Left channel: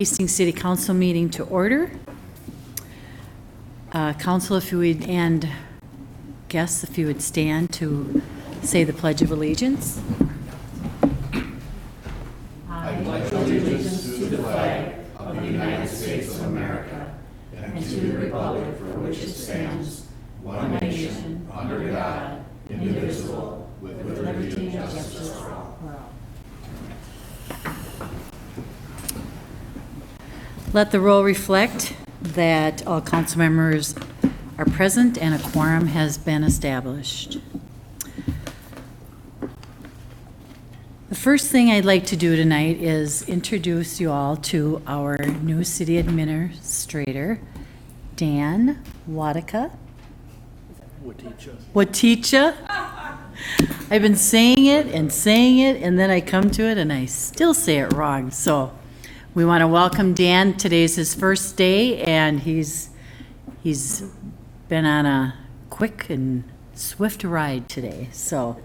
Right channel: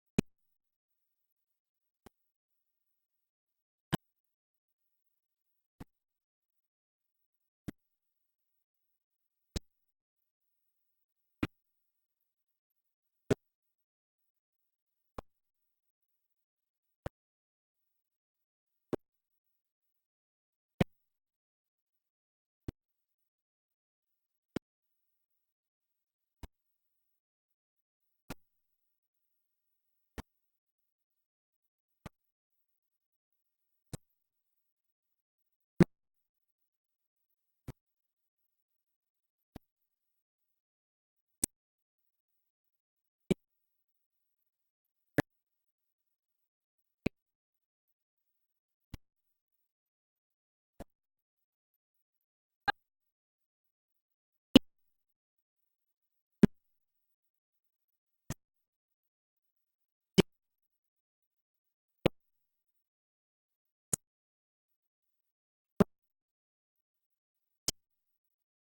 Hastings City Council meeting to order. Council, if you would, and guests, if you would stand to say the Pledge of Allegiance. I pledge allegiance to the flag of the United States of America and to the republic for which it stands, one nation, under God, indivisible, with liberty and justice for all. Let the roll reflect that all council members are present and a quorum has been established. The first thing I'd like to do tonight is introduce you all to our new city administrator, Dan Wadika. Waticha. I've been saying it, and then I come to it and I still say it wrong. So we want to welcome Dan. Today's his first day, and he's been on a quick and swift ride today. So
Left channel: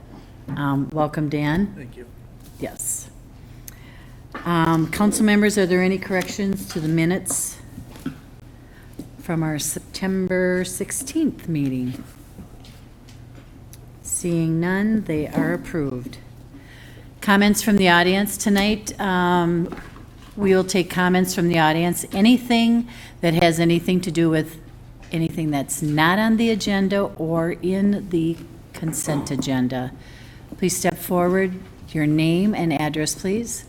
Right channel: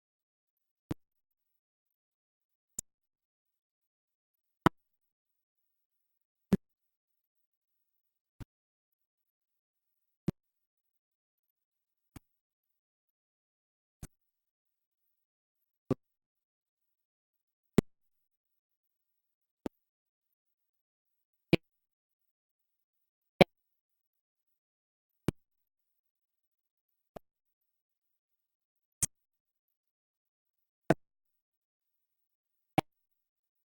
welcome, Dan. Thank you. Yes. Council members, are there any corrections to the minutes from our September 16th meeting? Seeing none, they are approved. Comments from the audience tonight. We will take comments from the audience. Anything that has anything to do with anything that's not on the agenda or in the consent agenda. Please step forward. Your name and address, please.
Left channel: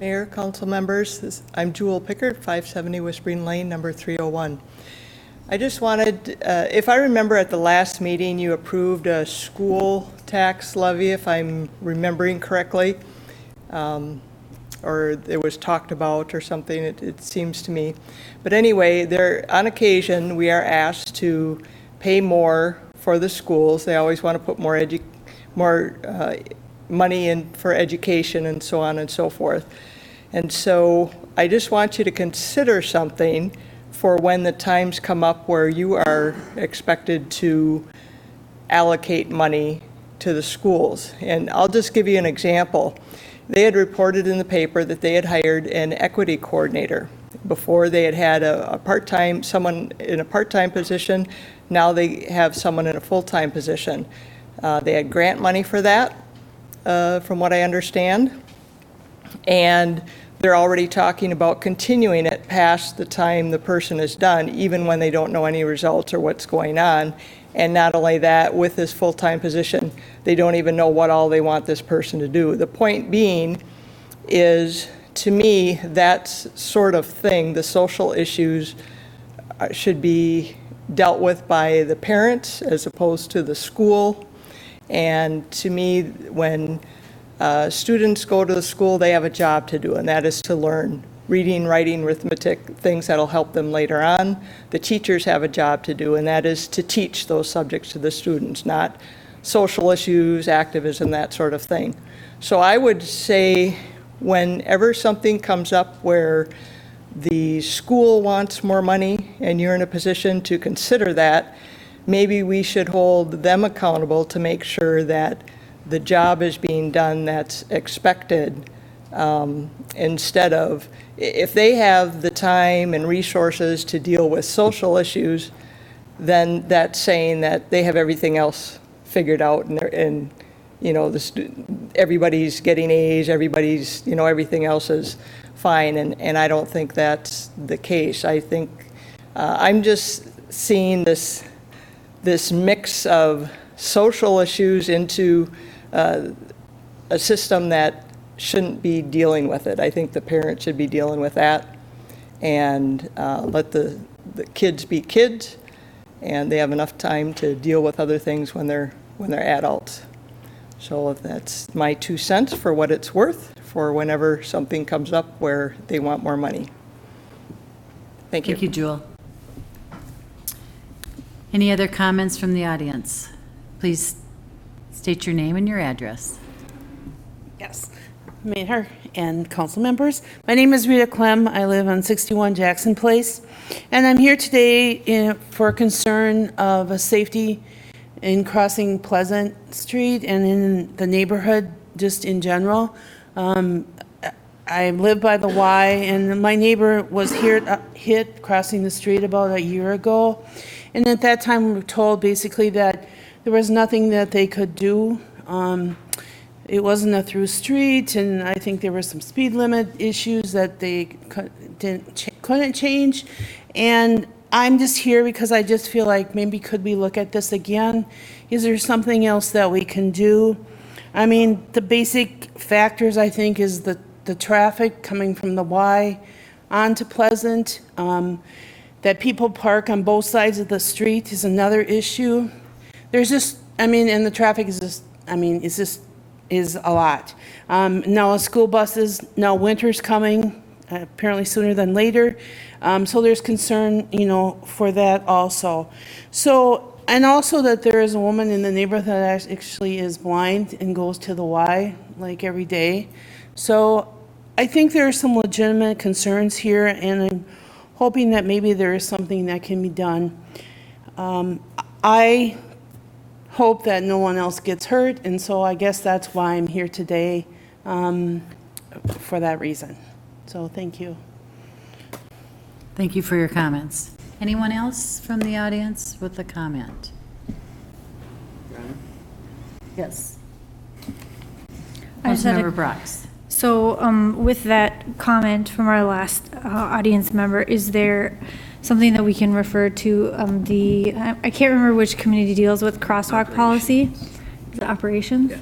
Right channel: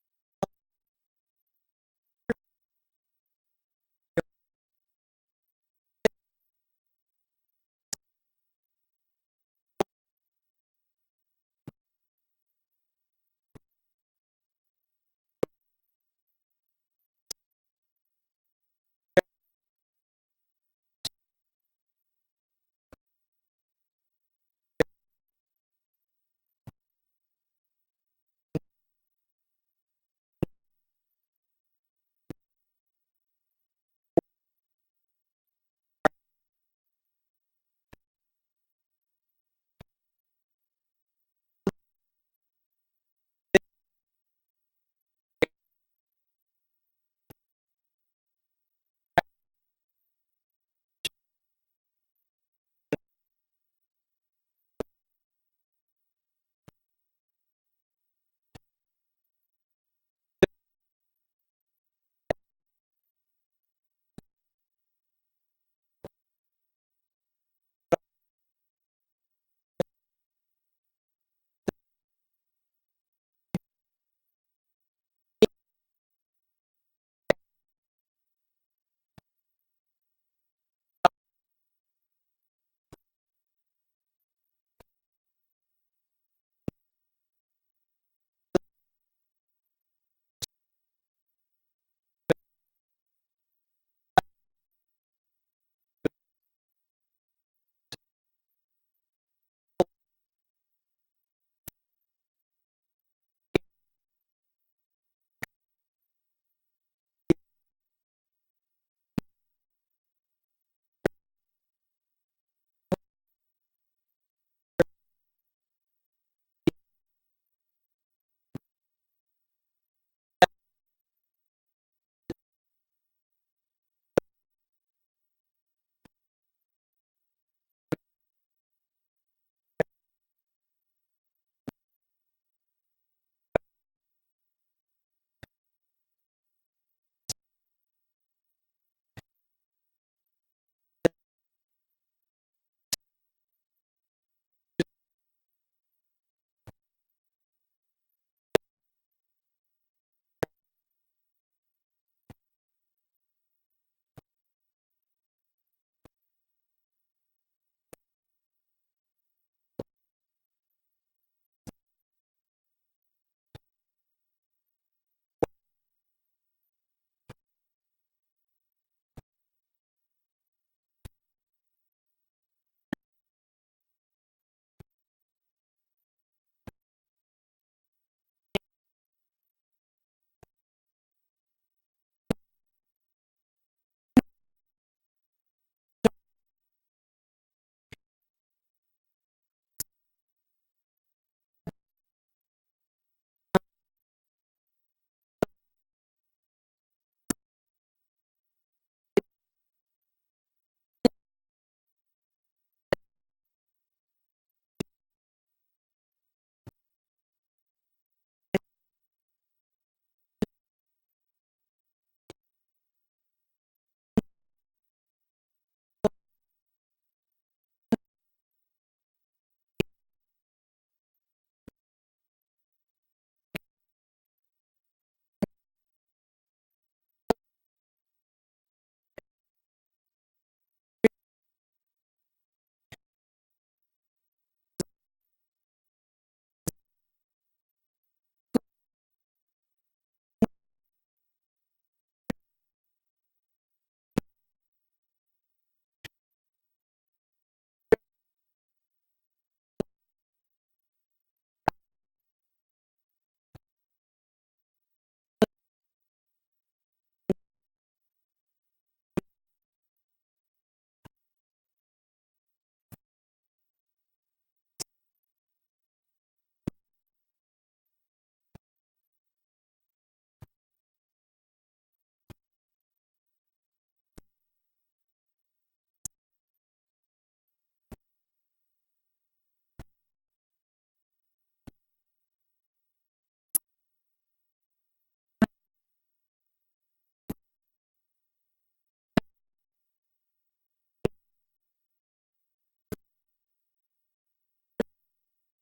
Mayor, council members, I'm Jewel Pickard, 570 Whispering Lane, number 301. I just wanted, if I remember at the last meeting, you approved a school tax levy, if I'm remembering correctly, or it was talked about or something, it seems to me. But anyway, on occasion, we are asked to pay more for the schools. They always want to put more money in for education and so on and so forth. And so I just want you to consider something for when the times come up where you are expected to allocate money to the schools. And I'll just give you an example. They had reported in the paper that they had hired an equity coordinator. Before they had someone in a part-time position. Now they have someone in a full-time position. They had grant money for that, from what I understand. And they're already talking about continuing it past the time the person is done, even when they don't know any results or what's going on. And not only that, with this full-time position, they don't even know what all they want this person to do. The point being is, to me, that sort of thing, the social issues should be dealt with by the parents as opposed to the school. And to me, when students go to the school, they have a job to do, and that is to learn reading, writing, arithmetic, things that'll help them later on. The teachers have a job to do, and that is to teach those subjects to the students, not social issues, activism, that sort of thing. So I would say whenever something comes up where the school wants more money and you're in a position to consider that, maybe we should hold them accountable to make sure that the job is being done that's expected, instead of, if they have the time and resources to deal with social issues, then that's saying that they have everything else figured out, and you know, everybody's getting A's, everybody's, you know, everything else is fine, and I don't think that's the case. I think I'm just seeing this mix of social issues into a system that shouldn't be dealing with it. I think the parents should be dealing with that, and let the kids be kids, and they have enough time to deal with other things when they're adults. So that's my 2 cents for what it's worth for whenever something comes up where they want more money. Thank you. Thank you, Jewel. Any other comments from the audience? Please state your name and your address. Yes, Mayor and council members. My name is Rita Clem. I live on 61 Jackson Place, and I'm here today for concern of a safety in crossing Pleasant Street and in the neighborhood just in general. I live by the Y, and my neighbor was hit crossing the street about a year ago. And at that time, we were told basically that there was nothing that they could do. It wasn't a through street, and I think there were some speed limit issues that they couldn't change. And I'm just here because I just feel like maybe could we look at this again? Is there something else that we can do? I mean, the basic factors, I think, is the traffic coming from the Y onto Pleasant. That people park on both sides of the street is another issue. There's just, I mean, and the traffic is just, I mean, is a lot. Now school buses, now winter's coming, apparently sooner than later. So there's concern, you know, for that also. So, and also that there is a woman in the neighborhood that actually is blind and goes to the Y like every day. So I think there are some legitimate concerns here, and I'm hoping that maybe there is something that can be done. I hope that no one else gets hurt, and so I guess that's why I'm here today, for that reason. So thank you. Thank you for your comments. Anyone else from the audience with a comment? Yes. I just had a- Councilmember Brox. So with that comment from our last audience member, is there something that we can refer to I can't remember which committee deals with crosswalk policy? Is it operations? Yeah.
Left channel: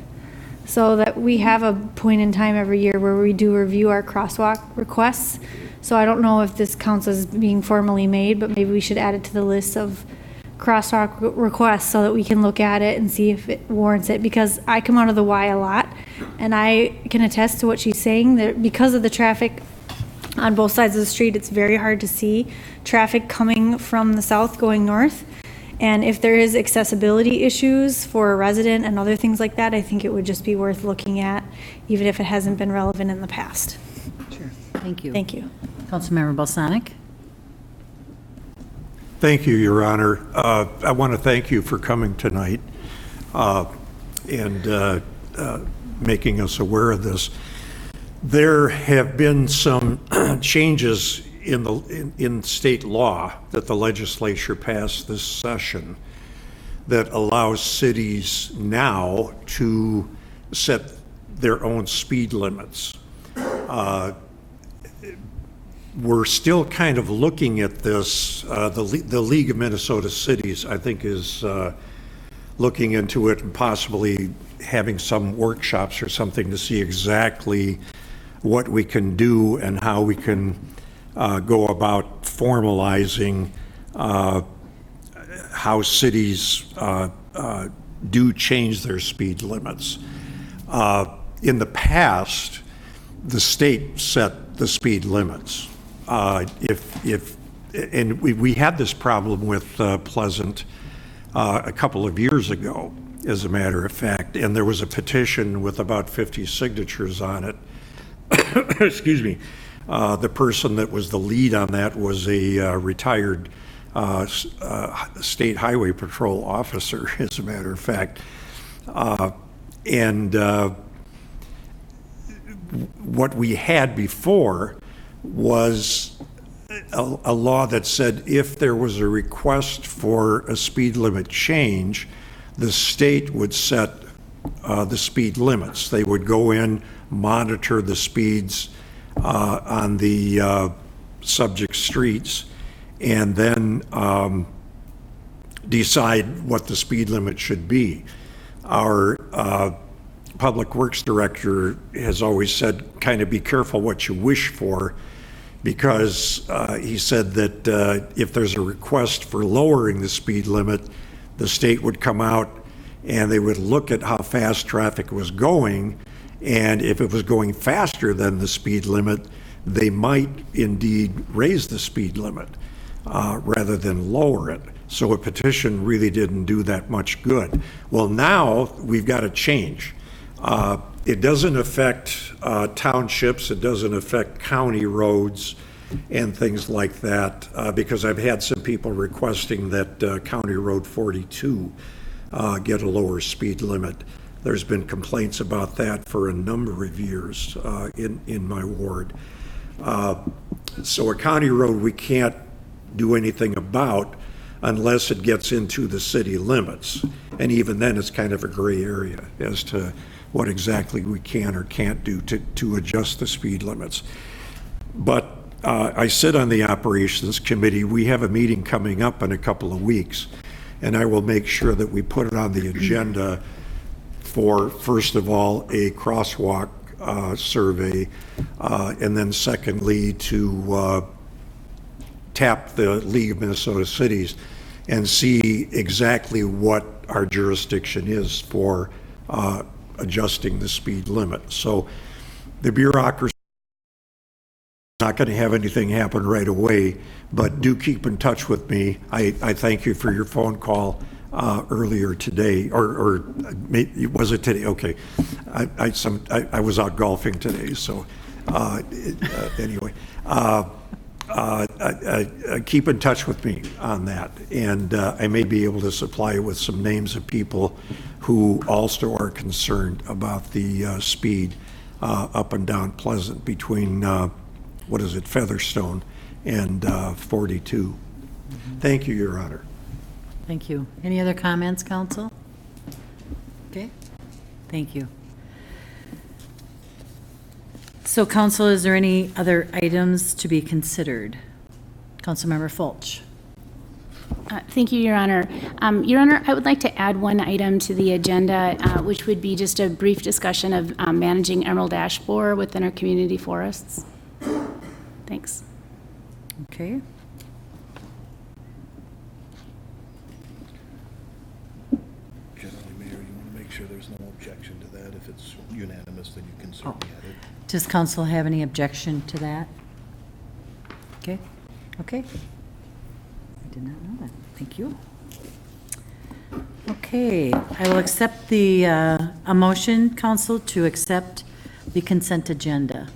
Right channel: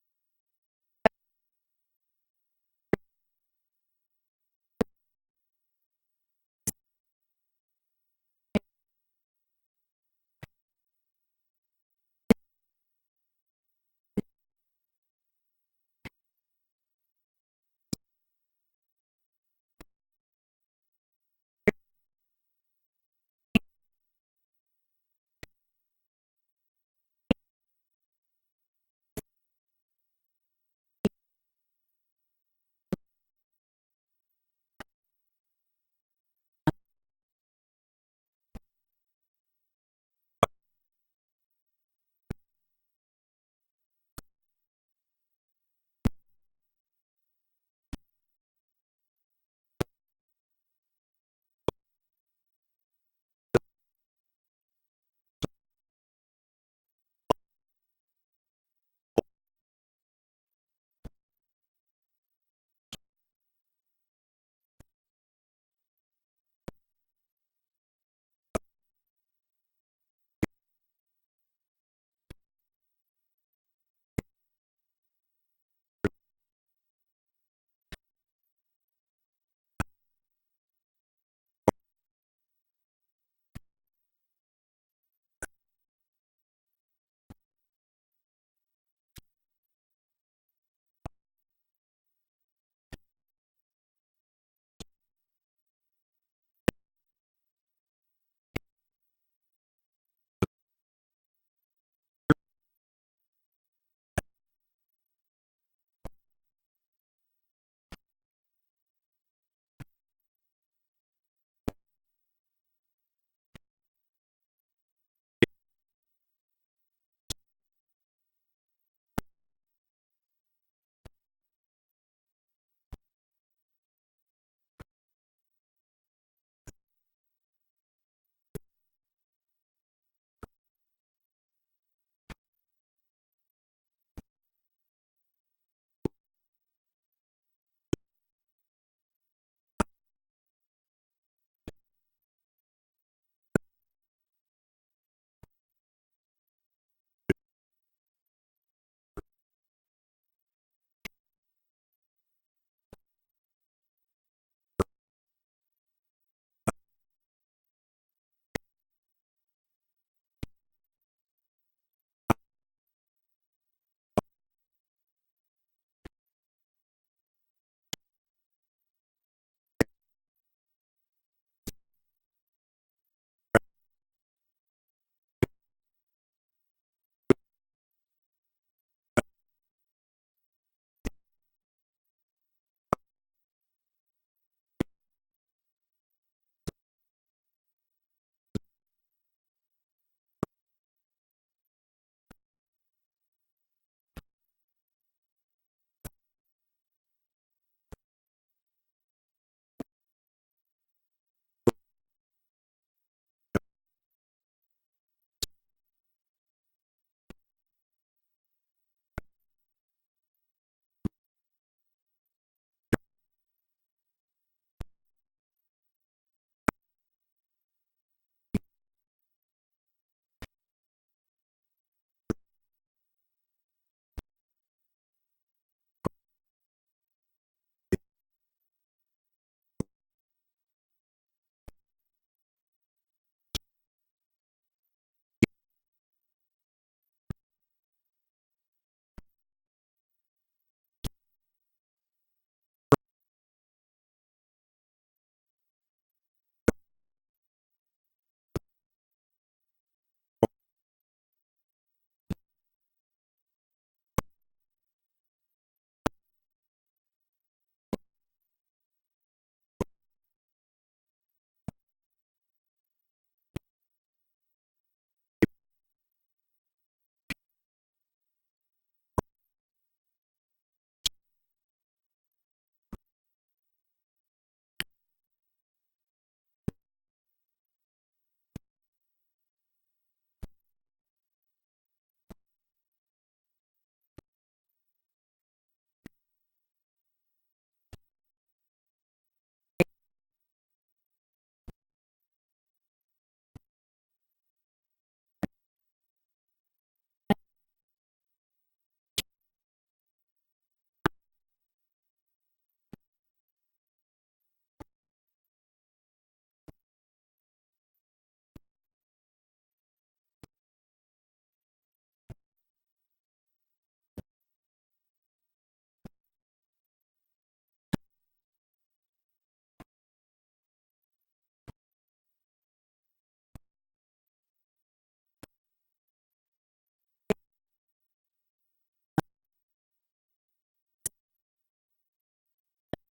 So that we have a point in time every year where we do review our crosswalk requests. So I don't know if this counts as being formally made, but maybe we should add it to the list of crosswalk requests so that we can look at it and see if it warrants it. Because I come out of the Y a lot, and I can attest to what she's saying, that because of the traffic on both sides of the street, it's very hard to see traffic coming from the south going north. And if there is accessibility issues for a resident and other things like that, I think it would just be worth looking at, even if it hasn't been relevant in the past. Sure. Thank you. Thank you. Councilmember Balsanic. Thank you, Your Honor. I want to thank you for coming tonight and making us aware of this. There have been some changes in state law that the legislature passed this session that allows cities now to set their own speed limits. We're still kind of looking at this. The League of Minnesota Cities, I think, is looking into it and possibly having some workshops or something to see exactly what we can do and how we can go about formalizing how cities do change their speed limits. In the past, the state set the speed limits. And we had this problem with Pleasant a couple of years ago, as a matter of fact, and there was a petition with about 50 signatures on it. Excuse me. The person that was the lead on that was a retired state highway patrol officer, as a matter of fact. What we had before was a law that said if there was a request for a speed limit change, the state would set the speed limits. They would go in, monitor the speeds on the subject streets, and then decide what the speed limit should be. Our Public Works Director has always said, kind of be careful what you wish for, because he said that if there's a request for lowering the speed limit, the state would come out and they would look at how fast traffic was going, and if it was going faster than the speed limit, they might indeed raise the speed limit rather than lower it. So a petition really didn't do that much good. Well, now we've got to change. It doesn't affect townships, it doesn't affect county roads and things like that, because I've had some people requesting that County Road 42 get a lower speed limit. There's been complaints about that for a number of years in my ward. So a county road we can't do anything about unless it gets into the city limits. And even then, it's kind of a gray area as to what exactly we can or can't do to adjust the speed limits. But I sit on the operations committee. We have a meeting coming up in a couple of weeks, and I will make sure that we put it on the agenda for, first of all, a crosswalk survey, and then secondly, to tap the League of Minnesota Cities and see exactly what our jurisdiction is for adjusting the speed limit. So the bureaucracy is not going to have anything happen right away, but do keep in touch with me. I thank you for your phone call earlier today, or was it today? Okay. I was out golfing today, so anyway. Keep in touch with me on that, and I may be able to supply you with some names of people who also are concerned about the speed up and down Pleasant between, what is it, Featherstone and 42. Thank you, Your Honor. Thank you. Any other comments, council? Okay, thank you. So, council, is there any other items to be considered? Councilmember Folch. Thank you, Your Honor. Your Honor, I would like to add one item to the agenda, which would be just a brief discussion of managing emerald ash borer within our community forests. Thanks. Okay. Generally, Mayor, you want to make sure there's no objection to that. If it's unanimous, then you can certainly add it. Does council have any objection to that? Okay, okay. I did not know that. Thank you. Okay, I will accept the, a motion, council, to accept the consent agenda.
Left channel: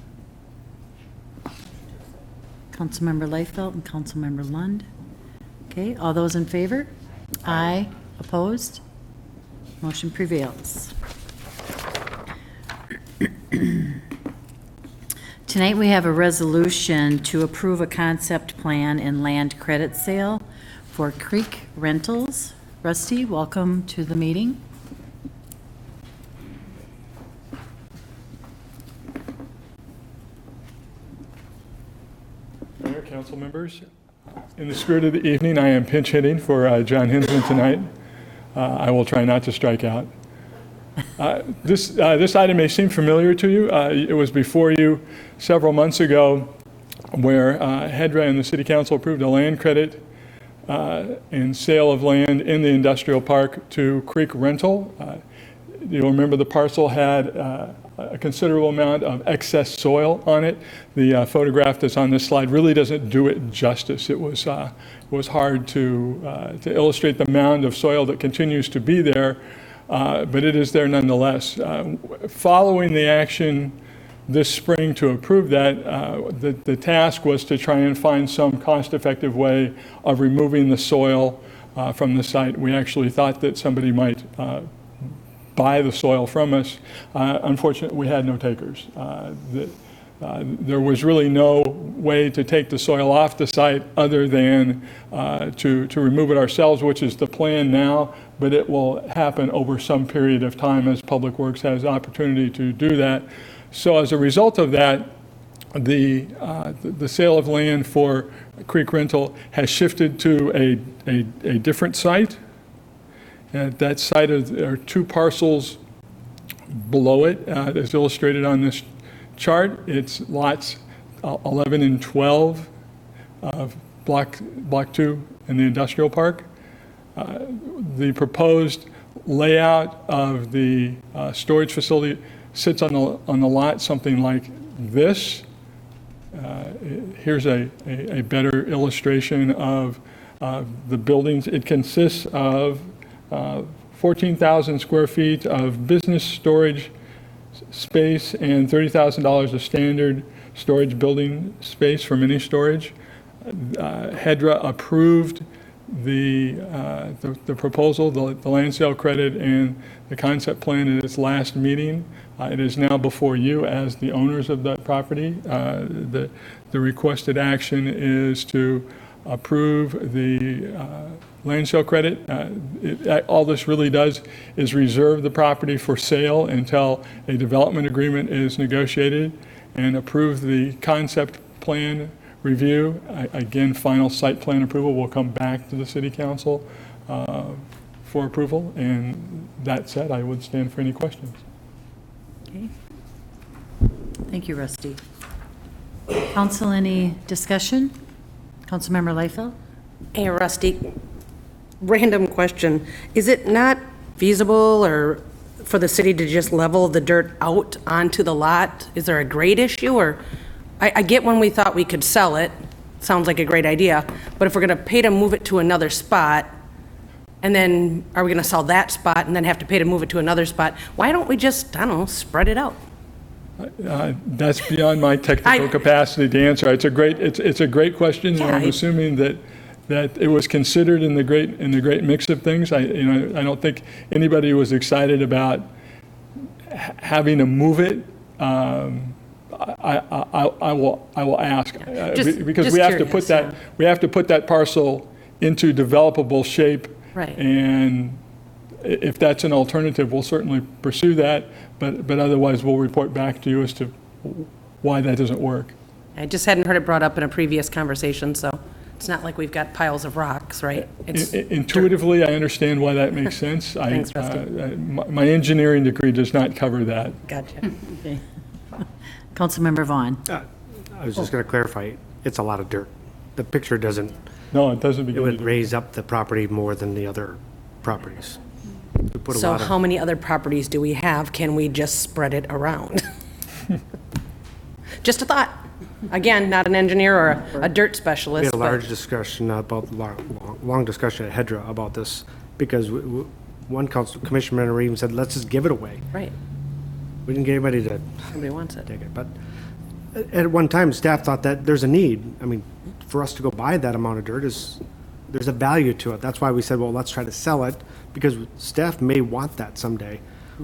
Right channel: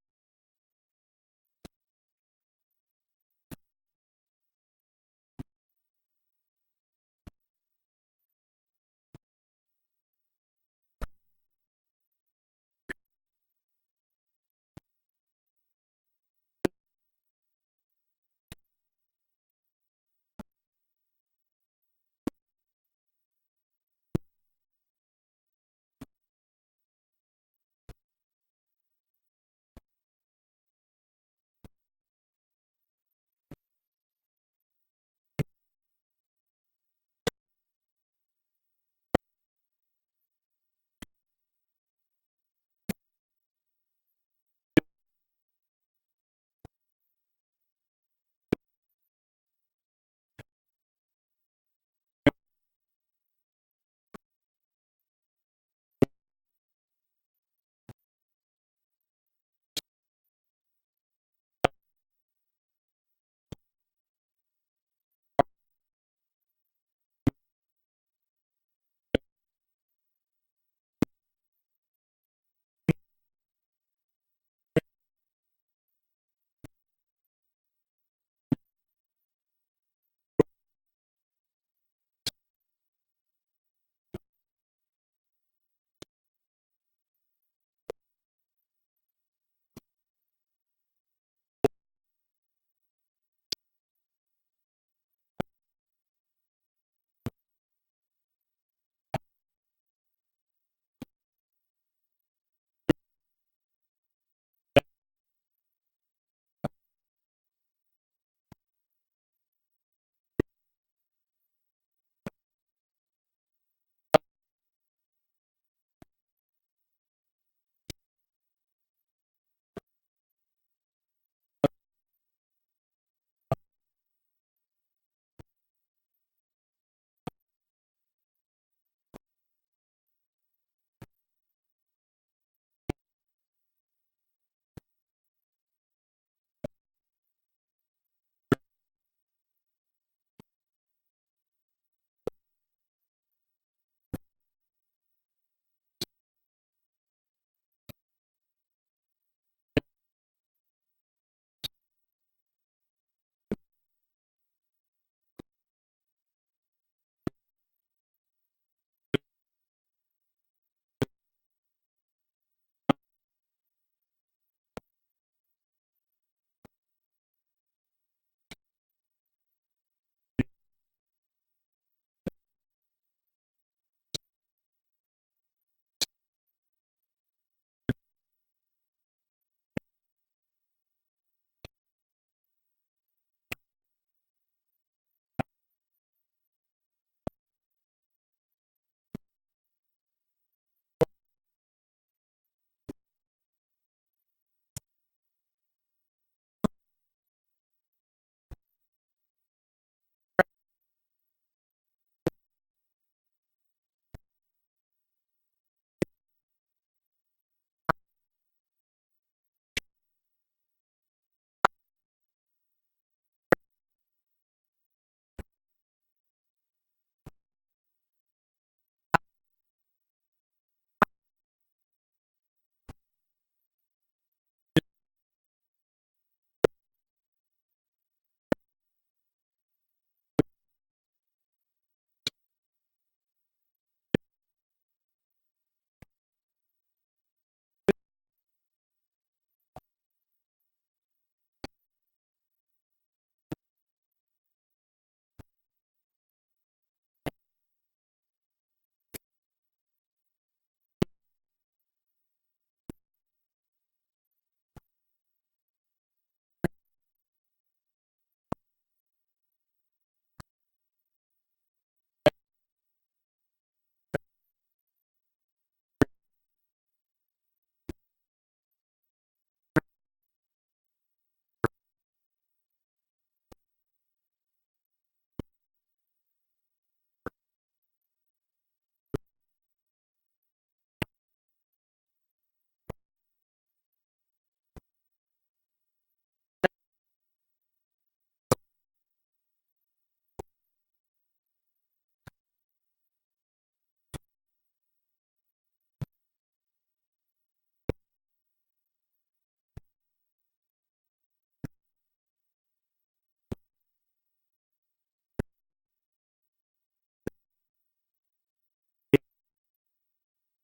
Councilmember Leifeld and Councilmember Lund. Okay, all those in favor? Aye. Opposed? Motion prevails. Tonight, we have a resolution to approve a concept plan and land credit sale for Creek Rentals. Rusty, welcome to the meeting. Mayor, council members, in the spirit of the evening, I am pinch hitting for John Hinsman tonight. I will try not to strike out. This item may seem familiar to you. It was before you several months ago where HEDRA and the City Council approved a land credit and sale of land in the industrial park to Creek Rental. You'll remember the parcel had a considerable amount of excess soil on it. The photograph that's on this slide really doesn't do it justice. It was hard to illustrate the mound of soil that continues to be there, but it is there nonetheless. Following the action this spring to approve that, the task was to try and find some cost-effective way of removing the soil from the site. We actually thought that somebody might buy the soil from us. Unfortunately, we had no takers. There was really no way to take the soil off the site other than to remove it ourselves, which is the plan now, but it will happen over some period of time as Public Works has opportunity to do that. So as a result of that, the sale of land for Creek Rental has shifted to a different site. At that site, there are two parcels below it, as illustrated on this chart. It's lots 11 and 12 of block 2 in the industrial park. The proposed layout of the storage facility sits on the lot something like this. Here's a better illustration of the buildings. It consists of 14,000 square feet of business storage space and $30,000 of standard storage building space for mini storage. HEDRA approved the proposal, the land sale credit, and the concept plan at its last meeting. It is now before you as the owners of that property. The requested action is to approve the land sale credit. All this really does is reserve the property for sale until a development agreement is negotiated, and approve the concept plan review. Again, final site plan approval will come back to the city council for approval. And that said, I would stand for any questions. Okay. Thank you, Rusty. Council, any discussion? Councilmember Leifeld? Hey, Rusty, random question. Is it not feasible or for the city to just level the dirt out onto the lot? Is there a grade issue? Or I get when we thought we could sell it, sounds like a great idea, but if we're gonna pay to move it to another spot, and then are we gonna sell that spot and then have to pay to move it to another spot? Why don't we just, I don't know, spread it out? That's beyond my technical capacity to answer. It's a great question, and Yeah, I'm assuming that it was considered in the great mix of things. I don't think anybody was excited about having to move it. I will ask because we have to put that we have to put that parcel into developable shape. Right. And if that's an alternative, we'll certainly pursue that. But otherwise, we'll report back to you as to why that doesn't work. I just hadn't heard it brought up in a previous conversation, so it's not like we've got piles of rocks, right? It's Intuitively, I understand why that makes sense. Thanks, Rusty. My engineering degree does not cover that. Gotcha. Okay. Councilmember Vaughn? I was just going to clarify, it's a lot of dirt. The picture doesn't, No, it doesn't it begin would to. raise up the property more than the other properties. We put a So lot of, how many other properties do we have? Can we just spread it around? Just a thought. Again, not an engineer or a dirt specialist. we had a but- large discussion about, long discussion at Hedra about this, because one council commission member even said, let's just give it away. Right, We didn't get anybody to nobody wants it. take it. But at one time, staff thought that there's a need. I mean, for us to go buy that amount of dirt there's a value to it. That's why we said, well, let's try to sell it, because staff may want that someday.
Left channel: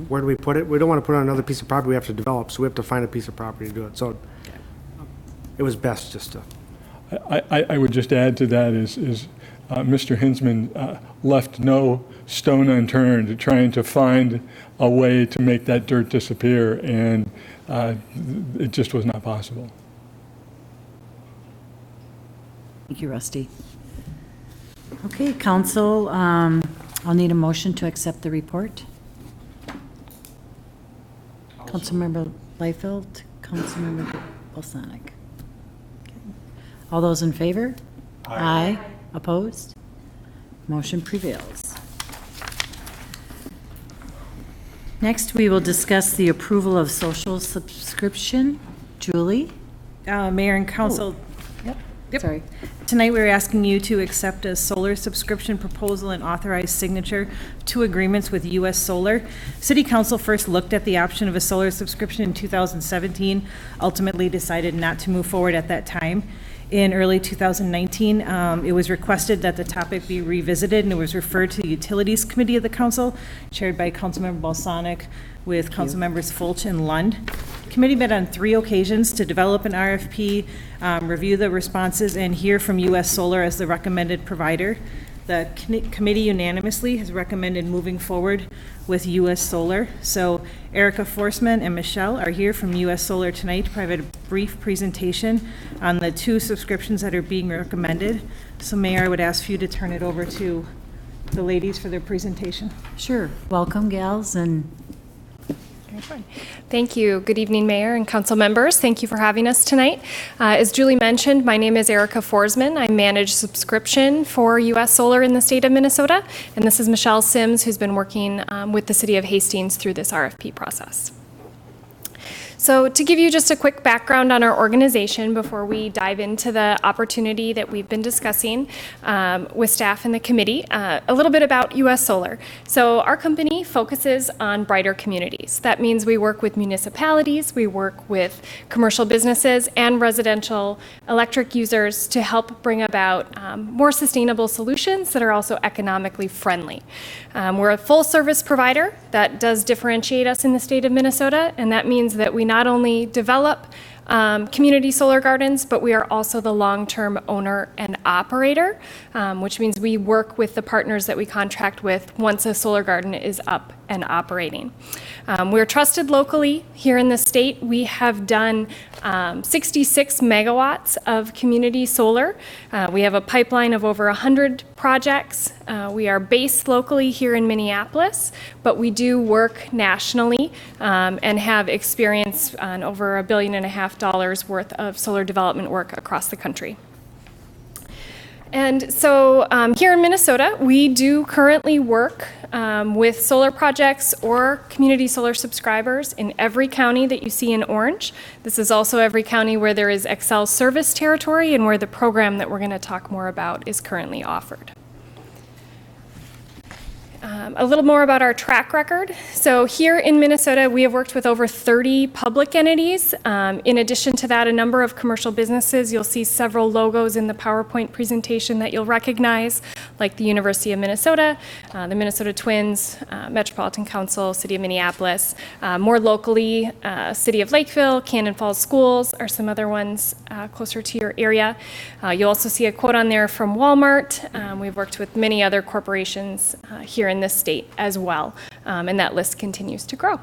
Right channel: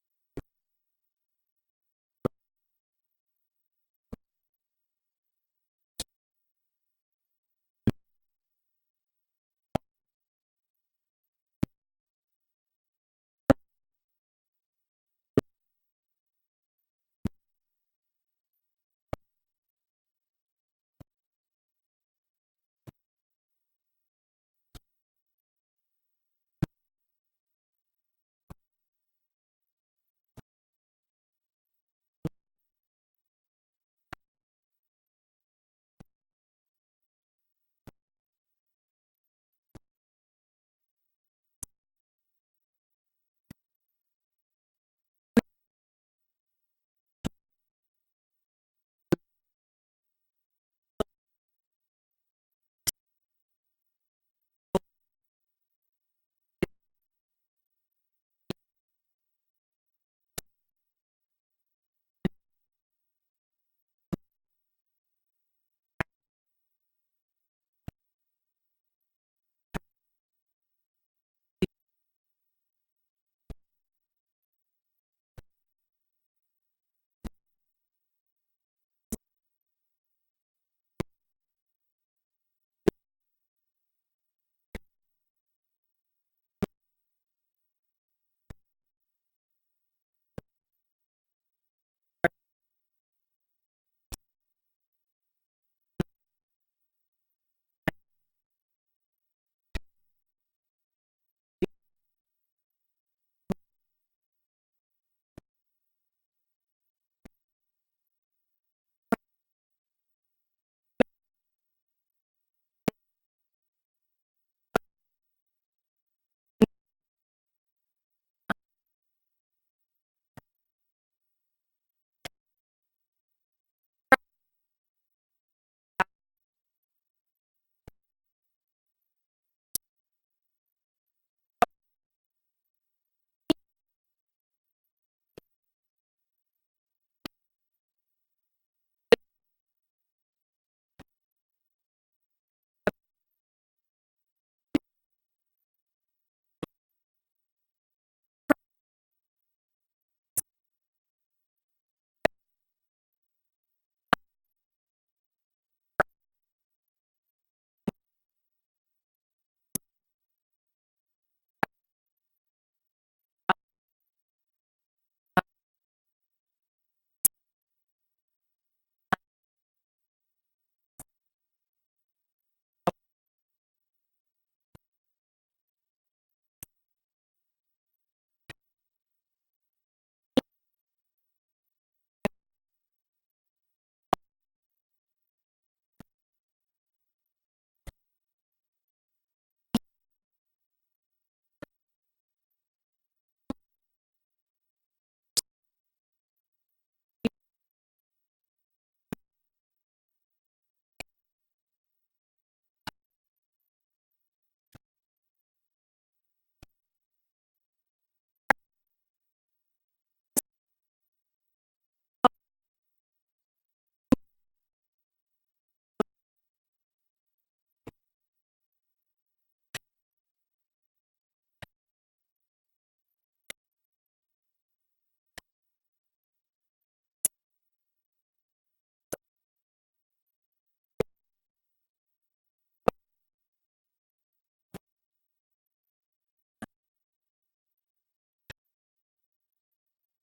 Where do we put it? We don't want to put it on another piece of property we have to develop, so we have to find a piece of property to do it. So it was best just to. I would just add to that is Mr. Hinsman left no stone unturned trying to find a way to make that dirt disappear, and it just was not possible. Thank you, Rusty. Okay, council, I'll need a motion to accept the report. Councilmember Leifeld, Councilmember Balsanic. All those in favor? Aye. Opposed? Motion prevails. Next, we will discuss the approval of social subscription. Julie? Mayor and council, Yep. Sorry. tonight we're asking you to accept a solar subscription proposal and authorize signature to agreements with U.S. Solar. City Council first looked at the option of a solar subscription in 2017, ultimately decided not to move forward at that time. In early 2019, it was requested that the topic be revisited, and it was referred to the Utilities Committee of the Council, chaired by Councilmember Balsanic, with Councilmembers Folch and Lund. Committee met on 3 occasions to develop an RFP, review the responses, and hear from U.S. Solar as the recommended provider. The committee unanimously has recommended moving forward with U.S. Solar. So Erica Forsman and Michelle are here from U.S. Solar tonight to provide a brief presentation on the 2 subscriptions that are being recommended. So Mayor, I would ask for you to turn it over to the ladies for their presentation. Sure. Welcome, gals, and Thank you. Good evening, Mayor and council members. Thank you for having us tonight. As Julie mentioned, my name is Erica Forsman. I manage subscription for U.S. Solar in the state of Minnesota. And this is Michelle Sims, who's been working with the city of Hastings through this RFP process. So to give you just a quick background on our organization before we dive into the opportunity that we've been discussing with staff and the committee, a little bit about U.S. Solar. So our company focuses on brighter communities. That means we work with municipalities, we work with commercial businesses and residential electric users to help bring about more sustainable solutions that are also economically friendly. We're a full service provider that does differentiate us in the state of Minnesota, and that means that we not only develop community solar gardens, but we are also the long-term owner and operator, which means we work with the partners that we contract with once a solar garden is up and operating. We're trusted locally here in the state. We have done 66 megawatts of community solar. We have a pipeline of over 100 projects. We are based locally here in Minneapolis, but we do work nationally and have experience on over $1.5 billion worth of solar development work across the country. And so here in Minnesota, we do currently work with solar projects or community solar subscribers in every county that you see in orange. This is also every county where there is Xcel service territory and where the program that we're going to talk more about is currently offered. A little more about our track record. So here in Minnesota, we have worked with over 30 public entities. In addition to that, a number of commercial businesses. You'll see several logos in the PowerPoint presentation that you'll recognize, like the University of Minnesota, the Minnesota Twins, Metropolitan Council, City of Minneapolis. More locally, City of Lakeville, Cannon Falls Schools are some other ones closer to your area. You'll also see a quote on there from Walmart. We've worked with many other corporations here in this state as well, and that list continues to grow.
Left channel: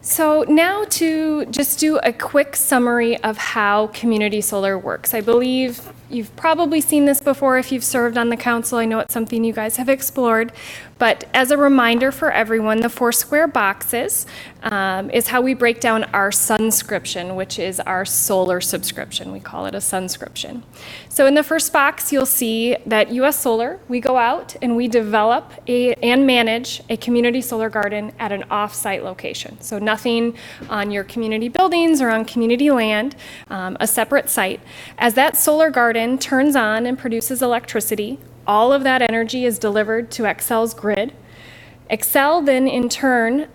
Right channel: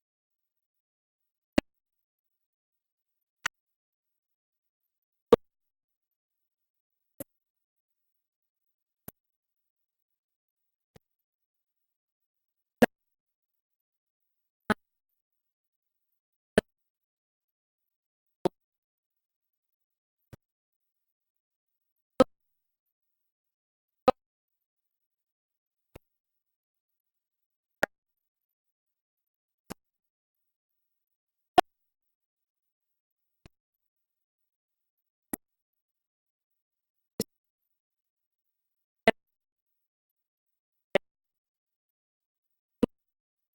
So now to just do a quick summary of how community solar works. I believe you've probably seen this before if you've served on the council. I know it's something you guys have explored. But as a reminder for everyone, the 4 square boxes is how we break down our sunscription, which is our solar subscription. We call it a sunscription. So in the first box, you'll see that U.S. Solar, we go out and we develop and manage a community solar garden at an off-site location. So nothing on your community buildings or on community land, a separate site. As that solar garden turns on and produces electricity, all of that energy is delivered to Xcel's grid. Xcel then in turn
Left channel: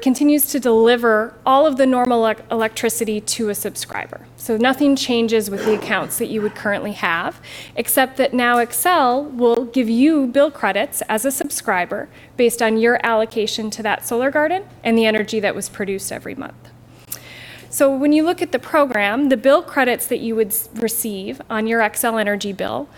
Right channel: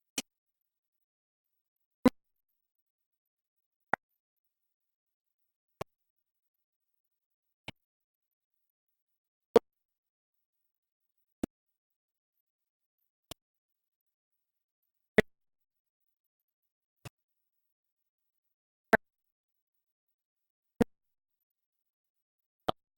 continues to deliver all of the normal electricity to a subscriber. So nothing changes with the accounts that you would currently have, except that now Xcel will give you bill credits as a subscriber based on your allocation to that solar garden and the energy that was produced every month. So when you look at the program, the bill credits that you would receive on your Xcel Energy bill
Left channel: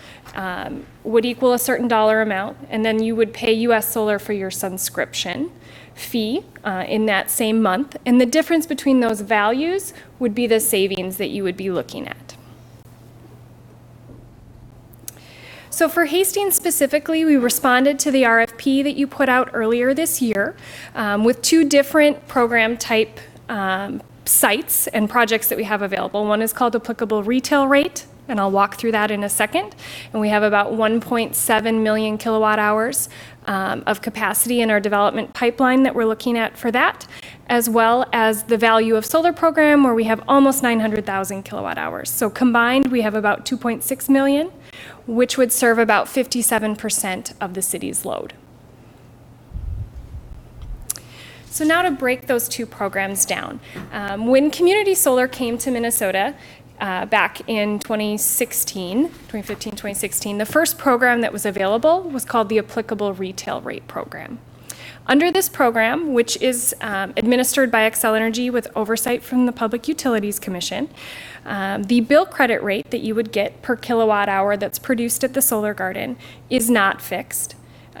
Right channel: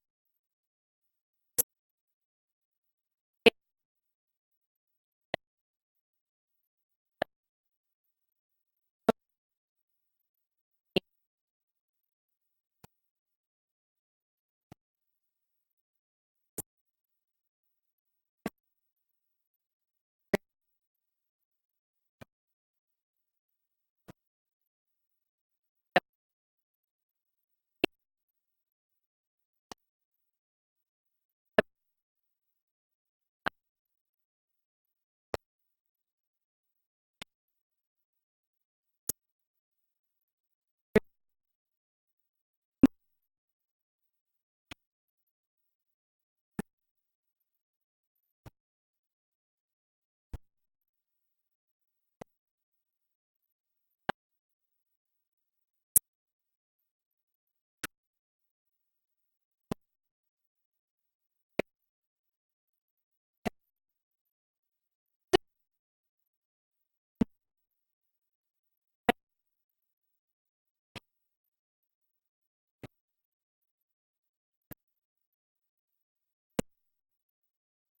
would equal a certain dollar amount, and then you would pay U.S. Solar for your subscription fee in that same month. And the difference between those values would be the savings that you would be looking at. So for Hastings specifically, we responded to the RFP that you put out earlier this year with 2 different program type sites and projects that we have available. One is called applicable retail rate, and I'll walk through that in a second. And we have about 1.7 million kilowatt hours of capacity in our development pipeline that we're looking at for that, as well as the value of solar program where we have almost 900,000 kilowatt hours. So combined, we have about 2.6 million, which would serve about 57% of the city's load. So now to break those 2 programs down. When community solar came to Minnesota back in 2015, 2016, the first program that was available was called the Applicable Retail Rate Program. Under this program, which is administered by Xcel Energy with oversight from the Public Utilities Commission, the bill credit rate that you would get per kilowatt hour that's produced at the solar garden is not fixed.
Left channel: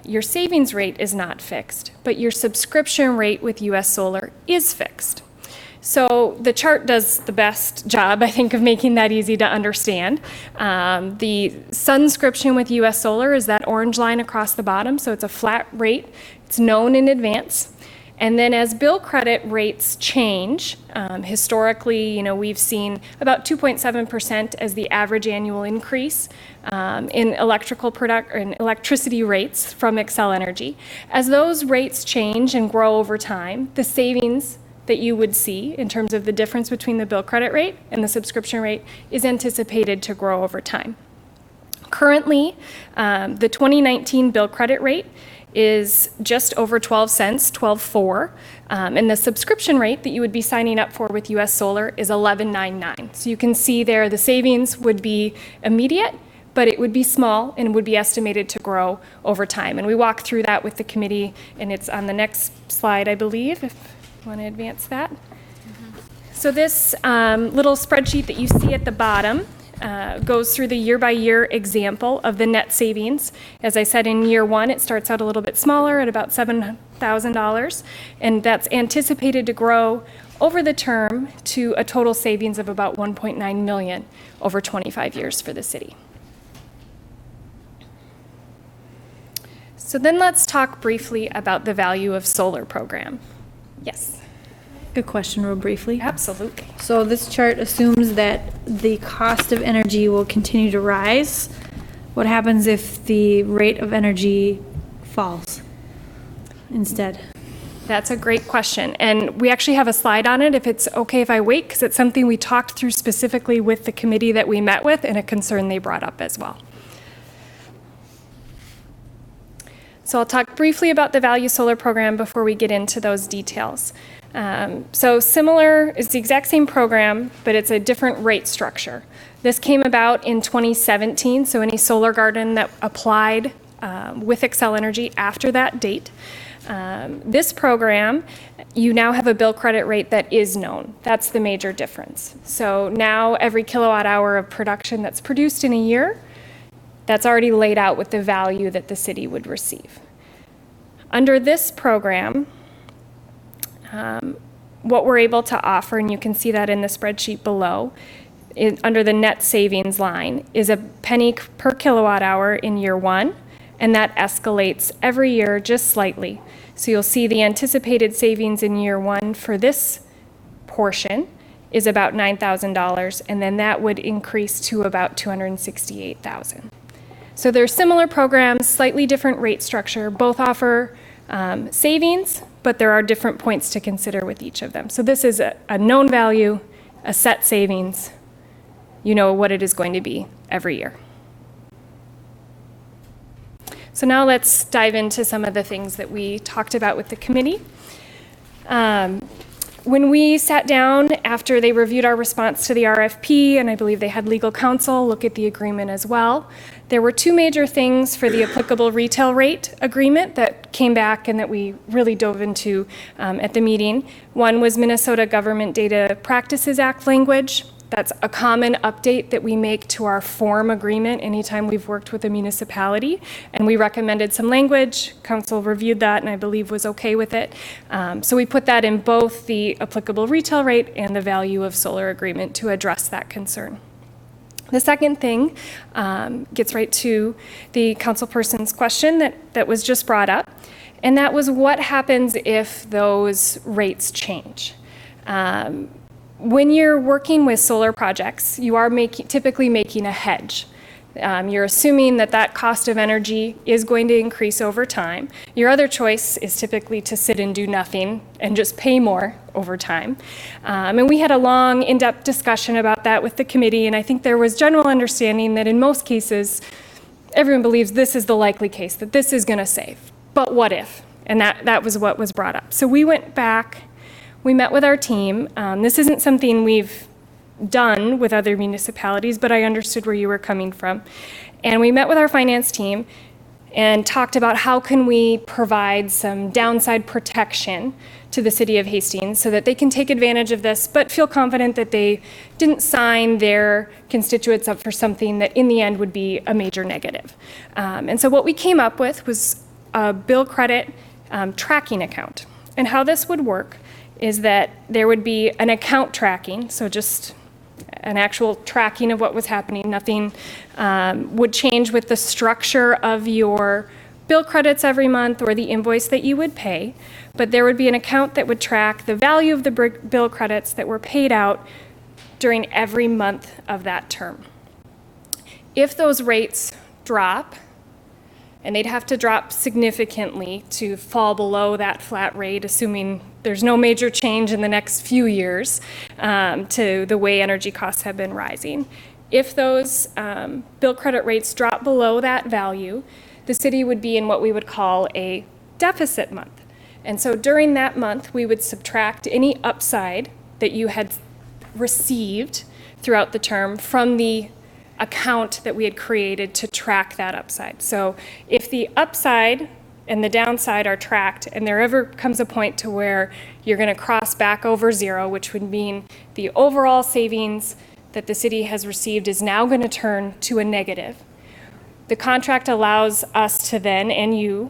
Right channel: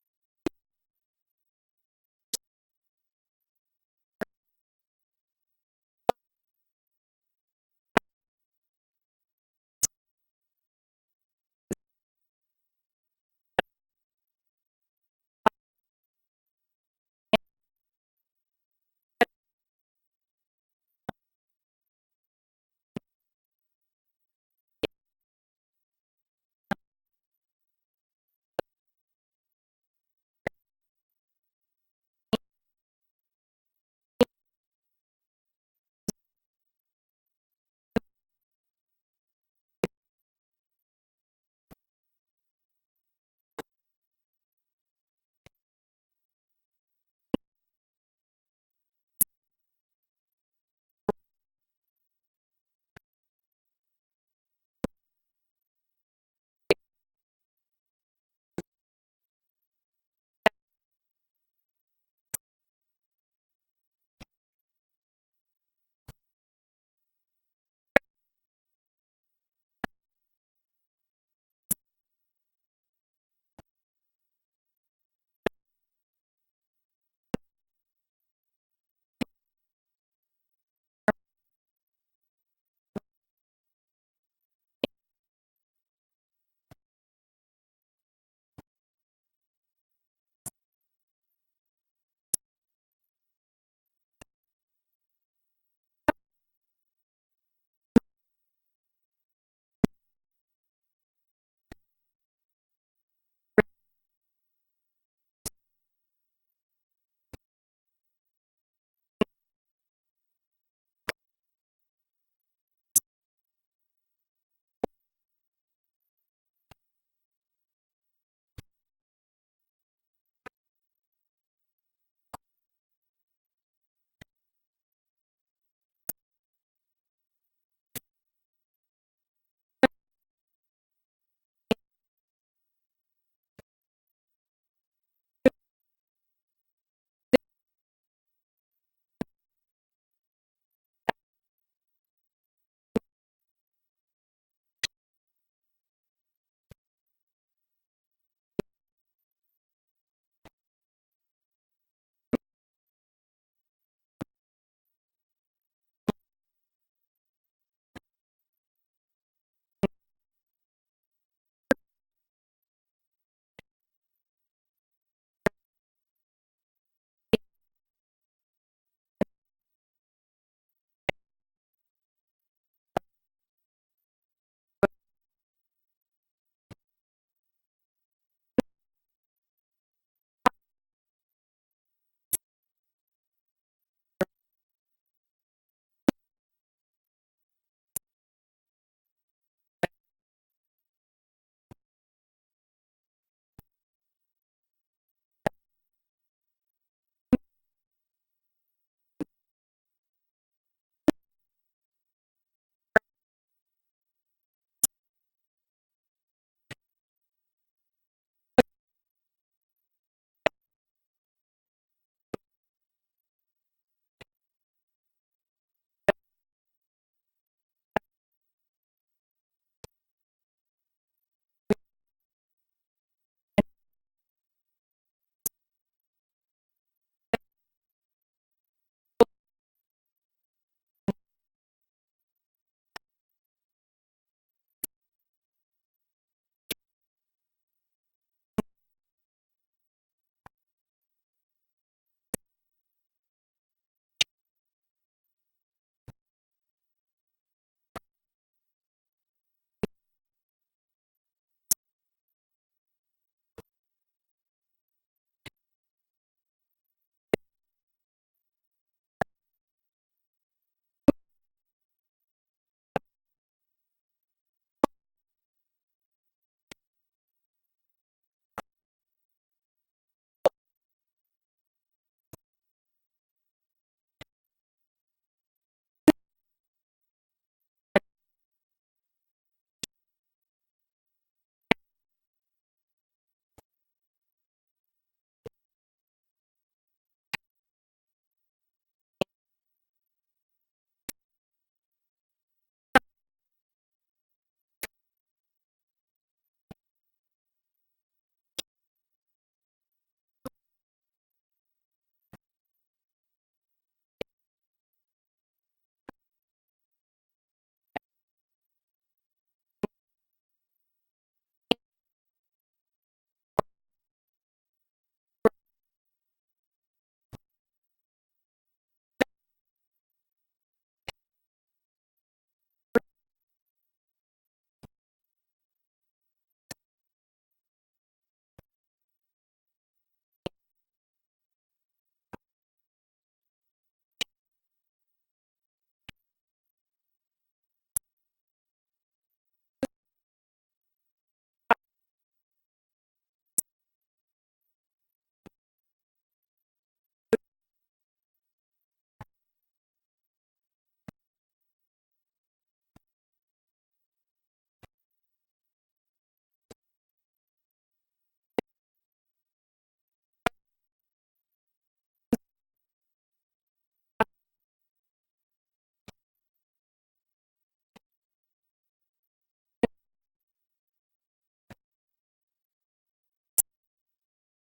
Your savings rate is not fixed, but your subscription rate with U.S. Solar is fixed. So the chart does the best job, I think, of making that easy to understand. The sunscription with U.S. Solar is that orange line across the bottom, so it's a flat rate. It's known in advance. And then as bill credit rates change, historically, we've seen about 2.7% as the average annual increase in electricity rates from Xcel Energy. As those rates change and grow over time, the savings that you would see in terms of the difference between the bill credit rate and the subscription rate is anticipated to grow over time. Currently, the 2019 bill credit rate is just over 12 cents, 12.4, and the subscription rate that you would be signing up for with US Solar is 11.99. So you can see there the savings would be immediate, but it would be small and would be estimated to grow over time. And we walk through that with the committee, and it's on the next slide, I believe, if you want to advance that. So this little spreadsheet that you see at the bottom goes through the year-by-year example of the net savings. As I said, in year one, it starts out a little bit smaller at about $7,000, and that's anticipated to grow over the term to a total savings of about $1.9 million over 25 years for the city. So then let's talk briefly about the value of solar program. Yes. Good question, real briefly. Absolutely. So this chart assumes that the cost of energy will continue to rise. What happens if the rate of energy falls instead? That's a great question. And we actually have a slide on it, if it's okay if I wait, because it's something we talked through specifically with the committee that we met with and a concern they brought up as well. So I'll talk briefly about the Value Solar program before we get into those details. So similar, it's the exact same program, but it's a different rate structure. This came about in 2017, so any solar garden that applied with Xcel Energy after that date. This program, you now have a bill credit rate that is known. That's the major difference. So now every kilowatt hour of production that's produced in a year, that's already laid out with the value that the city would receive. Under this program, what we're able to offer, and you can see that in the spreadsheet below, under the net savings line, is a penny per kilowatt hour in year one, and that escalates every year just slightly. So you'll see the anticipated savings in year one for this portion is about $9,000, and then that would increase to about $268,000. So they're similar programs, slightly different rate structure, both offer savings, but there are different points to consider with each of them. So this is a known value, a set savings. You know what it is going to be every year. So now let's dive into some of the things that we talked about with the committee. When we sat down after they reviewed our response to the RFP, and I believe they had legal counsel look at the agreement as well, there were two major things for the applicable retail rate agreement that came back and that we really dove into at the meeting. One was Minnesota Government Data Practices Act language. That's a common update that we make to our form agreement anytime we've worked with a municipality. And we recommended some language. Council reviewed that and I believe was okay with it. So we put that in both the applicable retail rate and the value of solar agreement to address that concern. The second thing gets right to the councilperson's question that was just brought up. And that was what happens if those rates change? When you're working with solar projects, you are typically making a hedge. You're assuming that cost of energy is going to increase over time. Your other choice is typically to sit and do nothing and just pay more over time. And we had a long, in-depth discussion about that with the committee, and I think there was general understanding that in most cases, everyone believes this is the likely case, that this is going to save. But what if? And that was what was brought up. So we went back. We met with our team. This isn't something we've done with other municipalities, but I understood where you were coming from. And we met with our finance team and talked about how can we provide some downside protection to the city of Hastings so that they can take advantage of this, but feel confident that they didn't sign their constituents up for something that in the end would be a major negative. And so what we came up with was a bill credit tracking account. And how this would work is that there would be an account tracking, so just an actual tracking of what was happening. Nothing would change with the structure of your bill credits every month or the invoice that you would pay, but there would be an account that would track the value of the bill credits that were paid out during every month of that term. If those rates drop, and they'd have to drop significantly to fall below that flat rate, assuming there's no major change in the next few years to the way energy costs have been rising. If those bill credit rates drop below that value, the city would be in what we would call a deficit month. And so during that month, we would subtract any upside that you had received throughout the term from the account that we had created to track that upside. So if the upside and the downside are tracked, and there ever comes a point to where you're going to cross back over zero, which would mean the overall savings that the city has received is now going to turn to a negative. The contract allows us to then, and you,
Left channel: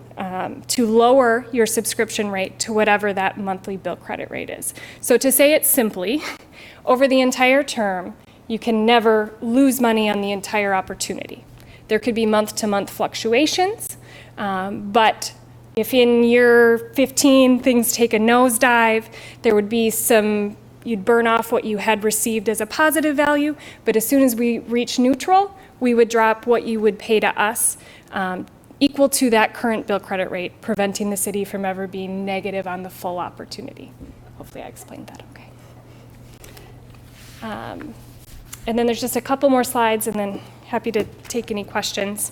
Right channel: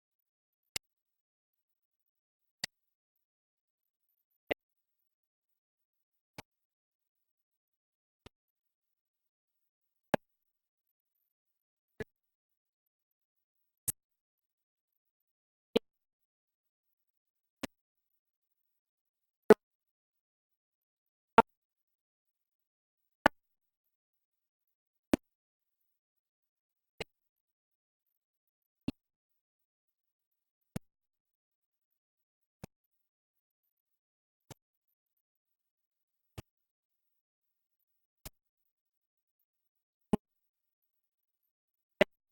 to lower your subscription rate to whatever that monthly bill credit rate is. So to say it simply, over the entire term, you can never lose money on the entire opportunity. There could be month-to-month fluctuations, but if in year 15 things take a nosedive, there would be some, you'd burn off what you had received as a positive value, but as soon as we reach neutral, we would drop what you would pay to us equal to that current bill credit rate, preventing the city from ever being negative on the full opportunity. Hopefully I explained that okay. And then there's just a couple more slides, and then happy to take any questions.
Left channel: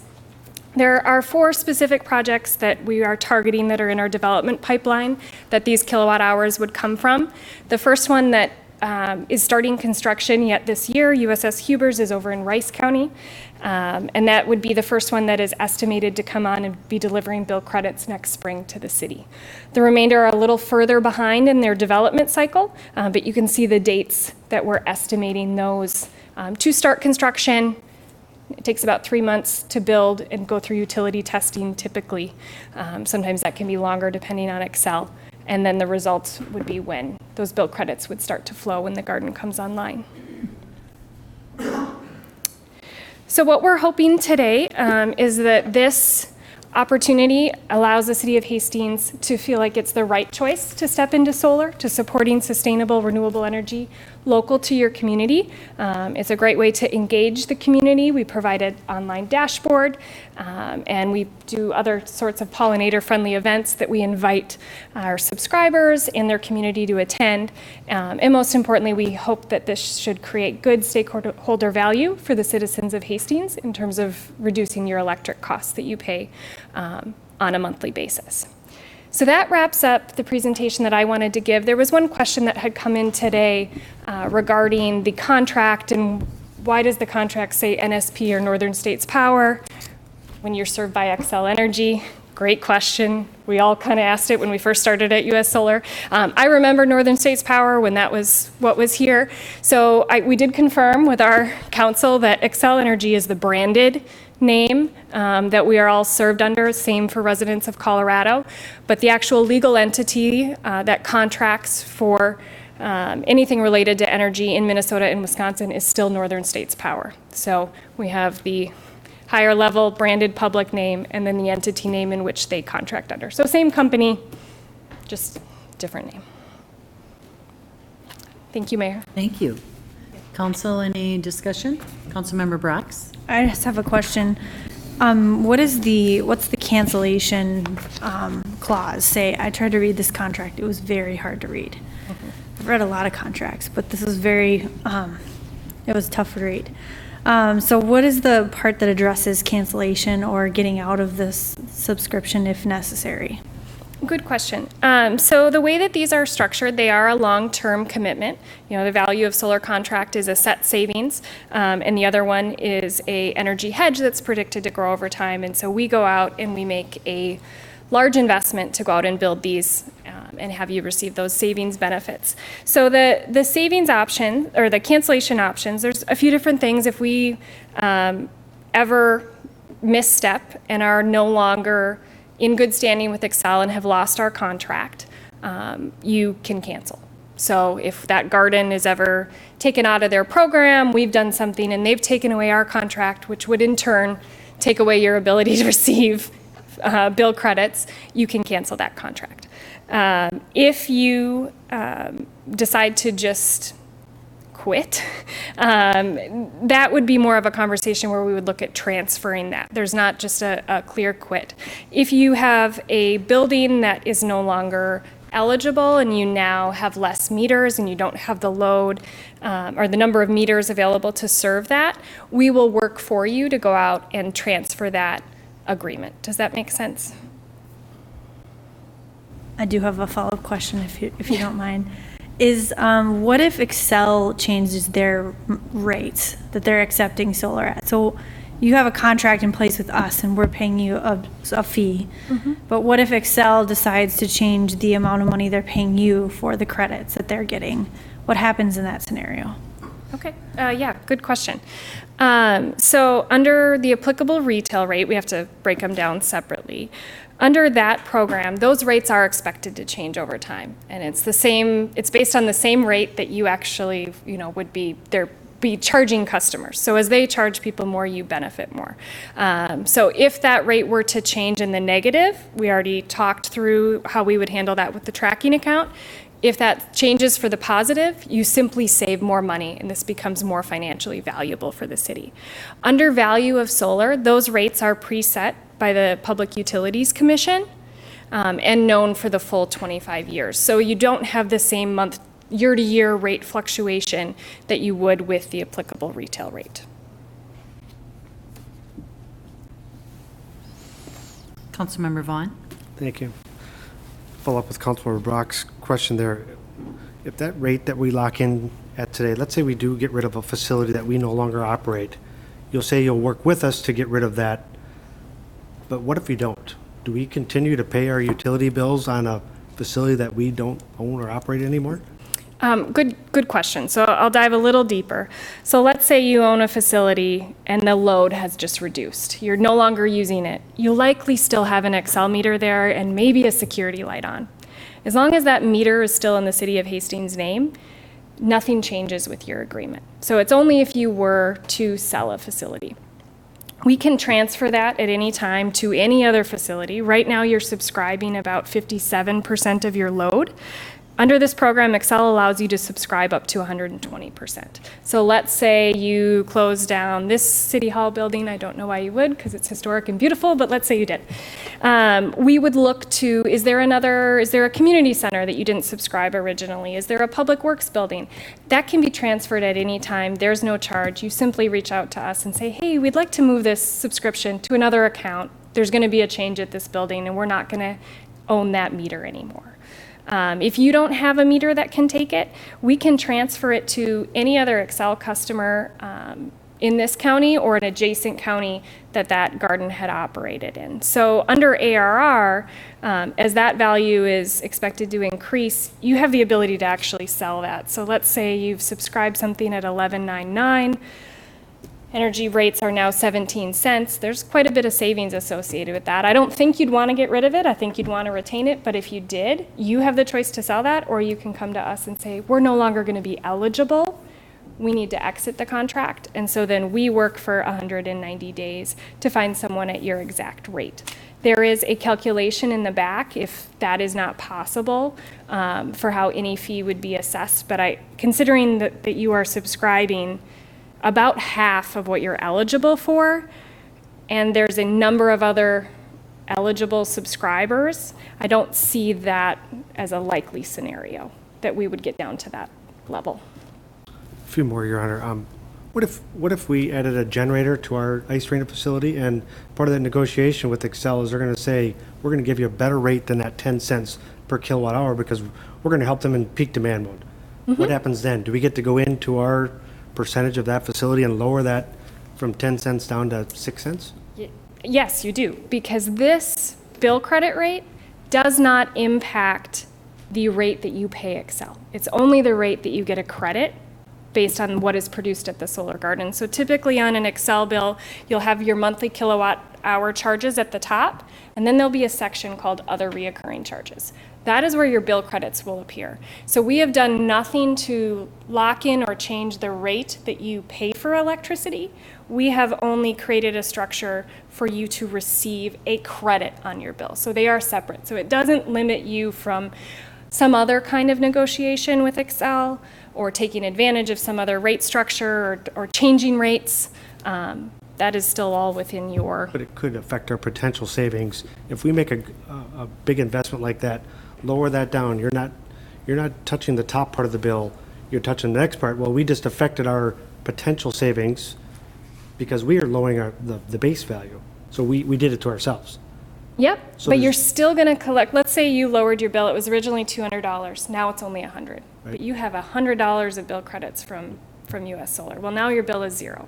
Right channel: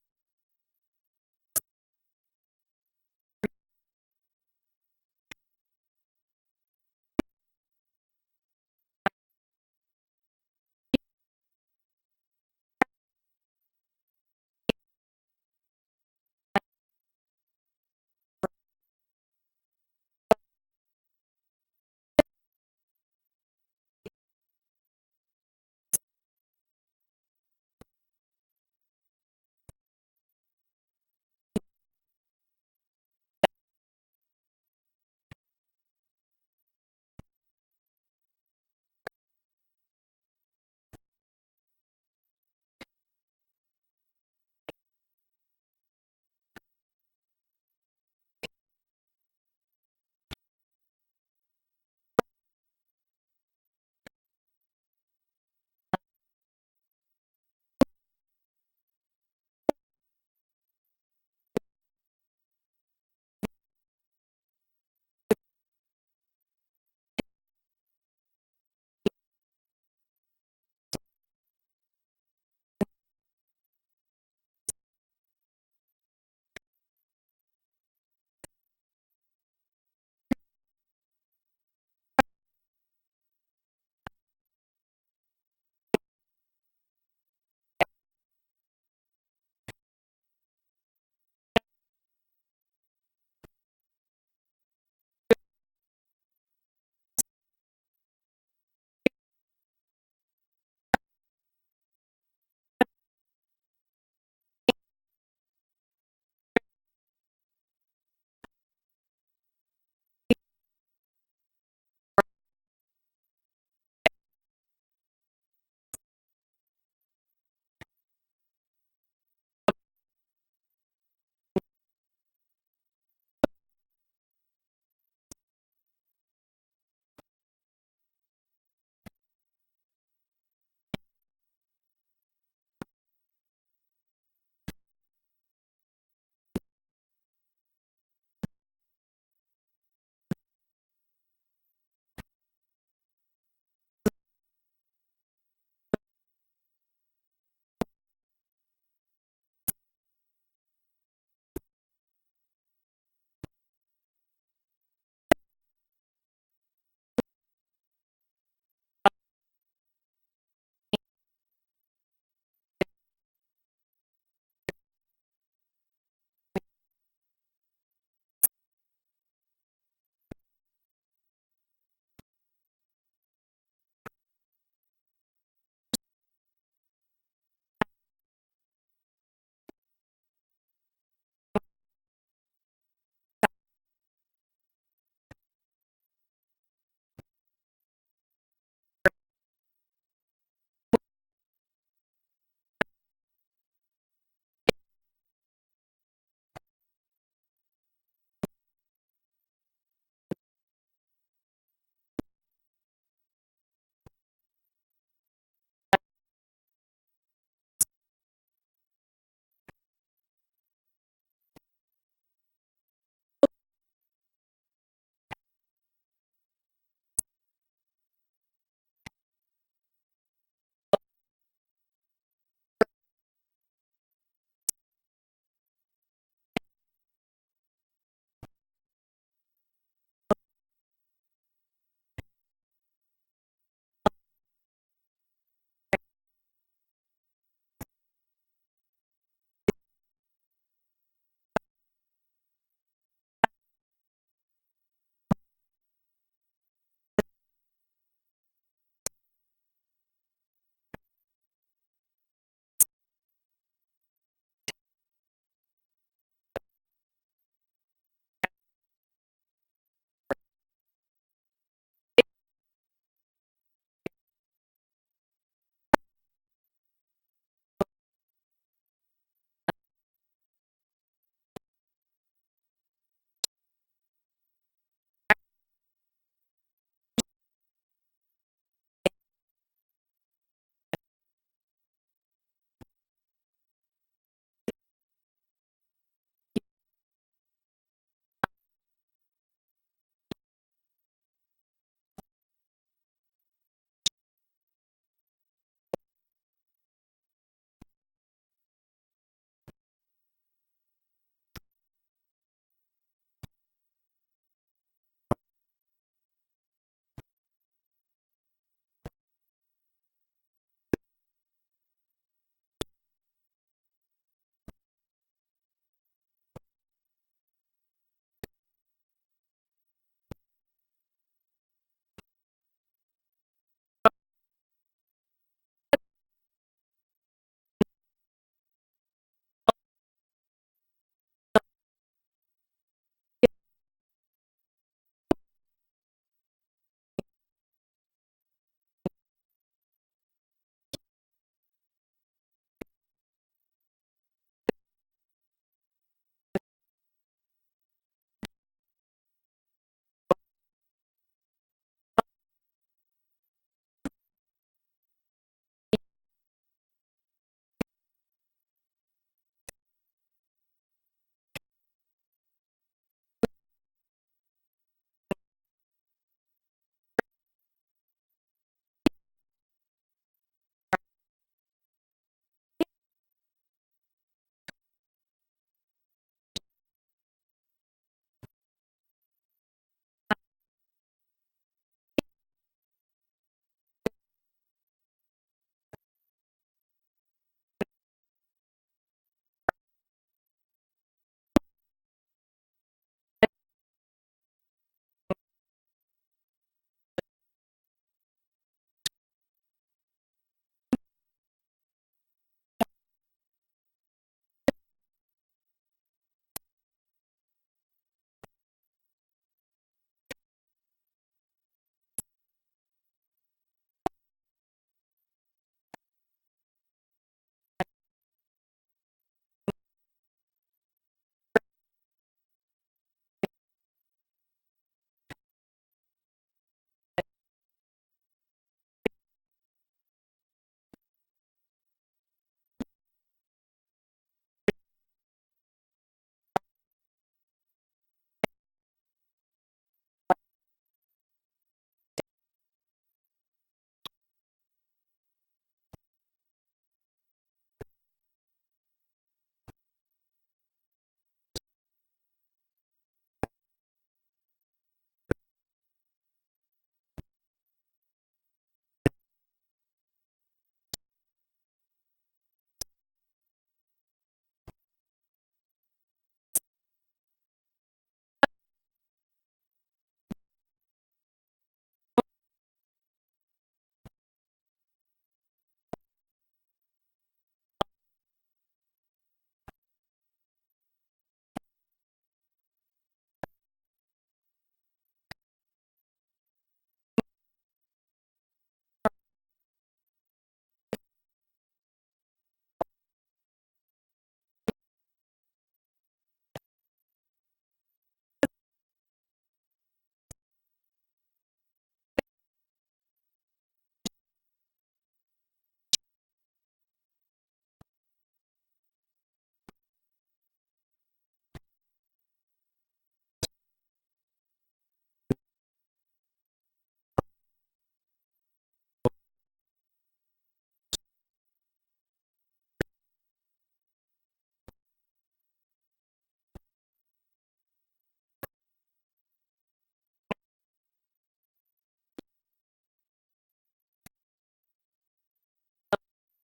There are 4 specific projects that we are targeting that are in our development pipeline that these kilowatt hours would come from. The first one that is starting construction yet this year, USS Hubers, is over in Rice County. And that would be the first one that is estimated to come on and be delivering bill credits next spring to the city. The remainder are a little further behind in their development cycle, but you can see the dates that we're estimating those to start construction. It takes about 3 months to build and go through utility testing typically. Sometimes that can be longer depending on Excel. And then the results would be when those bill credits would start to flow when the garden comes online. So what we're hoping today is that this opportunity allows the city of Hastings to feel like it's the right choice to step into solar, to supporting sustainable renewable energy local to your community. It's a great way to engage the community. We provide an online dashboard, and we do other sorts of pollinator-friendly events that we invite our subscribers and their community to attend. And most importantly, we hope that this should create good stakeholder value for the citizens of Hastings in terms of reducing your electric costs that you pay on a monthly basis. So that wraps up the presentation that I wanted to give. There was one question that had come in today regarding the contract and why does the contract say NSP or Northern States Power when you're served by Xcel Energy? Great question. We all kind of asked it when we first started at US Solar. I remember Northern States Power when that was what was here. So we did confirm with our council that Xcel Energy is the branded name that we are all served under, same for residents of Colorado. But the actual legal entity that contracts for anything related to energy in Minnesota and Wisconsin is still Northern States Power. So we have the higher level branded public name and then the entity name in which they contract under. So same company, just different name. Thank you, Mayor. Thank you. Council, any discussion? Councilmember Brox? I just have a question. What's the cancellation clause say? I tried to read this contract. It was very hard to read. I've read a lot of contracts, but this was very, it was tough to read. So what is the part that addresses cancellation or getting out of this subscription if necessary? Good question. So the way that these are structured, they are a long-term commitment. You know, the value of solar contract is a set savings, and the other one is a energy hedge that's predicted to grow over time. And so we go out and we make a large investment to go out and build these and have you receive those savings benefits. So the savings option or the cancellation options, there's a few different things. If we ever misstep and are no longer in good standing with Xcel and have lost our contract, you can cancel. So if that garden is ever taken out of their program, we've done something and they've taken away our contract, which would in turn take away your ability to receive bill credits, you can cancel that contract. If you decide to just quit, that would be more of a conversation where we would look at transferring that. There's not just a clear quit. If you have a building that is no longer eligible and you now have less meters and you don't have the load or the number of meters available to serve that, we will work for you to go out and transfer that agreement. Does that make sense? I do have a follow-up question if you don't mind. Is what if Excel changes their rates that they're accepting solar at? So you have a contract in place with us and we're paying you a fee. But what if Excel decides to change the amount of money they're paying you for the credits that they're getting? What happens in that scenario? Okay, yeah, good question. So under the applicable retail rate, we have to break them down separately. Under that program, those rates are expected to change over time. And it's the same, it's based on the same rate that you actually, would be charging customers. So as they charge people more, you benefit more. So if that rate were to change in the negative, we already talked through how we would handle that with the tracking account. If that changes for the positive, you simply save more money and this becomes more financially valuable for the city. Under value of solar, those rates are preset by the Public Utilities Commission and known for the full 25 years. So you don't have the same year-to-year rate fluctuation that you would with the applicable retail rate. Councilmember Vaughn? Thank you. Follow up with Councilmember Brock's question there. If that rate that we lock in at today, let's say we do get rid of a facility that we no longer operate, you'll say you'll work with us to get rid of that. But what if we don't? Do we continue to pay our utility bills on a facility that we don't own or operate anymore? Good question. So I'll dive a little deeper. So let's say you own a facility and the load has just reduced. You're no longer using it. You'll likely still have an Excel meter there and maybe a security light on. As long as that meter is still in the City of Hastings' name, nothing changes with your agreement. So it's only if you were to sell a facility. We can transfer that at any time to any other facility. Right now, you're subscribing about 57% of your load. Under this program, Excel allows you to subscribe up to 120%. So let's say you close down this City Hall building. I don't know why you would, because it's historic and beautiful, but let's say you did. We would look to, is there a community center that you didn't subscribe originally? Is there a public works building? That can be transferred at any time. There's no charge. You simply reach out to us and say, hey, we'd like to move this subscription to another account. There's going to be a change at this building, and we're not going to own that meter anymore. If you don't have a meter that can take it, we can transfer it to any other Excel customer in this county or an adjacent county that garden had operated in. So under ARR, as that value is expected to increase, you have the ability to actually sell that. So let's say you've subscribed something at $11.99. Energy rates are now 17 cents. There's quite a bit of savings associated with that. I don't think you'd want to get rid of it. I think you'd want to retain it. But if you did, you have the choice to sell that, or you can come to us and say, we're no longer going to be eligible. We need to exit the contract. And so then we work for 190 days to find someone at your exact rate. There is a calculation in the back if that is not possible for how any fee would be assessed. But considering that you are subscribing about half of what you're eligible for, and there's a number of other eligible subscribers, I don't see that as a likely scenario that we would get down to that level. A few more, Your Honor. What if we added a generator to our ice arena facility, and part of that negotiation with Excel is they're going to say, we're going to give you a better rate than that 10 cents per kilowatt hour because we're going to help them in peak demand mode. What happens then? Do we get to go into our percentage of that facility and lower that from 10 cents down to 6 cents? Yes, you do, because this bill credit rate does not impact the rate that you pay Excel. It's only the rate that you get a credit based on what is produced at the solar garden. So typically on an Excel bill, you'll have your monthly kilowatt hour charges at the top, and then there'll be a section called other reoccurring charges. That is where your bill credits will appear. So we have done nothing to lock in or change the rate that you pay for electricity. We have only created a structure for you to receive a credit on your bill. So they are separate. So it doesn't limit you from some other kind of negotiation with Excel or taking advantage of some other rate structure or changing rates. That is still all within your. But it could affect our potential savings. If we make a big investment like that, lower that down, you're not touching the top part of the bill, you're touching the next part. Well, we just affected our potential savings because we are lowering the base value. So we did it to ourselves. Yep, So but you're there's- still going to collect, let's say you lowered your bill, it was originally $200, now it's only $100. But you have $100 of bill credits from US Solar. Well, now your bill is zero.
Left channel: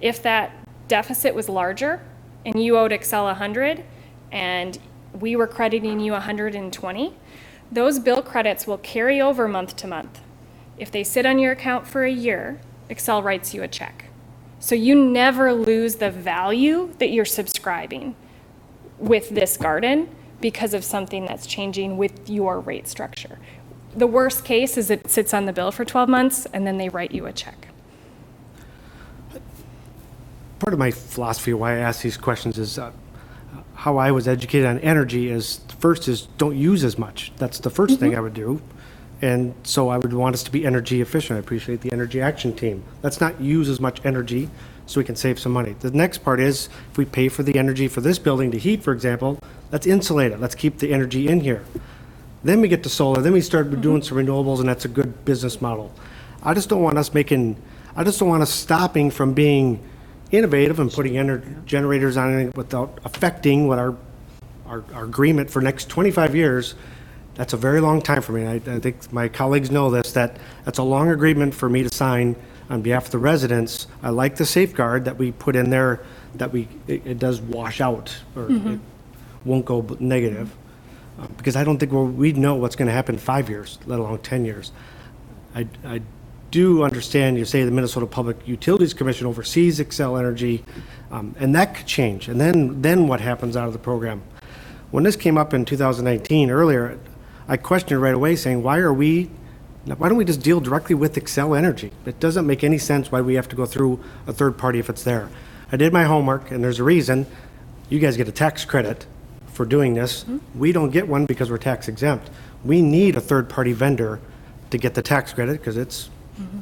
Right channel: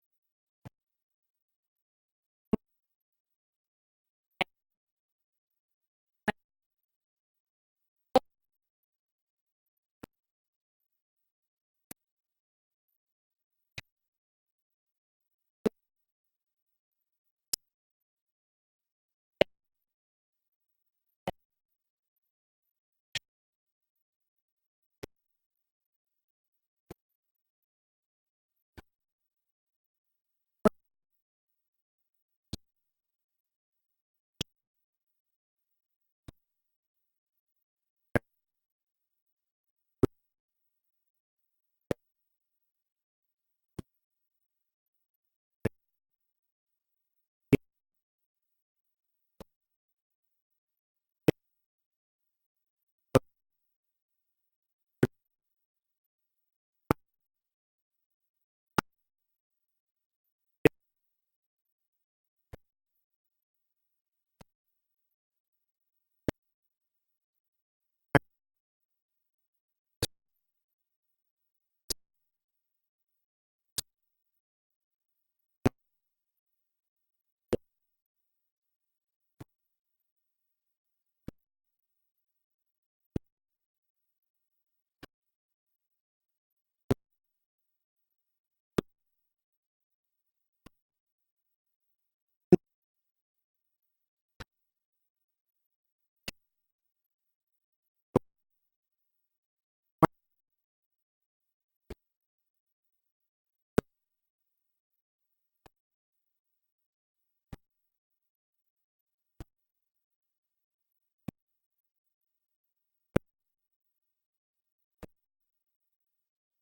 If that deficit was larger and you owed Excel 100 and we were crediting you 120, those bill credits will carry over month to month. If they sit on your account for a year, Excel writes you a check. So you never lose the value that you're subscribing with this garden because of something that's changing with your rate structure. The worst case is it sits on the bill for 12 months and then they write you a check. Part of my philosophy why I ask these questions is how I was educated on energy is first is don't use as much. That's the first thing I would do. And so I would want us to be energy efficient. I appreciate the energy action team. Let's not use as much energy so we can save some money. The next part is if we pay for the energy for this building to heat, for example, let's insulate it. Let's keep the energy in here. Then we get to solar. Then we start doing some renewables, and that's a good business model. I just don't want us stopping from being innovative and putting generators on it without affecting what our agreement for next 25 years. That's a very long time for me. I think my colleagues know this, that's a long agreement for me to sign on behalf of the residents. I like the safeguard that we put in there that it does wash out or it won't go negative. Because I don't think we'd know what's going to happen in 5 years, let alone 10 years. I do understand you say the Minnesota Public Utilities Commission oversees Xcel Energy, and that could change. And then what happens out of the program? When this came up in 2019 earlier, I questioned right away saying, why don't we just deal directly with Xcel Energy? It doesn't make any sense why we have to go through a third party if it's there. I did my homework, and there's a reason. You guys get a tax credit for doing this. We don't get one because we're tax exempt. We need a third party vendor to get the tax credit because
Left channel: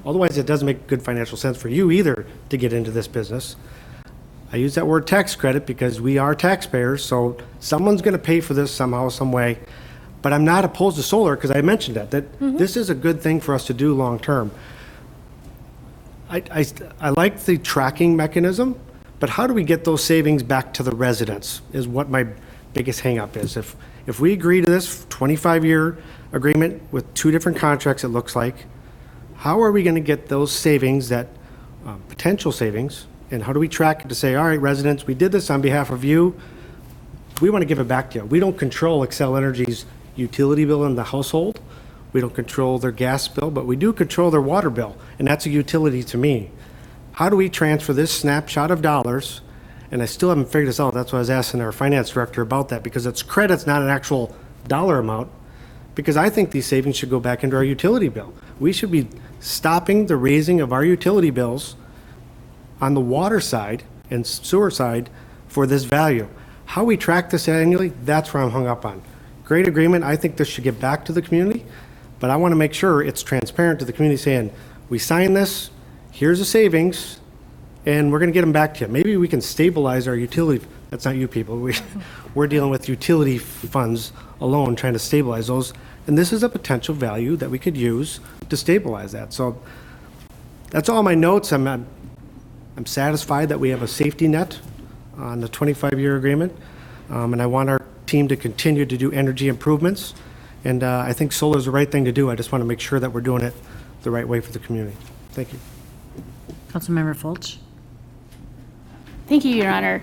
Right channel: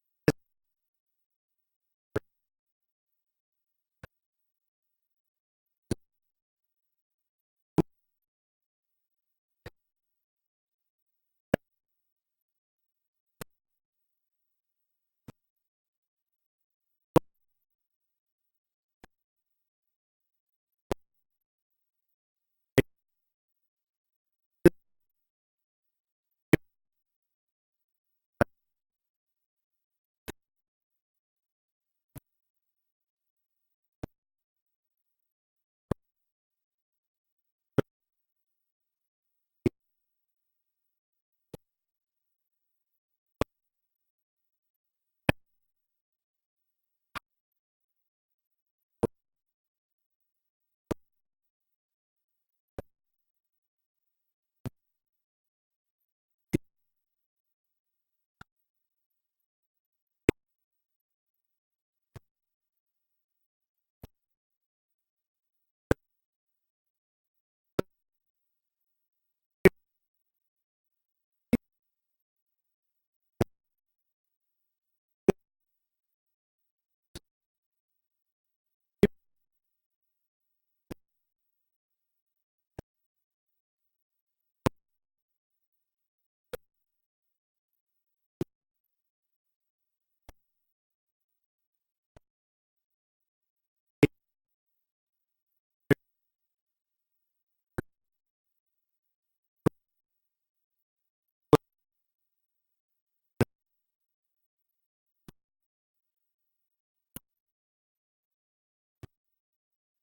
otherwise it doesn't make good financial sense for you either to get into this business. I use that word tax credit because we are taxpayers, so someone's going to pay for this somehow, some way. But I'm not opposed to solar because I mentioned that this is a good thing for us to do long term. I like the tracking mechanism, but how do we get those savings back to the residents is what my biggest hang-up is. If we agree to this 25-year agreement with 2 different contracts, it looks like, how are we going to get those savings, that potential savings, and how do we track it to say, all right, residents, we did this on behalf of you. We want to give it back to you. We don't control Xcel Energy's utility bill in the household. We don't control their gas bill, but we do control their water bill, and that's a utility to me. How do we transfer this snapshot of dollars? And I still haven't figured this out. That's why I was asking our finance director about that, because it's credits, not an actual dollar amount, because I think these savings should go back into our utility bill. We should be stopping the raising of our utility bills on the water side and sewer side for this value. How we track this annually, that's where I'm hung up on. Great agreement. I think this should get back to the community, but I want to make sure it's transparent to the community saying, we signed this, here's the savings, and we're going to get them back to you. Maybe we can stabilize our utility. That's not you people. We're dealing with utility funds alone, trying to stabilize those. And this is a potential value that we could use to stabilize that. So that's all my notes. I'm satisfied that we have a safety net on the 25-year agreement. And I want our team to continue to do energy improvements. And I think solar is the right thing to do. I just want to make sure that we're doing it the right way for the community. Thank you. Councilmember Folch. Thank you, Your Honor.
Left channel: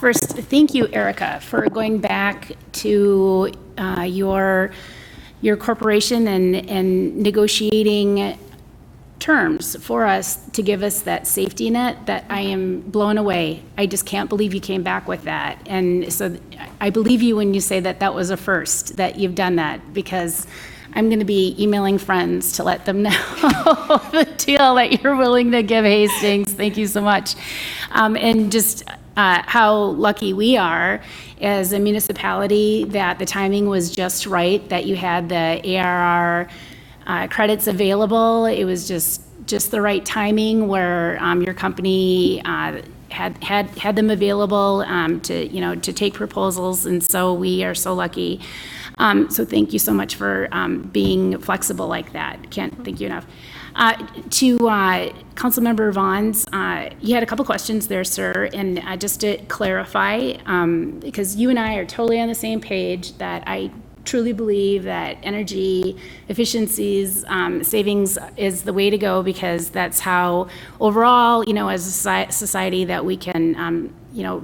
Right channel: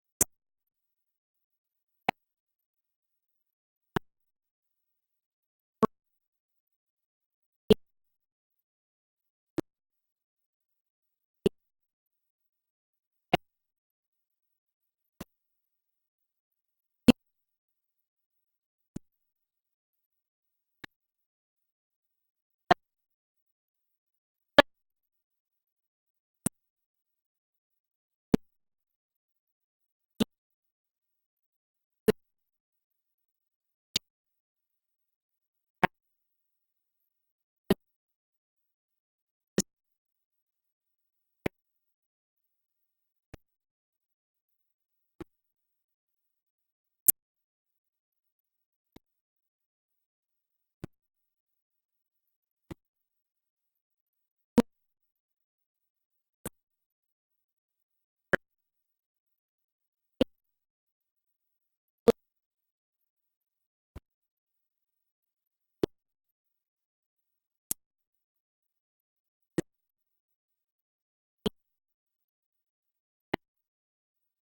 First, thank you, Erica, for going back to your corporation and negotiating terms for us to give us that safety net that I am blown away. I just can't believe you came back with that. And so I believe you when you say that that was a first, that you've done that, because I'm going to be emailing friends to let them know the deal that you're willing to give Hastings. Thank you so much. And just how lucky we are as a municipality that the timing was just right, that you had the ARR credits available. It was just the right timing where your company had them available to take proposals, and so we are so lucky. So thank you so much for being flexible like that. Can't thank you enough. To Councilmember Vaughn's, you had a couple questions there, sir, and just to clarify, because you and I are totally on the same page, that I truly believe that energy efficiencies, savings is the way to go, because that's how overall, as a society, that we can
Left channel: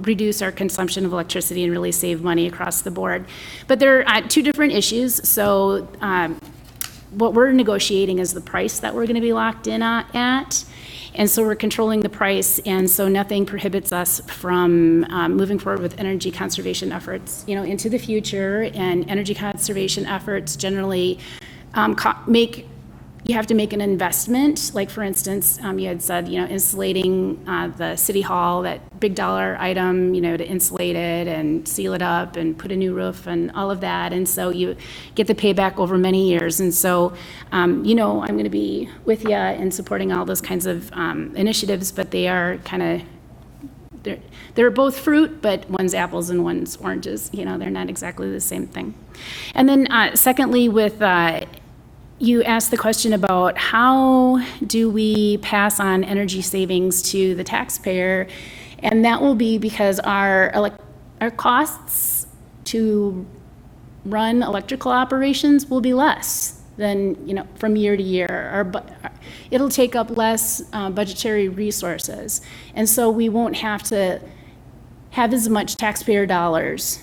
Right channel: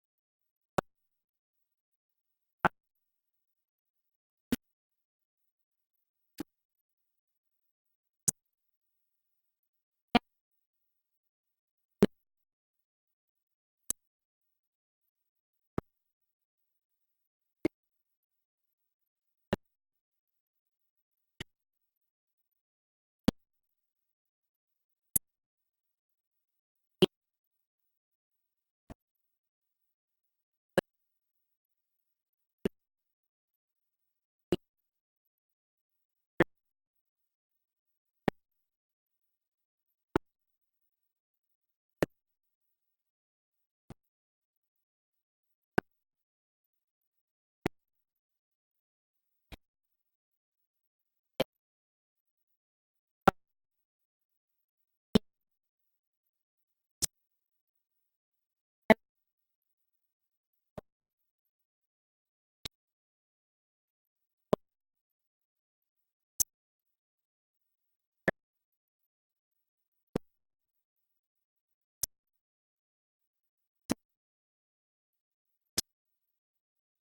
reduce our consumption of electricity and really save money across the board. But there are two different issues. So what we're negotiating is the price that we're going to be locked in at. And so we're controlling the price, and so nothing prohibits us from moving forward with energy conservation efforts, into the future. And energy conservation efforts generally you have to make an investment. Like, for instance, you had said, insulating the city hall, that big dollar item, to insulate it and seal it up and put a new roof and all of that. And so you get the payback over many years. And so, I'm going to be with you in supporting all those kinds of initiatives, but they are kind of, they're both fruit, but one's apples and one's oranges. They're not exactly the same thing. And then secondly, with you asked the question about how do we pass on energy savings to the taxpayer, and that will be because our costs to run electrical operations will be less than from year to year. It'll take up less budgetary resources, and so we won't have to have as much taxpayer dollars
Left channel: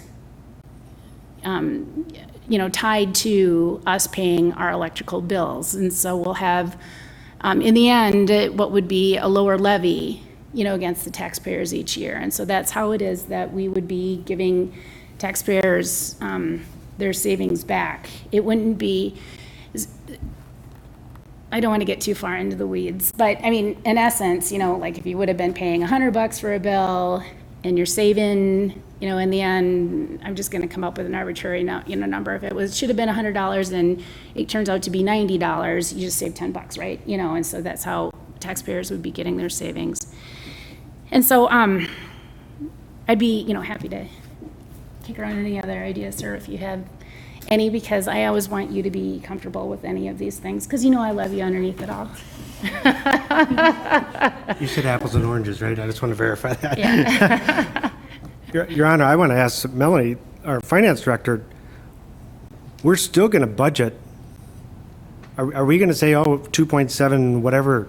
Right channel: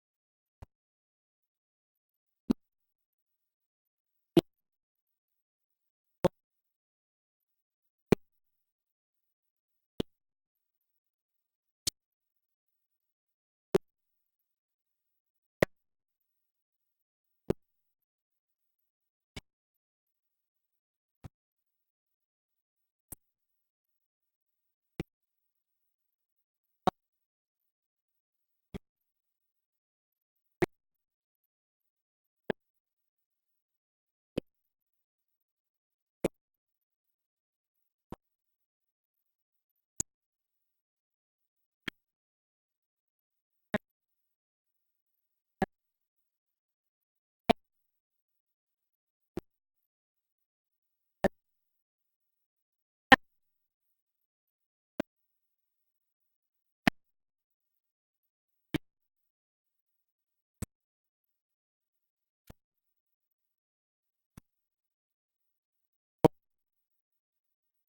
tied to us paying our electrical bills. And so we'll have, in the end, what would be a lower levy, against the taxpayers each year. And so that's how it is that we would be giving taxpayers their savings back. It wouldn't be, I don't want to get too far into the weeds, but I mean, in essence, like if you would have been paying $100 for a bill and you're saving, in the end, I'm just going to come up with an arbitrary number. If it should have been $100 and it turns out to be $90, you just save $10, right? And so that's how taxpayers would be getting their savings. And so I'd be, happy to kick around any other ideas, sir, if you have any, because I always want you to be comfortable with any of these things, because I love you underneath it all. You said apples and oranges, right? I just want to verify that. Yeah. Your Honor, I want to ask Melanie, our finance director, we're still going to budget. Are we going to say, 2.7, whatever?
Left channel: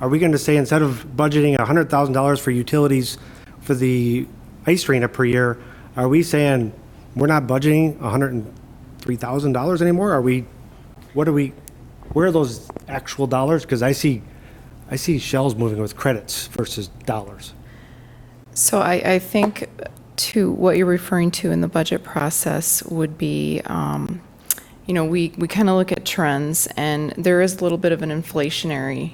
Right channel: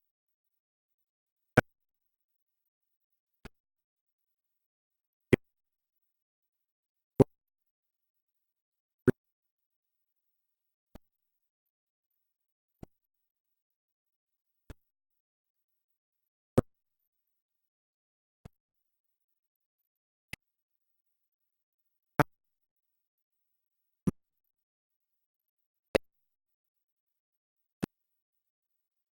Are we going to say, instead of budgeting $100,000 for utilities for the ice arena per year, are we saying we're not budgeting $103,000 anymore? Where are those actual dollars? Because I see shells moving with credits versus dollars. So I think to what you're referring to in the budget process would be, we kind of look at trends, and there is a little bit of an inflationary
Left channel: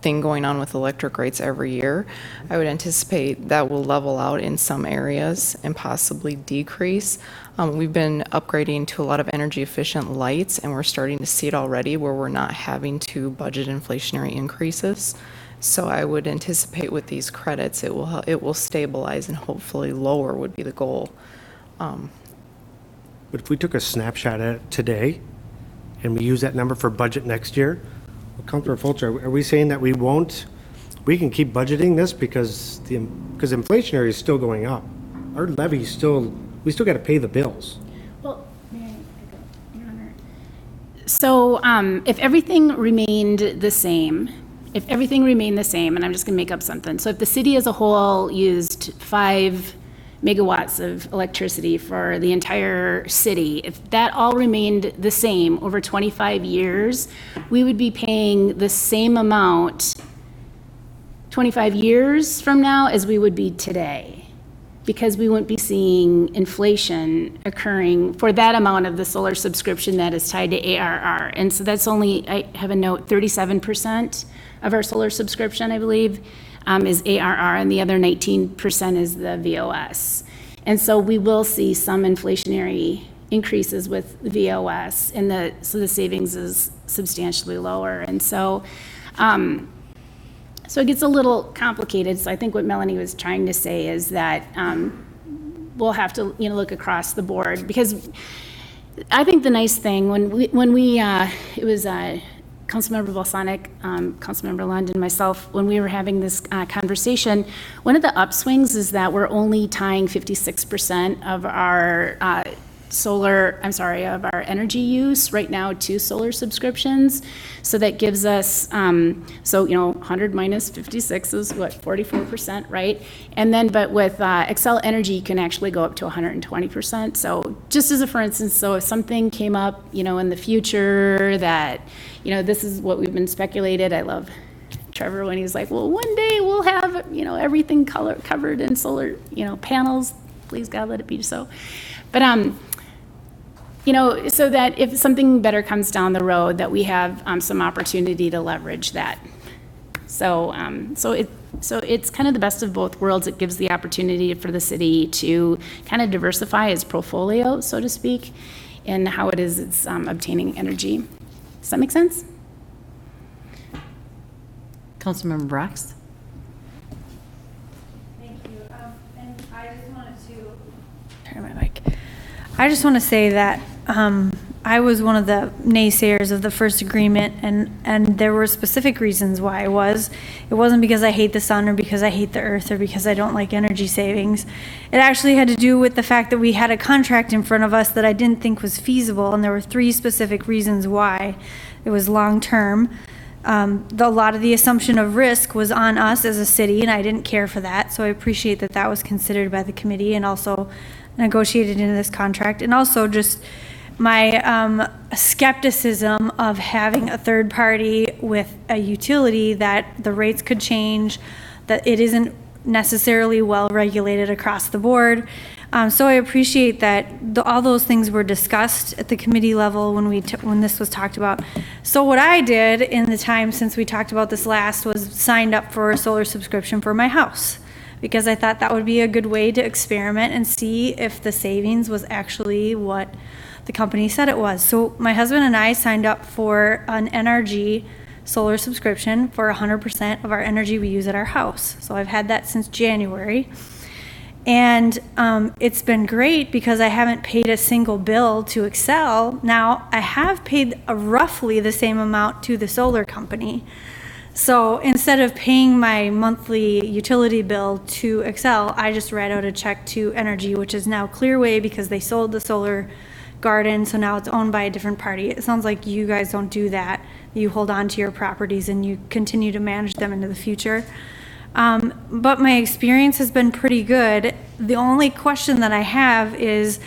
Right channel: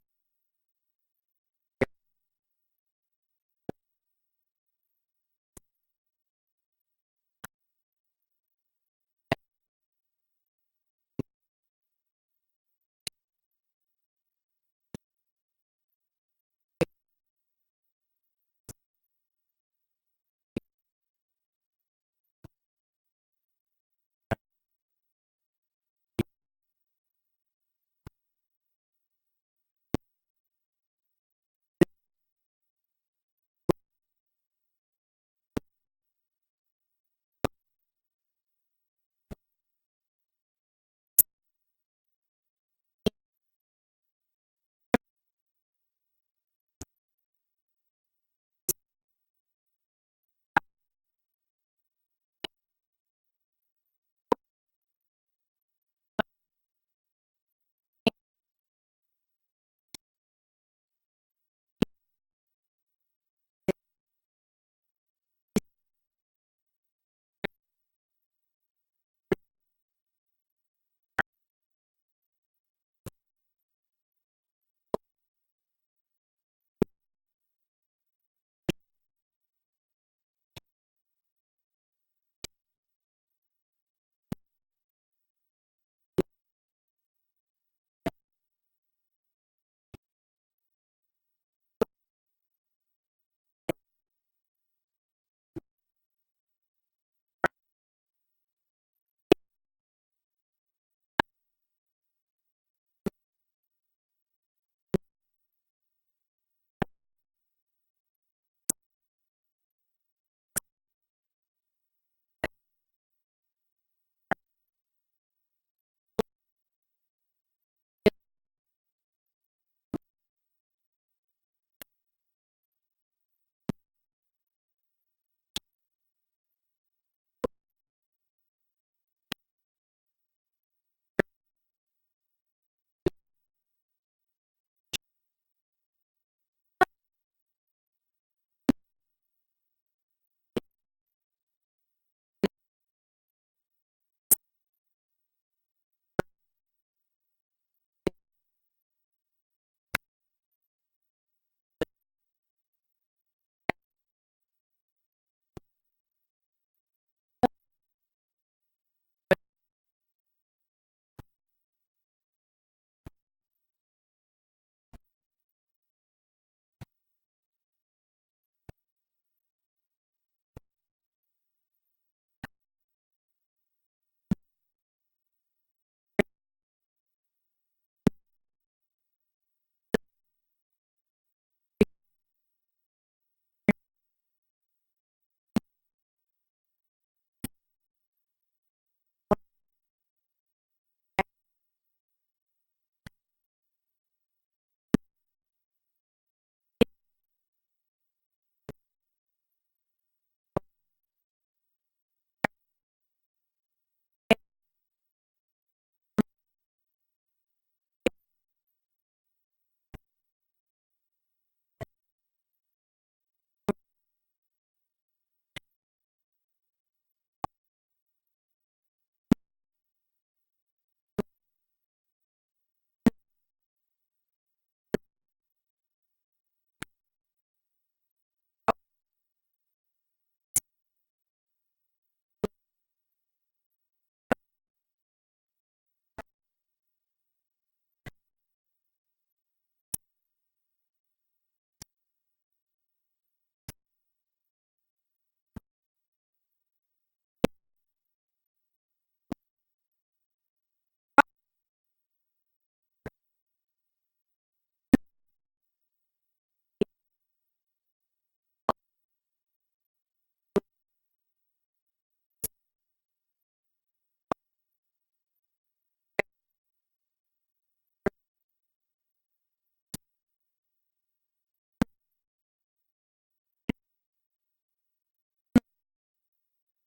thing going on with electric rates every year. I would anticipate that will level out in some areas and possibly decrease. We've been upgrading to a lot of energy efficient lights, and we're starting to see it already where we're not having to budget inflationary increases. So I would anticipate with these credits, it will stabilize and hopefully lower would be the goal. But if we took a snapshot at it today and we use that number for budget next year, well, Councilor Folch, are we saying that we can keep budgeting this because inflationary is still going up? Our levy we still got to pay the bills. Well, may I, Your Honor? So if everything remained the same, and I'm just going to make up something. So if the city as a whole used $5 megawatts of electricity for the entire city, if that all remained the same over 25 years, we would be paying the same amount 25 years from now as we would be today, because we wouldn't be seeing inflation occurring for that amount of the solar subscription that is tied to ARR. And so that's only, I have a note, 37% of our solar subscription, I believe, is ARR, and the other 19% is the VOS. And so we will see some inflationary increases with VOS, and so the savings is substantially lower. And so, so it gets a little complicated. So I think what Melanie was trying to say is that we'll have to, look across the board, because I think the nice thing when we it was Councilmember Balsonic, Councilmember Lund, and myself, when we were having this conversation, one of the upswings is that we're only tying 56% of our of our energy use right now to solar subscriptions. So that gives us, 100 minus 56 is what, 44%, right? And then, but with Xcel Energy, you can actually go up to 120%. So just as a for instance, so if something came up, in the future that, this is what we've been speculated. I love Trevor when he's like, well, one day we'll have, everything covered in solar, panels. Please God, let it be so. But, so that if something better comes down the road, that we have some opportunity to leverage that. So it's kind of the best of both worlds. It gives the opportunity for the city to kind of diversify its portfolio, so to speak, in how it's obtaining energy. Does that make sense? Councilmember Brox? Thank you. And I just wanted to turn my mic. I just want to say that I was one of the naysayers of the first agreement, and there were specific reasons why I was. It wasn't because I hate the sun or because I hate the earth or because I don't like energy savings. It actually had to do with the fact that we had a contract in front of us that I didn't think was feasible, and there were 3 specific reasons why. It was long-term. A lot of the assumption of risk was on us as a city, and I didn't care for that, so I appreciate that that was considered by the committee and also negotiated into this contract. And also just my skepticism of having a third party with a utility, that the rates could change, that it isn't necessarily well regulated across the board. So I appreciate that all those things were discussed at the committee level when this was talked about. So what I did in the time since we talked about this last was signed up for a solar subscription for my house, because I thought that would be a good way to experiment and see if the savings was actually what the company said it was. So my husband and I signed up for an NRG solar subscription for 100% of our energy we use at our house. So I've had that since January. And it's been great because I haven't paid a single bill to Xcel. Now, I have paid roughly the same amount to the solar company. So instead of paying my monthly utility bill to Xcel, I just write out a check to Energy, which is now Clearway because they sold the solar garden, so now it's owned by a different party. It sounds like you guys don't do that. You hold on to your properties and you continue to manage them into the future. But my experience has been pretty good. The only question that I have is,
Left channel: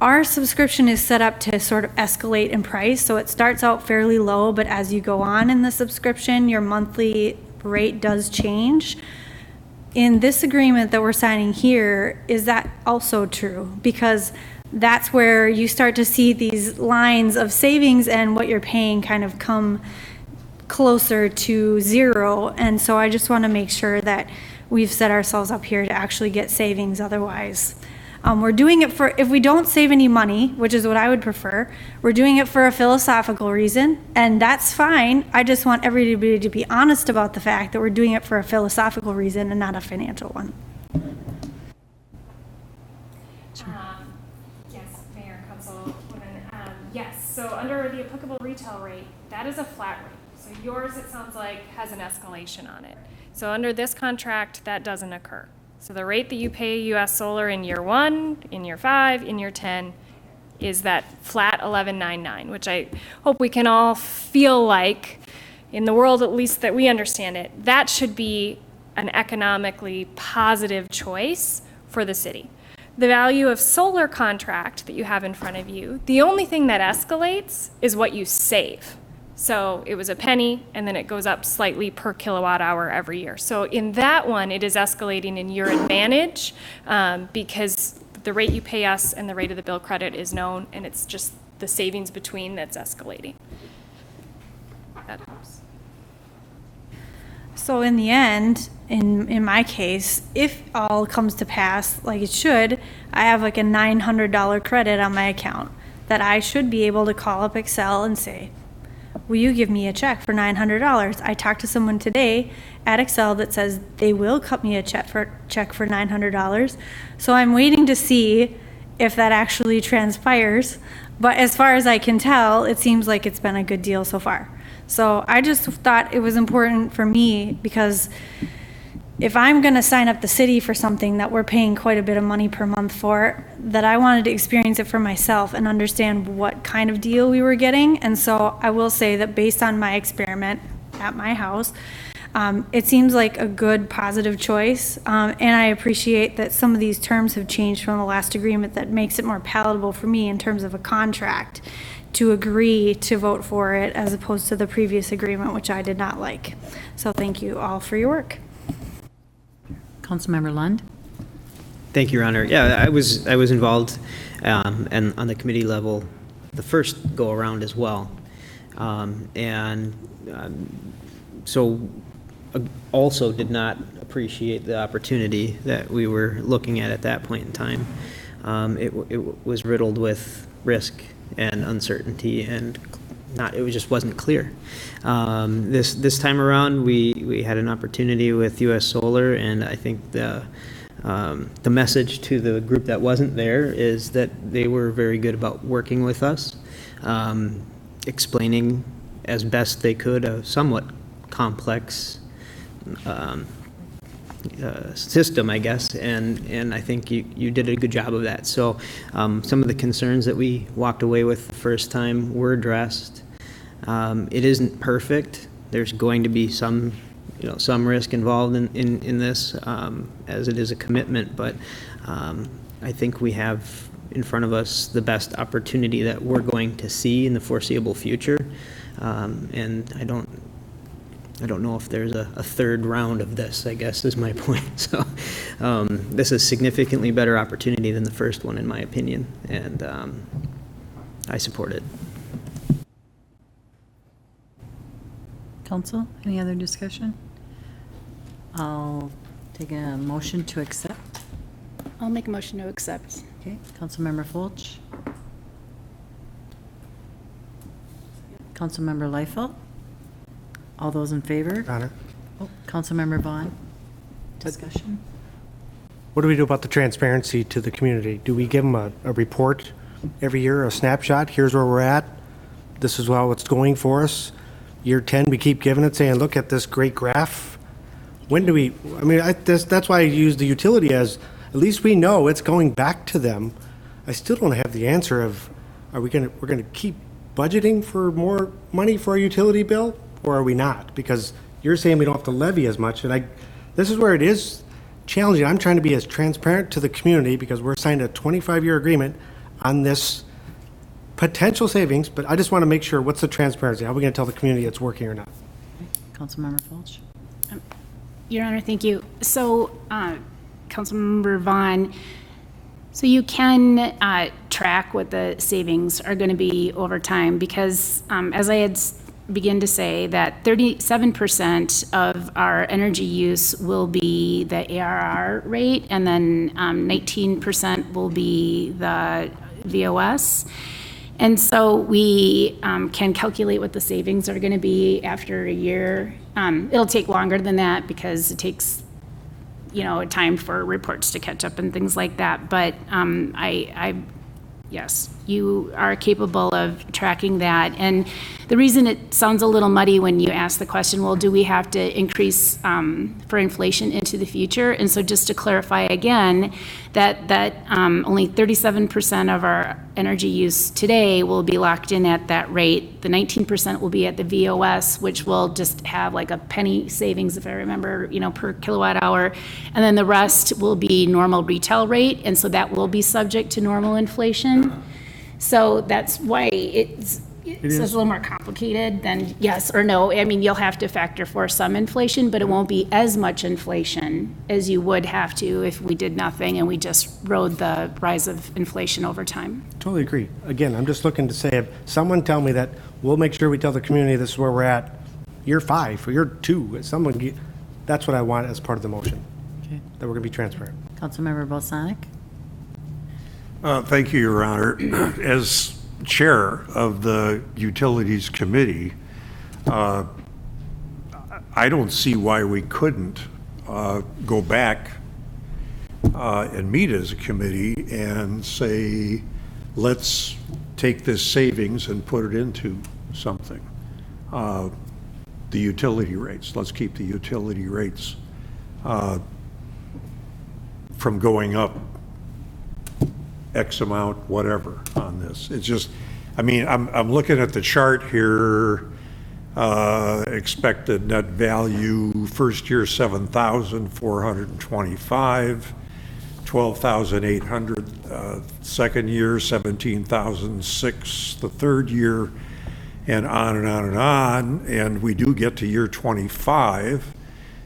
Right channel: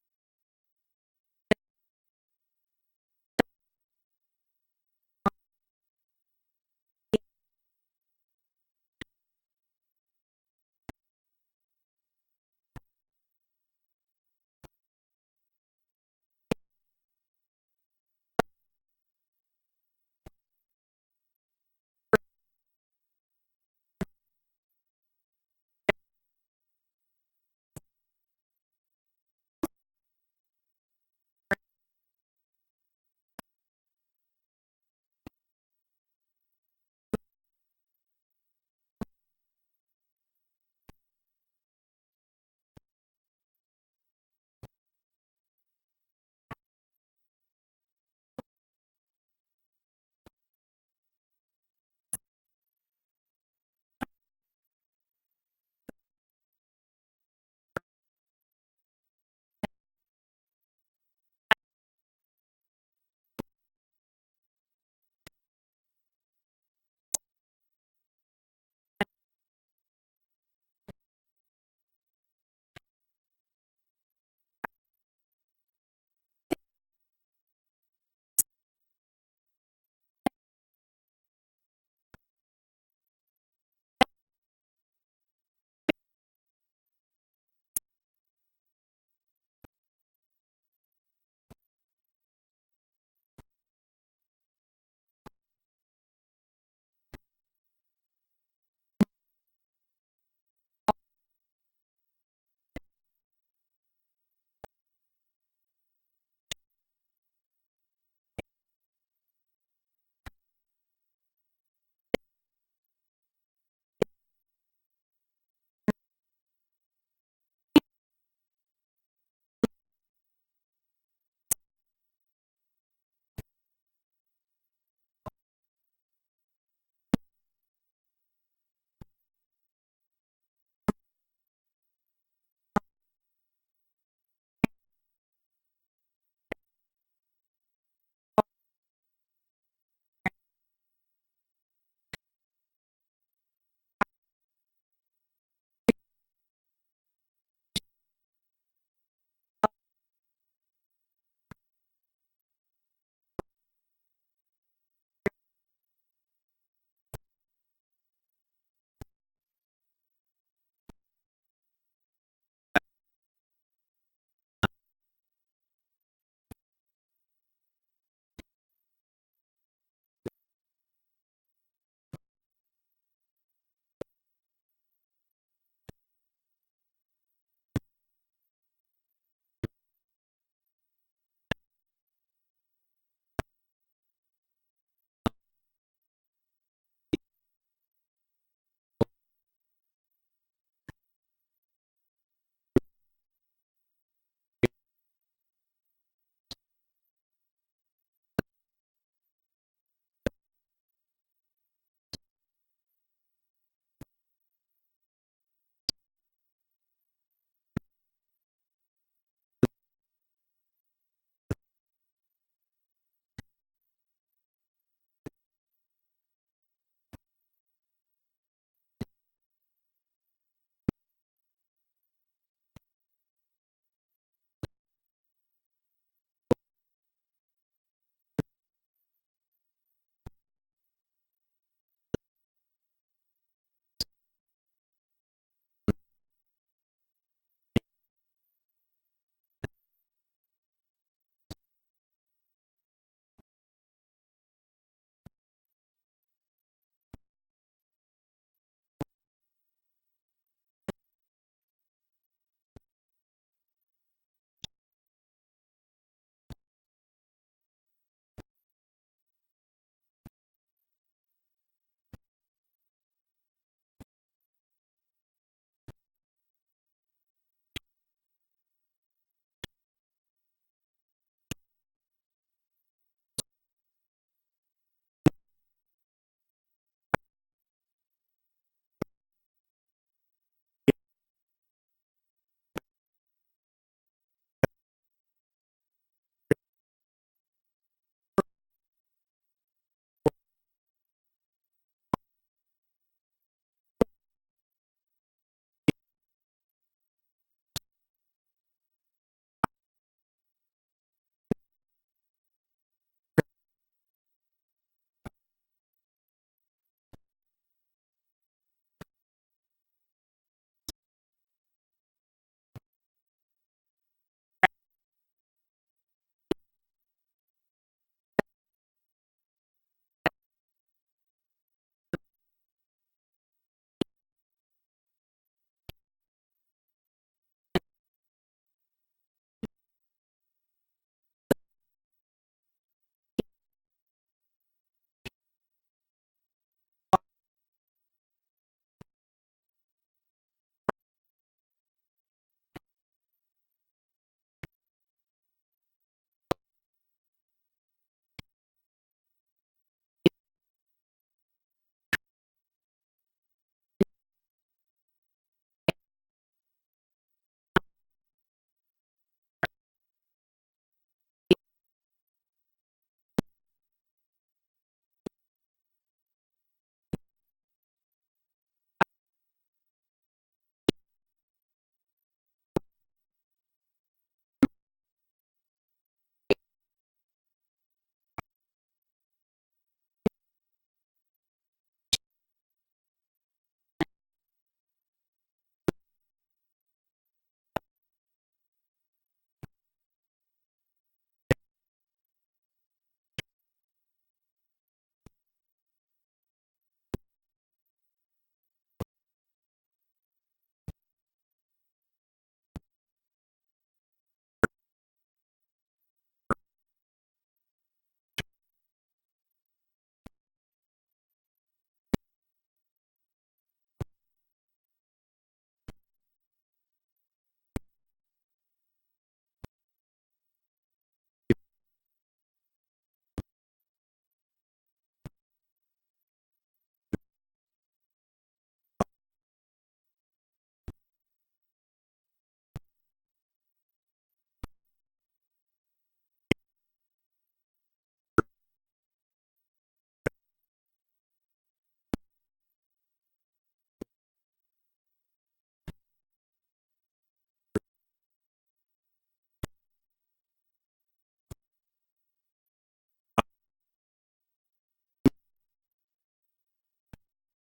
our subscription is set up to sort of escalate in price. So it starts out fairly low, but as you go on in the subscription, your monthly rate does change. In this agreement that we're signing here, is that also true? Because that's where you start to see these lines of savings and what you're paying kind of come closer to zero. And so I just want to make sure that we've set ourselves up here to actually get savings. Otherwise, we're doing it for, if we don't save any money, which is what I would prefer, we're doing it for a philosophical reason, and that's fine. I just want everybody to be honest about the fact that we're doing it for a philosophical reason and not a financial one. Yes, Mayor, Councilwoman. Yes, so under the applicable retail rate, that is a flat rate. So yours, it sounds like, has an escalation on it. So under this contract, that doesn't occur. So the rate that you pay US Solar in year 1, in year 5, in year 10 is that flat $11.99, which I hope we can all feel like, in the world at least that we understand it, that should be an economically positive choice for the city. The value of solar contract that you have in front of you, the only thing that escalates is what you save. So it was a penny, and then it goes up slightly per kilowatt hour every year. So in that one, it is escalating in your advantage because the rate you pay us and the rate of the bill credit is known, and it's just the savings between that's escalating. That helps. So in the end, in my case, if all comes to pass like it should, I have like a $900 credit on my account that I should be able to call up Excel and say, will you give me a check for $900? I talked to someone today at Excel that says they will cut me a check for $900. So I'm waiting to see if that actually transpires. But as far as I can tell, it seems like it's been a good deal so far. So I just thought it was important for me because if I'm going to sign up the city for something that we're paying quite a bit of money per month for, that I wanted to experience it for myself and understand what kind of deal we were getting. And so I will say that based on my experiment at my house, it seems like a good, positive choice. And I appreciate that some of these terms have changed from the last agreement that makes it more palatable for me in terms of a contract to agree to vote for it as opposed to the previous agreement, which I did not like. So thank you all for your work. Councilmember Lund? Thank you, Your Honor. Yeah, I was involved and on the committee level the first go around as well, so also did not appreciate the opportunity that we were looking at that point in time. It was riddled with risk and uncertainty, and it just wasn't clear. This time around, we had an opportunity with U.S. Solar, and I think the message to the group that wasn't there is that they were very good about working with us, explaining as best they could a somewhat complex system, I guess, and I think you did a good job of that. So some of the concerns that we walked away with the first time were addressed. It isn't perfect. There's going to be some risk involved in this, as it is a commitment, but I think we have in front of us the best opportunity that we're going to see in the foreseeable future, and I don't know if there's a third round of this, I guess, is my point. So this is a significantly better opportunity than the first one, in my opinion, and I support it. Council, any other discussion? I'll take a motion to accept. I'll make a motion to accept. Okay, Councilmember Folch. Councilmember Liefeld. All those in favor? Honor. Oh, Councilmember Vaughn. Discussion? What do we do about the transparency to the community? Do we give them a report every year, a snapshot? Here's where we're at. This is how it's going for us. Year 10, we keep giving it, saying, look at this great graph. When do we, that's why I use the utility as, at least we know it's going back to them. I still don't have the answer of, we're going to keep budgeting for more money for our utility bill, or are we not? Because you're saying we don't have to levy as much, and this is where it is challenging. I'm trying to be as transparent to the community because we're signed a 25-year agreement on this potential savings, but I just want to make sure, what's the transparency? How are we going to tell the community it's working or not? Councilmember Folch. Your Honor, thank you. So, Councilmember Vaughn, so you can track what the savings are going to be over time because, as I had begin to say, that 37% of our energy use will be the ARR rate, and then 19% will be the VOS. And so we can calculate what the savings are going to be after a year. It'll take longer than that because it takes, time for reports to catch up and things like that. But yes. you are capable of tracking that. And the reason it sounds a little muddy when you ask the question, well, do we have to increase for inflation into the future? And so just to clarify again, that only 37% of our energy use today will be locked in at that rate. The 19% will be at the VOS, which will just have like a penny savings, if I remember, per kilowatt hour. And then the rest will be normal retail rate. And so that will be subject to normal inflation. So that's why it's a little more complicated than yes or no. I mean, you'll have to factor for some inflation, but it won't be as much inflation as you would have to if we did nothing and we just rode the rise of inflation over time. Totally agree. Again, I'm just looking to say, if someone tell me that, we'll make sure we tell the community this is where we're at year 5 or year 2, that's what I want as part of the motion, that we're going to be transparent. Councilmember Balsanic? Thank you, Your Honor. As chair of the Utilities Committee, I don't see why we couldn't go back and meet as a committee and say, let's take this savings and put it into something. The utility rates, let's keep the utility rates from going up X amount, whatever, on this. It's just, I mean, I'm looking at the chart here, expected net value, first year 7,425, 12,800, second year 17,006, the third year, and on and on and on. And we do get to year 25,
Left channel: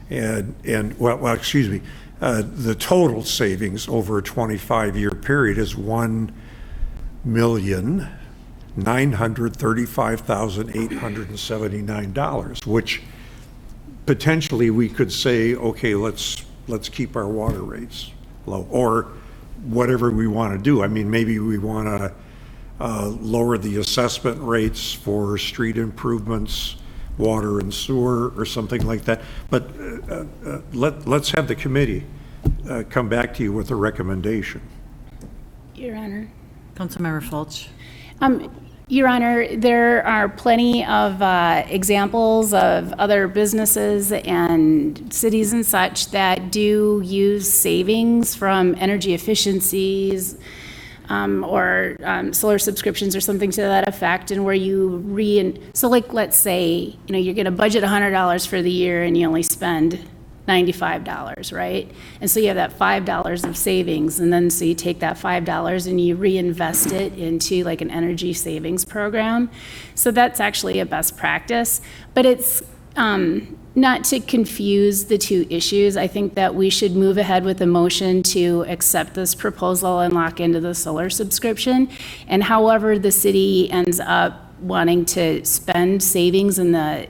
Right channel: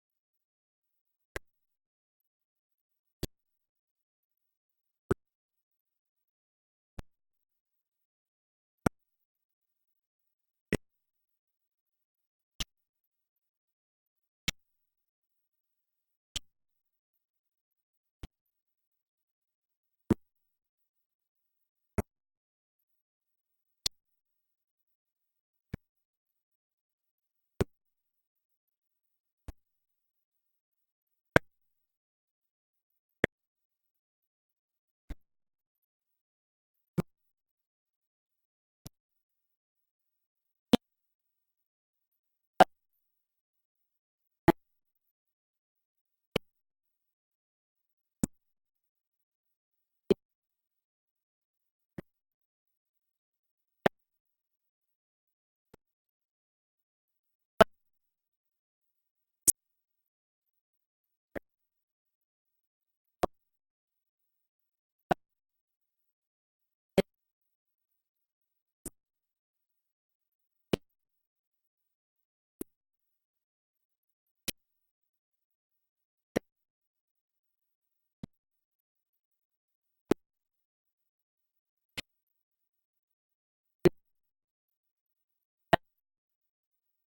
and well, excuse me, the total savings over a 25-year period is $1,935,879, which potentially we could say, okay, let's keep our water rates low, or whatever we want to do. I mean, maybe we want to lower the assessment rates for street improvements, water and sewer, or something like that. But let's have the committee come back to you with a recommendation. Your Honor. Councilmember Folch? Your Honor, there are plenty of examples of other businesses and cities and such that do use savings from energy efficiencies or solar subscriptions or something to that effect, and where you so like, let's say, you're going to budget $100 for the year and you only spend $95, right? And so you have that $5 of savings, and then so you take that $5 and you reinvest it into like an energy savings program. So that's actually a best practice, but it's not to confuse the two issues. I think that we should move ahead with a motion to accept this proposal and lock into the solar subscription. And however the city ends up wanting to spend savings in the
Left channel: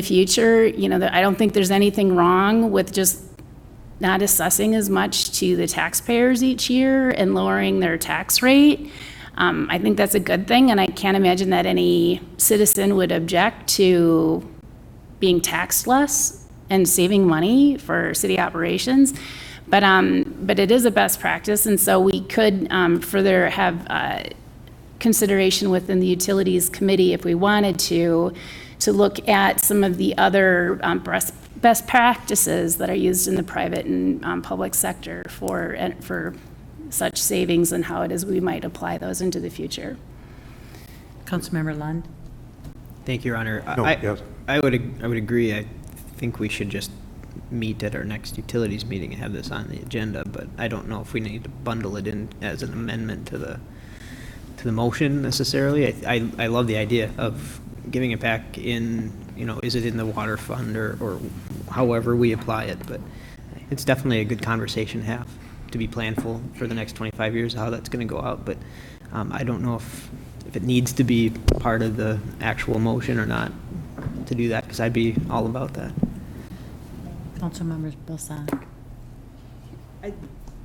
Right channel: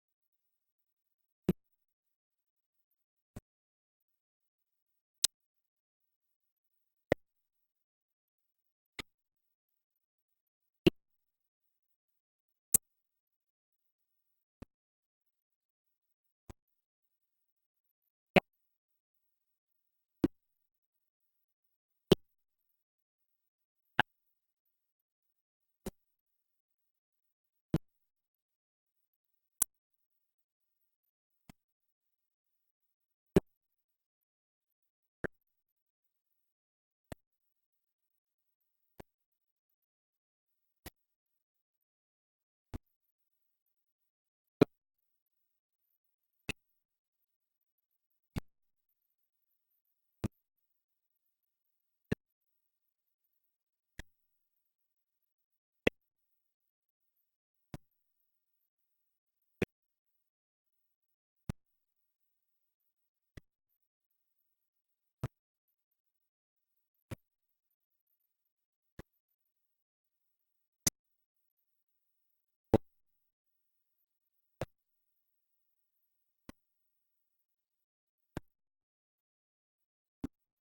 future, I don't think there's anything wrong with just not assessing as much to the taxpayers each year and lowering their tax rate. I think that's a good thing, and I can't imagine that any citizen would object to being taxed less and saving money for city operations. But it is a best practice, and so we could further have consideration within the Utilities Committee if we wanted to look at some of the other best practices that are used in the private and public sector for such savings, and how it is we might apply those into the future. Councilmember Lund? Thank you, Your Honor. Yes. I would agree. I think we should just meet at our next utilities meeting and have this on the agenda, but I don't know if we need to bundle it in as an amendment to the motion necessarily. I love the idea of giving it back in, is it in the water fund or however we apply it, but it's definitely a good conversation to have, to be planful for the next 25 years, how that's going to go out. But I don't know if it needs to be part of the actual motion or not to do that, because I'd be all about that. Councilmember Balsanic?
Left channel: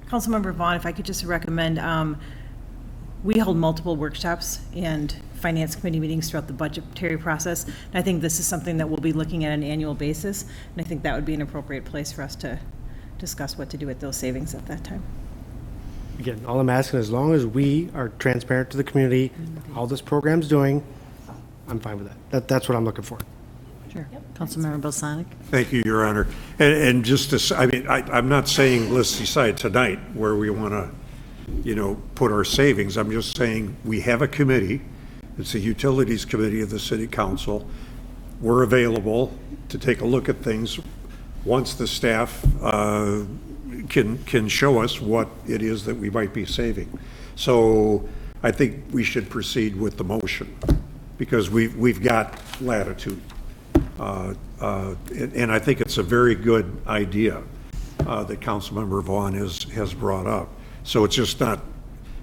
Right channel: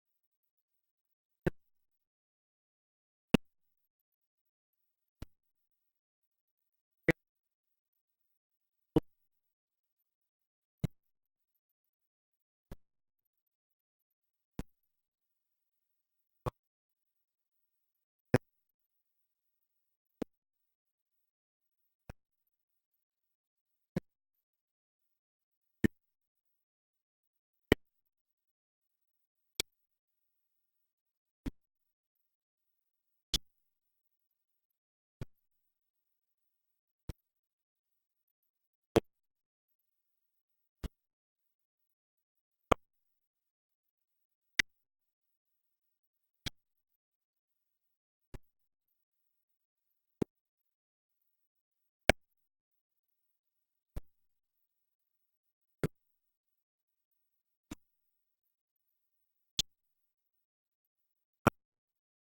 Councilmember Vaughn, if I could just recommend, we hold multiple workshops and finance committee meetings throughout the budgetary process. And I think this is something that we'll be looking at on an annual basis. And I think that would be an appropriate place for us to discuss what to do with those savings at that time. Again, all I'm asking, as long as we are transparent to the community, how this program's doing, I'm fine with that. That's what I'm looking for. Sure. Councilmember Balsonic? Thank you, Your Honor. And just to, I mean, I'm not saying let's decide tonight where we want to, put our savings. I'm just saying we have a committee. It's the Utilities Committee of the City Council. We're available to take a look at things once the staff can show us what it is that we might be saving. So I think we should proceed with the motion because we've got latitude. And I think it's a very good idea that Councilmember Vaughn has brought up. So it's just not,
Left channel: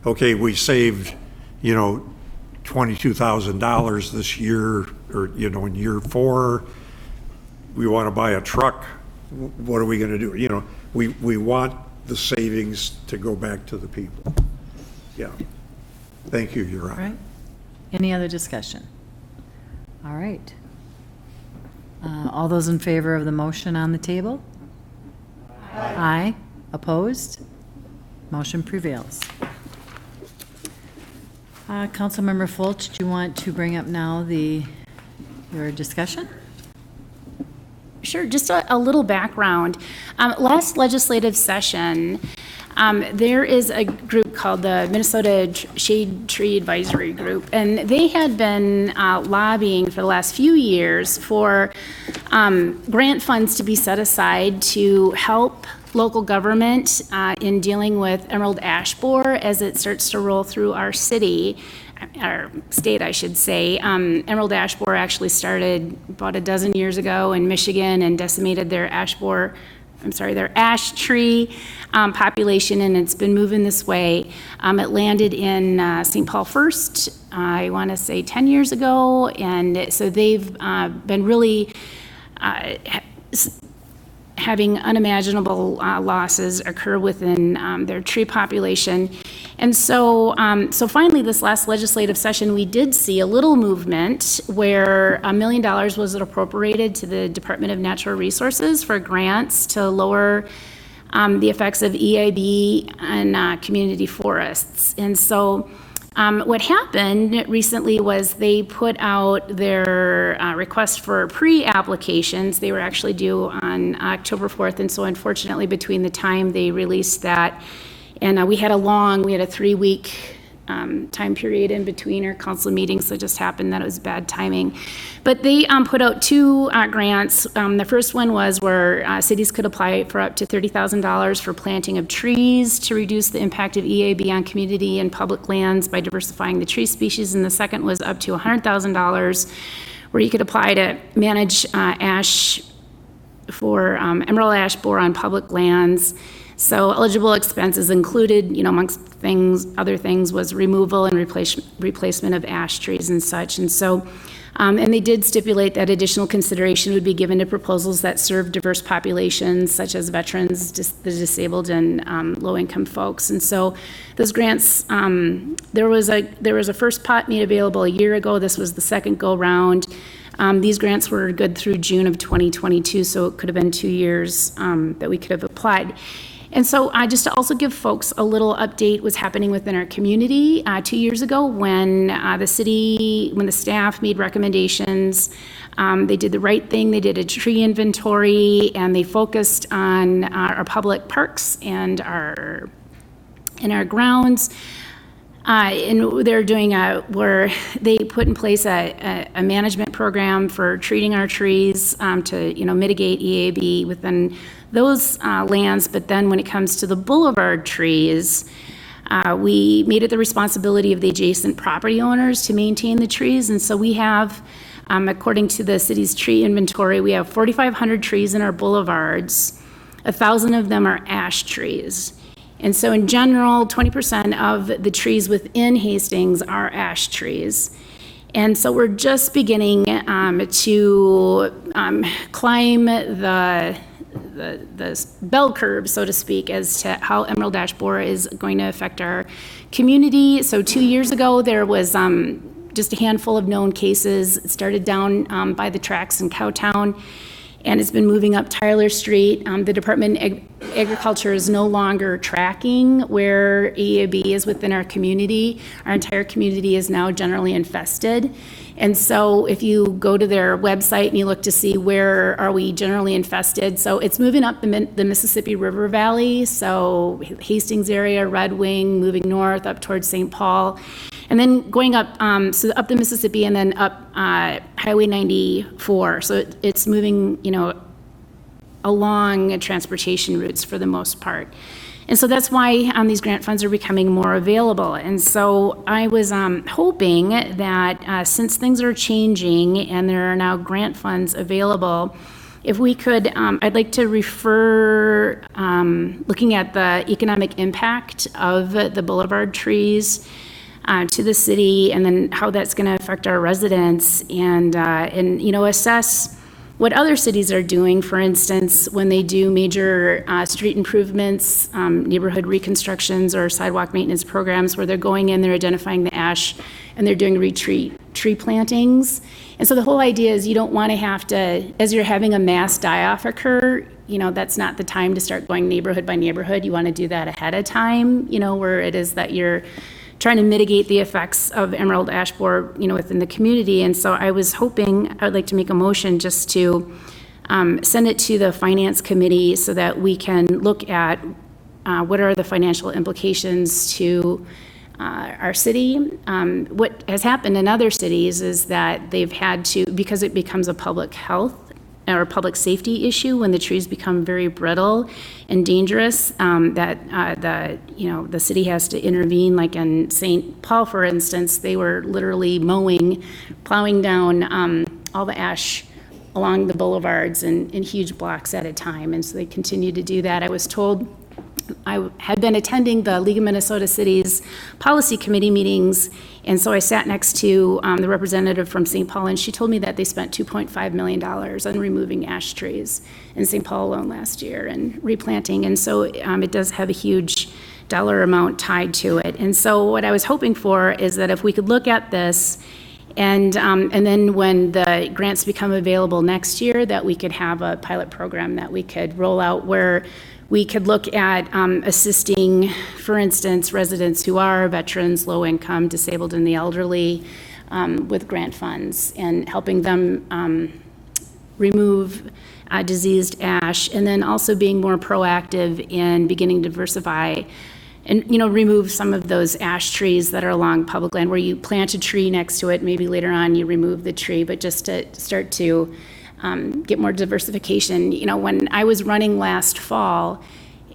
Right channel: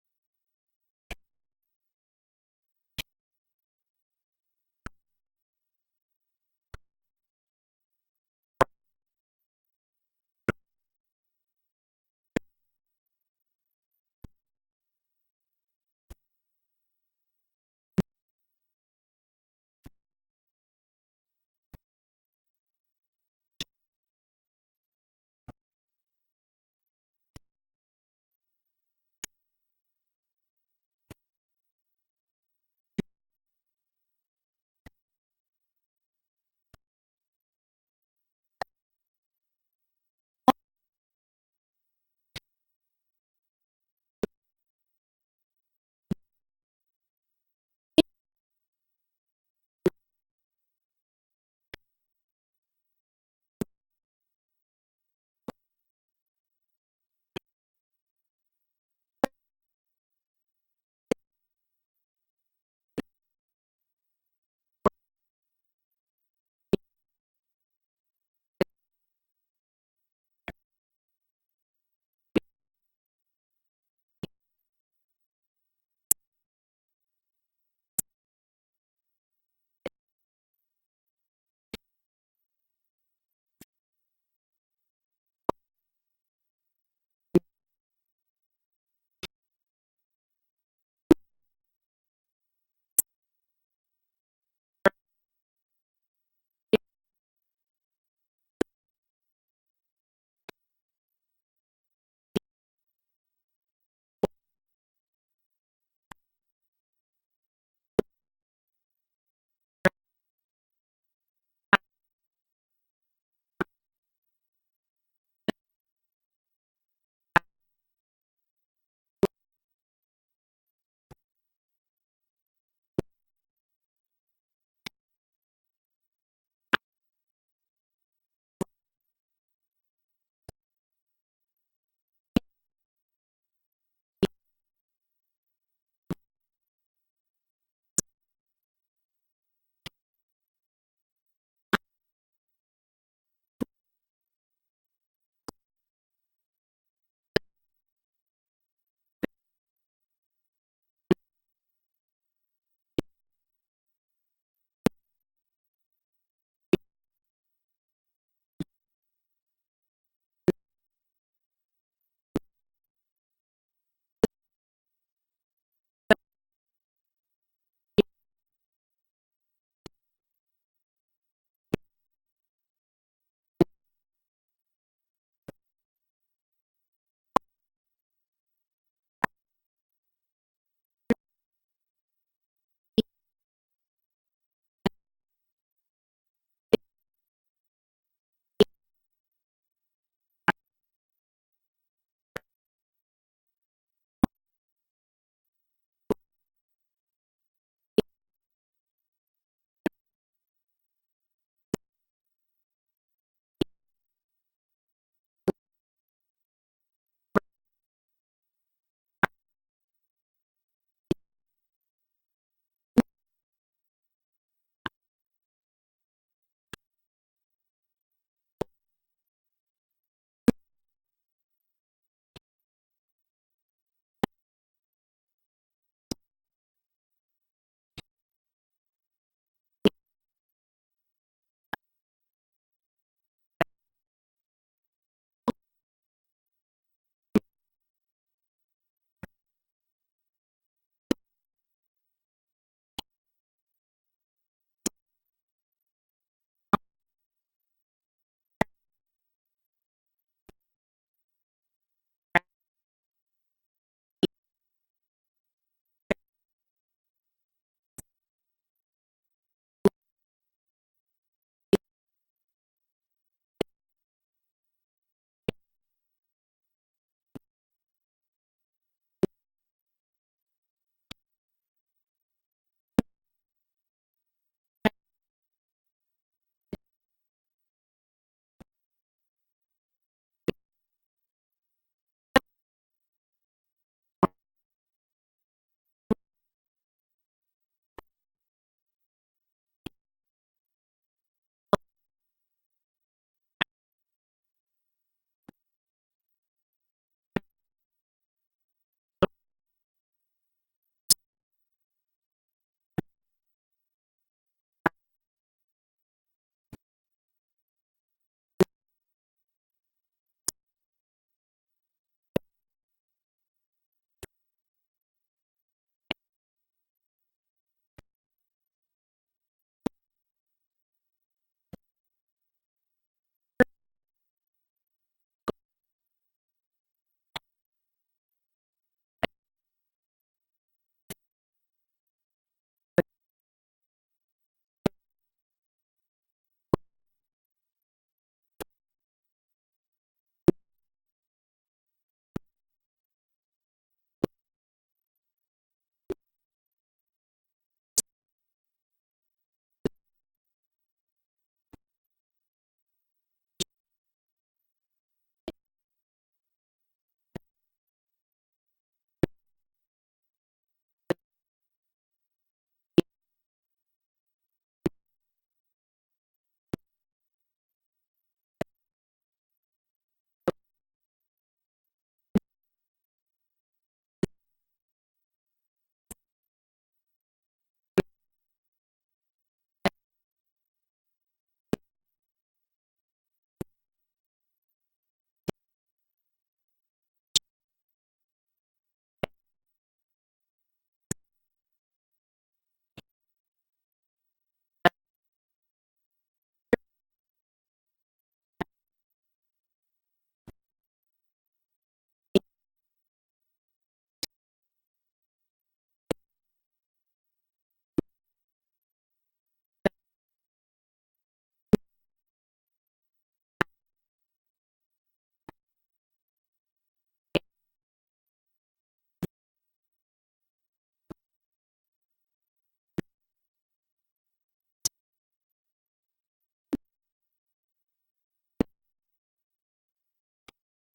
okay, we saved, $22,000 this year, or, in year 4, we want to buy a truck. What are we going to do? We want the savings to go back to the people. Yeah. Thank you, Your Honor. All right. Any other discussion? All right. All those in favor of the motion on the table? Aye. Opposed? Motion prevails. Councilmember Folch, do you want to bring up now your discussion? Sure, just a little background. Last legislative session, there is a group called the Minnesota Shade Tree Advisory Group, and they had been lobbying for the last few years for grant funds to be set aside to help local government in dealing with emerald ash borer as it starts to roll through our city, our state, I should say. Emerald ash borer actually started about a dozen years ago in Michigan and decimated their ash tree population, and it's been moving this way. It landed in St. Paul first, I want to say 10 years ago, and so they've been really having unimaginable losses occur within their tree population. And so, finally, this last legislative session, we did see a little movement where $1 million was appropriated to the Department of Natural Resources for grants to lower the effects of EIB on community forests. And so what happened recently was they put out their request for pre-applications. They were actually due on October 4th, and so unfortunately between the time they released that and we had a 3-week time period in between our council meetings, so it just happened that it was bad timing. But they put out 2 grants. The first one was where cities could apply for up to $30,000 for planting of trees to reduce the impact of EAB on community and public lands by diversifying the tree species. And the second was up to $100,000 where you could apply to manage ash for emerald ash borer on public lands. So eligible expenses included, amongst other things, was removal and replacement of ash trees and such. And so, and they did stipulate that additional consideration would be given to proposals that serve diverse populations, such as veterans, the disabled, and low-income folks. And so, those grants, there was a first pot made available a year ago. This was the second go-round. These grants were good through June of 2022, so it could have been 2 years that we could have applied. And so just to also give folks a little update what's happening within our community, 2 years ago when the staff made recommendations, they did the right thing. They did a tree inventory and they focused on our public parks and our grounds. And they're doing where they put in place a management program for treating our trees to mitigate EAB within those lands. But then when it comes to the boulevard trees, we made it the responsibility of the adjacent property owners to maintain the trees. And so we have, according to the city's tree inventory, we have 4,500 trees in our boulevards. 1,000 of them are ash trees. And so in general, 20% of the trees within Hastings are ash trees. And so we're just beginning to climb the bell curve, so to speak, as to how emerald ash borer is going to affect our community. So 2 years ago, there was just a handful of known cases. It started down by the tracks in Cowtown, and it's been moving up Tyler Street. The department agriculture is no longer tracking where EAB is within our community. Our entire community is now generally infested. And so if you go to their website and you look to see where are we generally infested, so it's moving up the Mississippi River Valley, so Hastings area, Red Wing, moving north up towards St. Paul, and then going up, so up the Mississippi and then up Highway 94. So it's moving, along transportation routes for the most part. And so that's why these grant funds are becoming more available. And so I was hoping that since things are changing and there are now grant funds available, if we could, I'd like to refer, looking at the economic impact of the boulevard trees to the city, and then how that's going to affect our residents, and assess what other cities are doing. For instance, when they do major street improvements, neighborhood reconstructions, or sidewalk maintenance programs, where they're going in, they're identifying the ash, and they're doing tree plantings. And so the whole idea is you don't want to have to, as you're having a mass die-off occur, that's not the time to start going neighborhood by neighborhood. You want to do that ahead of time, where it is that you're trying to mitigate the effects of emerald ash borer, within the community. And so I was hoping, I would like to make a motion just to send it to the Finance Committee so that we can look at what are the financial implications to our city. What has happened in other cities is that they've had to, because it becomes a public health or public safety issue when the trees become very brittle and dangerous, that the city has to intervene. Like in St. Paul, for instance, they were literally plowing down all the ash along the boulevards in huge blocks at a time, and so they continue to do that. I was told, I had been attending the League of Minnesota Cities Policy Committee meetings, and so I sat next to the representative from St. Paul, and she told me that they spent $2.5 million on removing ash trees in St. Paul alone last year and replanting, and so it does have a huge dollar amount tied to it. And so what I was hoping for is that if we could look at this, and then when the grants become available next year, that we could have a pilot program that we could roll out where we could look at assisting, for instance, residents who are veterans, low income, disabled, and the elderly with grant funds, and helping them remove diseased ash, and then also being more proactive in beginning to diversify and remove some of those ash trees that are along public land where you plant a tree next to it, maybe later on you remove the tree, but just to start to get more diversification. When I was running last fall,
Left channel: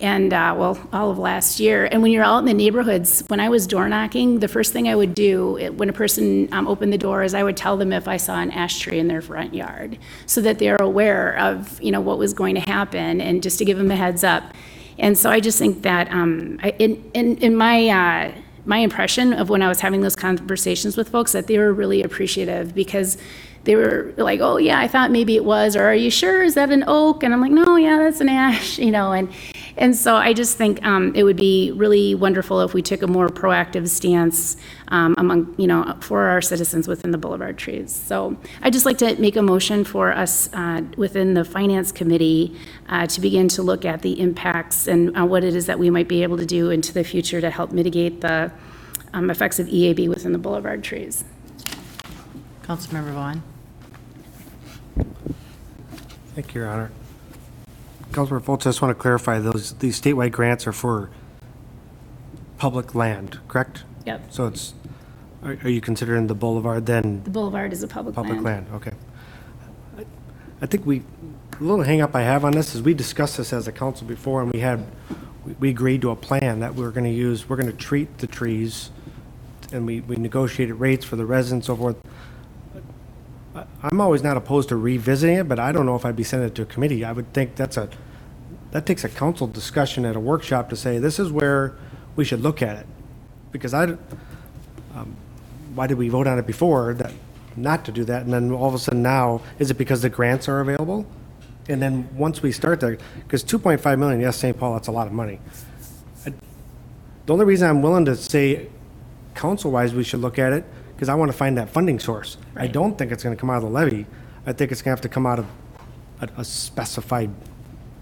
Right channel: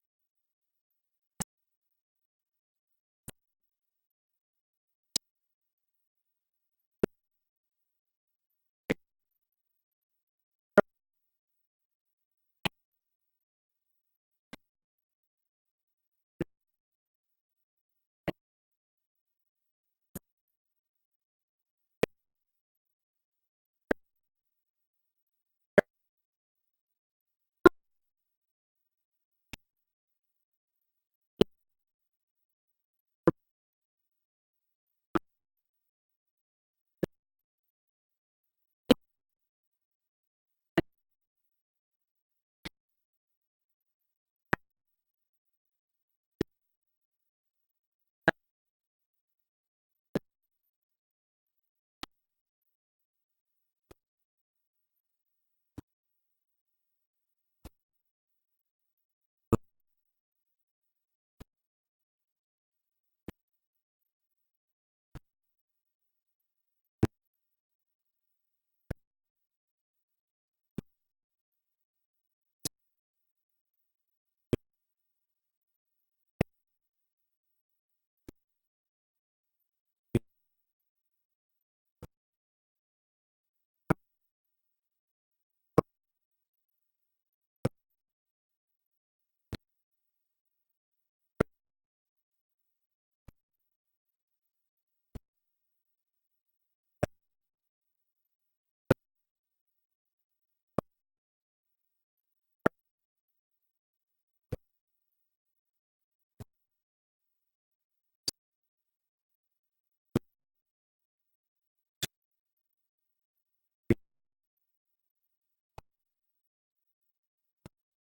and all of last year, and when you're out in the neighborhoods, when I was door knocking, the first thing I would do when a person opened the door is I would tell them if I saw an ash tree in their front yard, so that they're aware of what was going to happen, and just to give them a heads up. And so I just think that in my impression of when I was having those conversations with folks, that they were really appreciative, because they were like, oh yeah, I thought maybe it was, or are you sure, is that an oak? And I'm like, no, yeah, that's an ash, and so I just think it would be really wonderful if we took a more proactive stance for our citizens within the boulevard trees. So I'd just like to make a motion for us within the Finance Committee to begin to look at the impacts and what it is that we might be able to do into the future to help mitigate the effects of EAB within the boulevard trees. Councilmember Vaughn. Thank you, Your Honor. Councilmember Folch, I just want to clarify, these statewide grants are for public land, correct? Yep. So are you considering the boulevard then? The boulevard is a public land, okay. I think a little hang up I have on this is we discussed this as a council before, and we agreed to a plan that we're going to treat the trees, and we negotiated rates for the residents, so forth. I'm always not opposed to revisiting it, but I don't know if I'd be sending it to a committee. I would think that takes a council discussion at a workshop to say, this is where we should look at it. Because why did we vote on it before, that not to do that, and then all of a sudden now, is it because the grants are available? And then once we start there, because 2.5 million, yes, St. Paul, that's a lot of money. The only reason I'm willing to say council-wise we should look at it, because I want to find that funding source. Right. I don't think it's going to come out of the levy. I think it's going to have to come out of a specified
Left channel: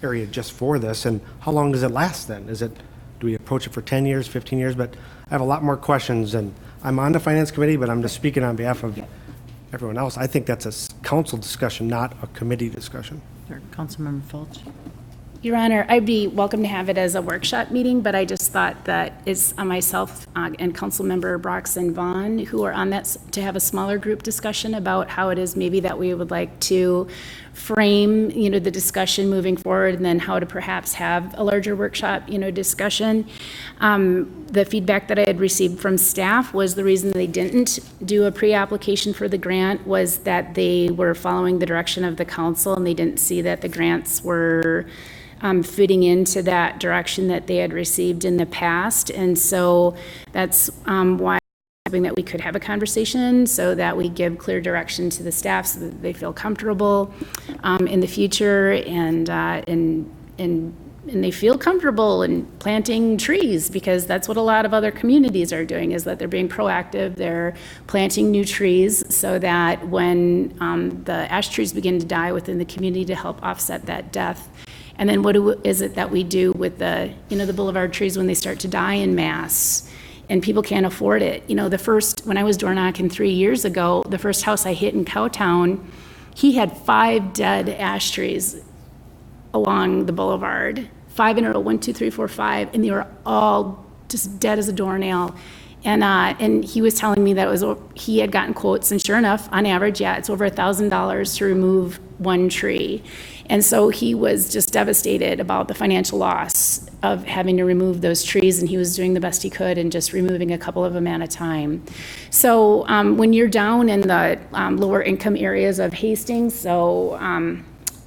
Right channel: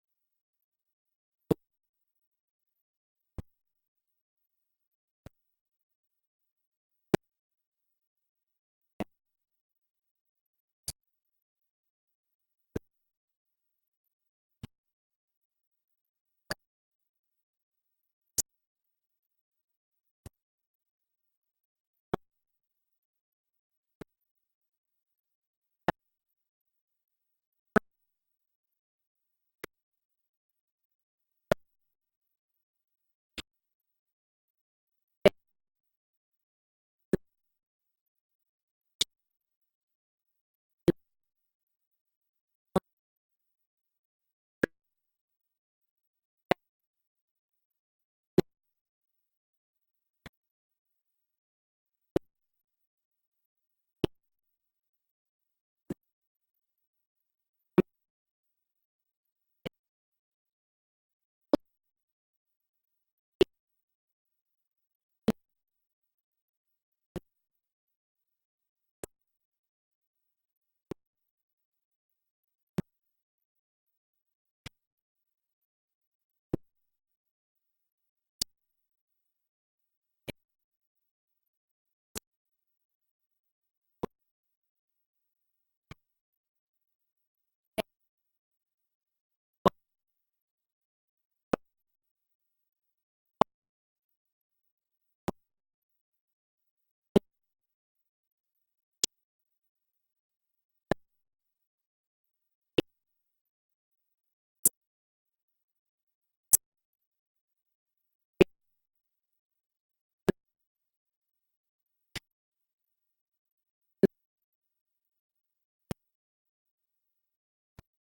area just for this, and how long does it last then? Do we approach it for 10 years, 15 years? But I have a lot more questions, and I'm on the finance committee, but I'm just speaking on behalf of everyone else. I think that's a council discussion, not a committee discussion. Councilmember Folch. Your Honor, I'd be welcome to have it as a workshop meeting, but I just thought that it's myself and Councilmember Brox and Vaughn who are on that to have a smaller group discussion about how it is maybe that we would like to frame, the discussion moving forward, and then how to perhaps have a larger workshop, discussion. The feedback that I had received from staff was the reason they didn't do a pre-application for the grant was that they were following the direction of the council, and they didn't see that the grants were fitting into that direction that they had received in the past. And so that's why I'm hoping that we could have a conversation so that we give clear direction to the staff so that they feel comfortable in the future and they feel comfortable in planting trees, because that's what a lot of other communities are doing, is that they're being proactive. They're planting new trees so that when the ash trees begin to die within the community, to help offset that death. And then what is it that we do with the boulevard trees when they start to die in mass and people can't afford it? When I was door knocking 3 years ago, the first house I hit in Cowtown, he had 5 dead ash trees along the boulevard, 5 in a row, 1, 2, 3, 4, 5, and they were all just dead as a doornail. And he was telling me that he had gotten quotes, and sure enough, on average, it's over $1,000 to remove one tree. And so he was just devastated about the financial loss of having to remove those trees, and he was doing the best he could and just removing a couple of them at a time. So when you're down in the lower income areas of Hastings, so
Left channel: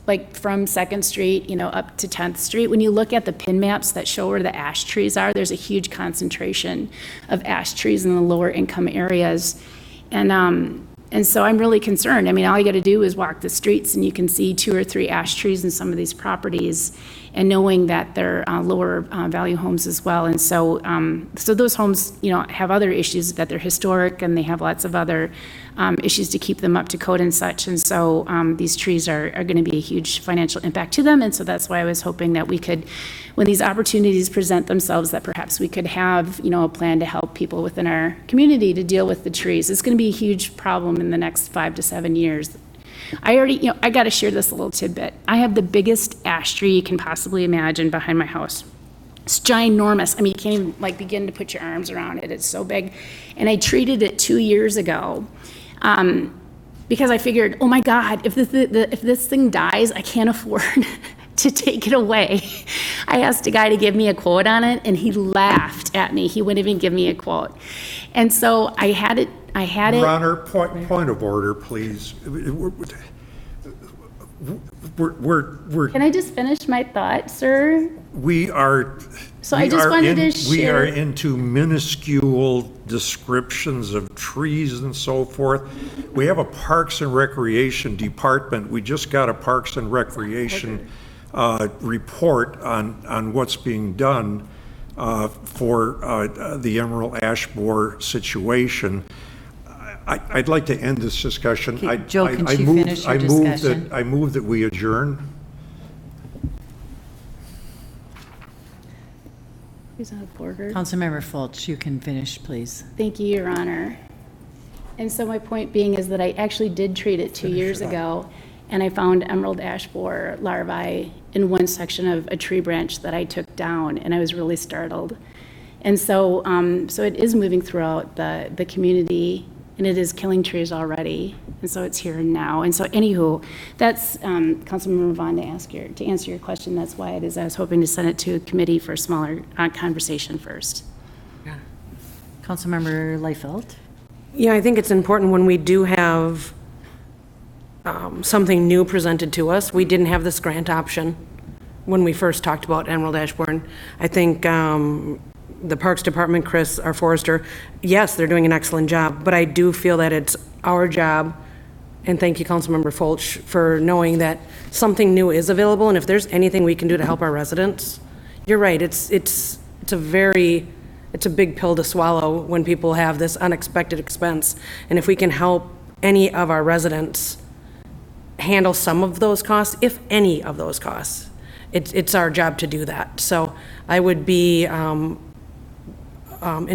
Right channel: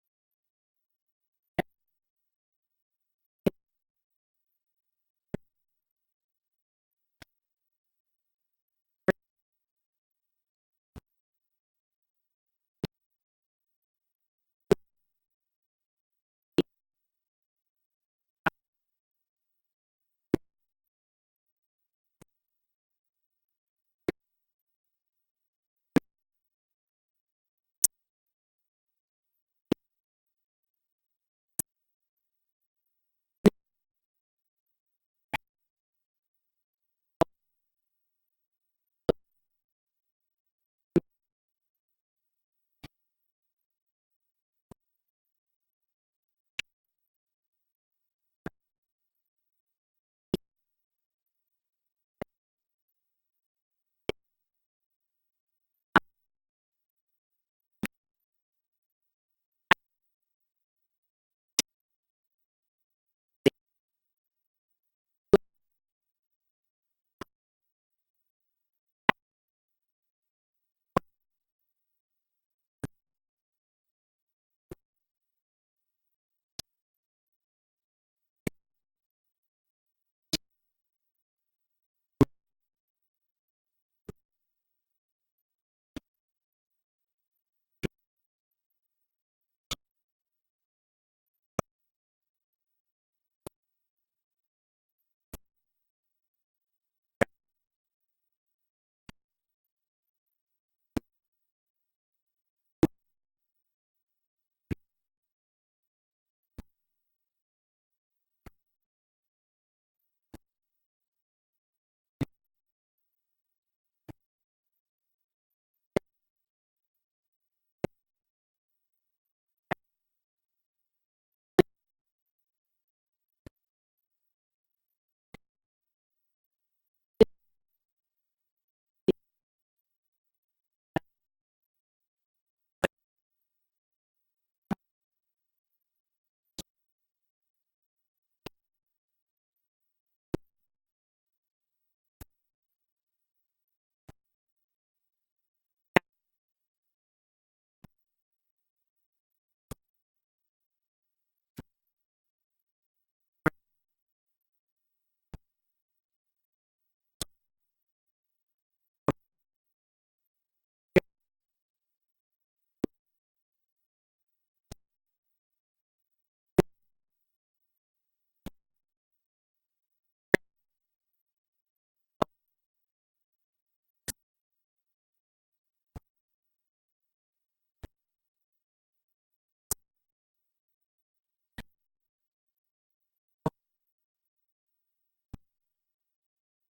like from 2nd Street, up to 10th Street, when you look at the pin maps that show where the ash trees are, there's a huge concentration of ash trees in the lower income areas. And so I'm really concerned. I mean, all you got to do is walk the streets and you can see 2 or 3 ash trees in some of these properties, and knowing that they're lower value homes as well. And so those homes, have other issues, that they're historic and they have lots of other issues to keep them up to code and such. And so these trees are going to be a huge financial impact to them. And so that's why I was hoping that we could, when these opportunities present themselves, that perhaps we could have, a plan to help people within our community to deal with the trees. It's going to be a huge problem in the next 5 to 7 years. I got to share this little tidbit. I have the biggest ash tree you can possibly imagine behind my house. It's ginormous. I mean, you can't even begin to put your arms around it. It's so big. And I treated it 2 years ago because I figured, oh my God, if this thing dies, I can't afford to take it away. I asked a guy to give me a quote on it, and he laughed at me. He wouldn't even give me a quote. And so I had it. Your Honor, point of order, please. We're Can I just finish my thought, sir? We are. So I just wanted to share. We are into minuscule descriptions of trees and so forth. We have a Parks and Recreation Department. We just got a Parks and Recreation report on what's being done for the Emerald Ash Borer situation. I'd like to end this discussion. Okay, Joe, can you finish your discussion? I move that we adjourn. Who's on the border? Councilmember Folch, you can finish, please. Thank you, Your Honor. And so my point being is that I actually did treat it 2 years ago, and I found emerald ash borer larvae in one section of a tree branch that I took down, and I was really startled. And so, so it is moving throughout the community, and it is killing trees already, and so it's here and now. And so anywho, that's, Councilmember Vaughn, to answer your question, that's why it is. I was hoping to send it to a committee for a smaller conversation first. Yeah. Councilmember Leifeld? Yeah, I think it's important when we do have something new presented to us. We didn't have this grant option when we first talked about emerald ash borer. I think the Parks Department, Chris, our forester, yes, they're doing an excellent job, but I do feel that it's our job, and thank you, Councilmember Folch, for knowing that something new is available, and if there's anything we can do to help our residents, you're right, it's a big pill to swallow when people have this unexpected expense, and if we can help any of our residents handle some of those costs, if any of those costs, it's our job to do that. So I would be in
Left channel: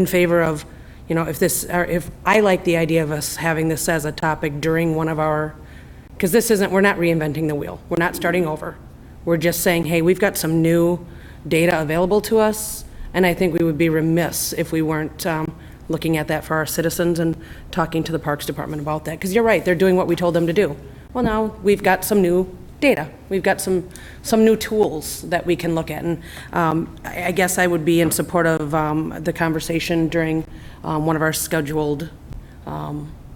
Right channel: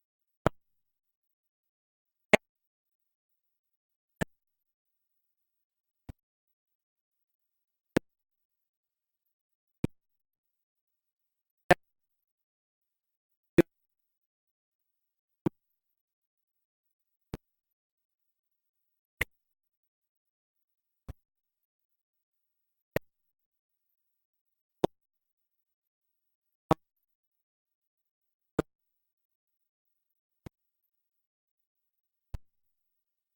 favor of, you know, if I like the idea of us having this as a topic during one of our, because we're not reinventing the wheel. We're not starting over. We're just saying, hey, we've got some new data available to us, and I think we would be remiss if we weren't looking at that for our citizens and talking to the Parks Department about that. Because you're right, they're doing what we told them to do. Well, now we've got some new data. We've got some new tools that we can look at. And I guess I would be in support of the conversation during one of our scheduled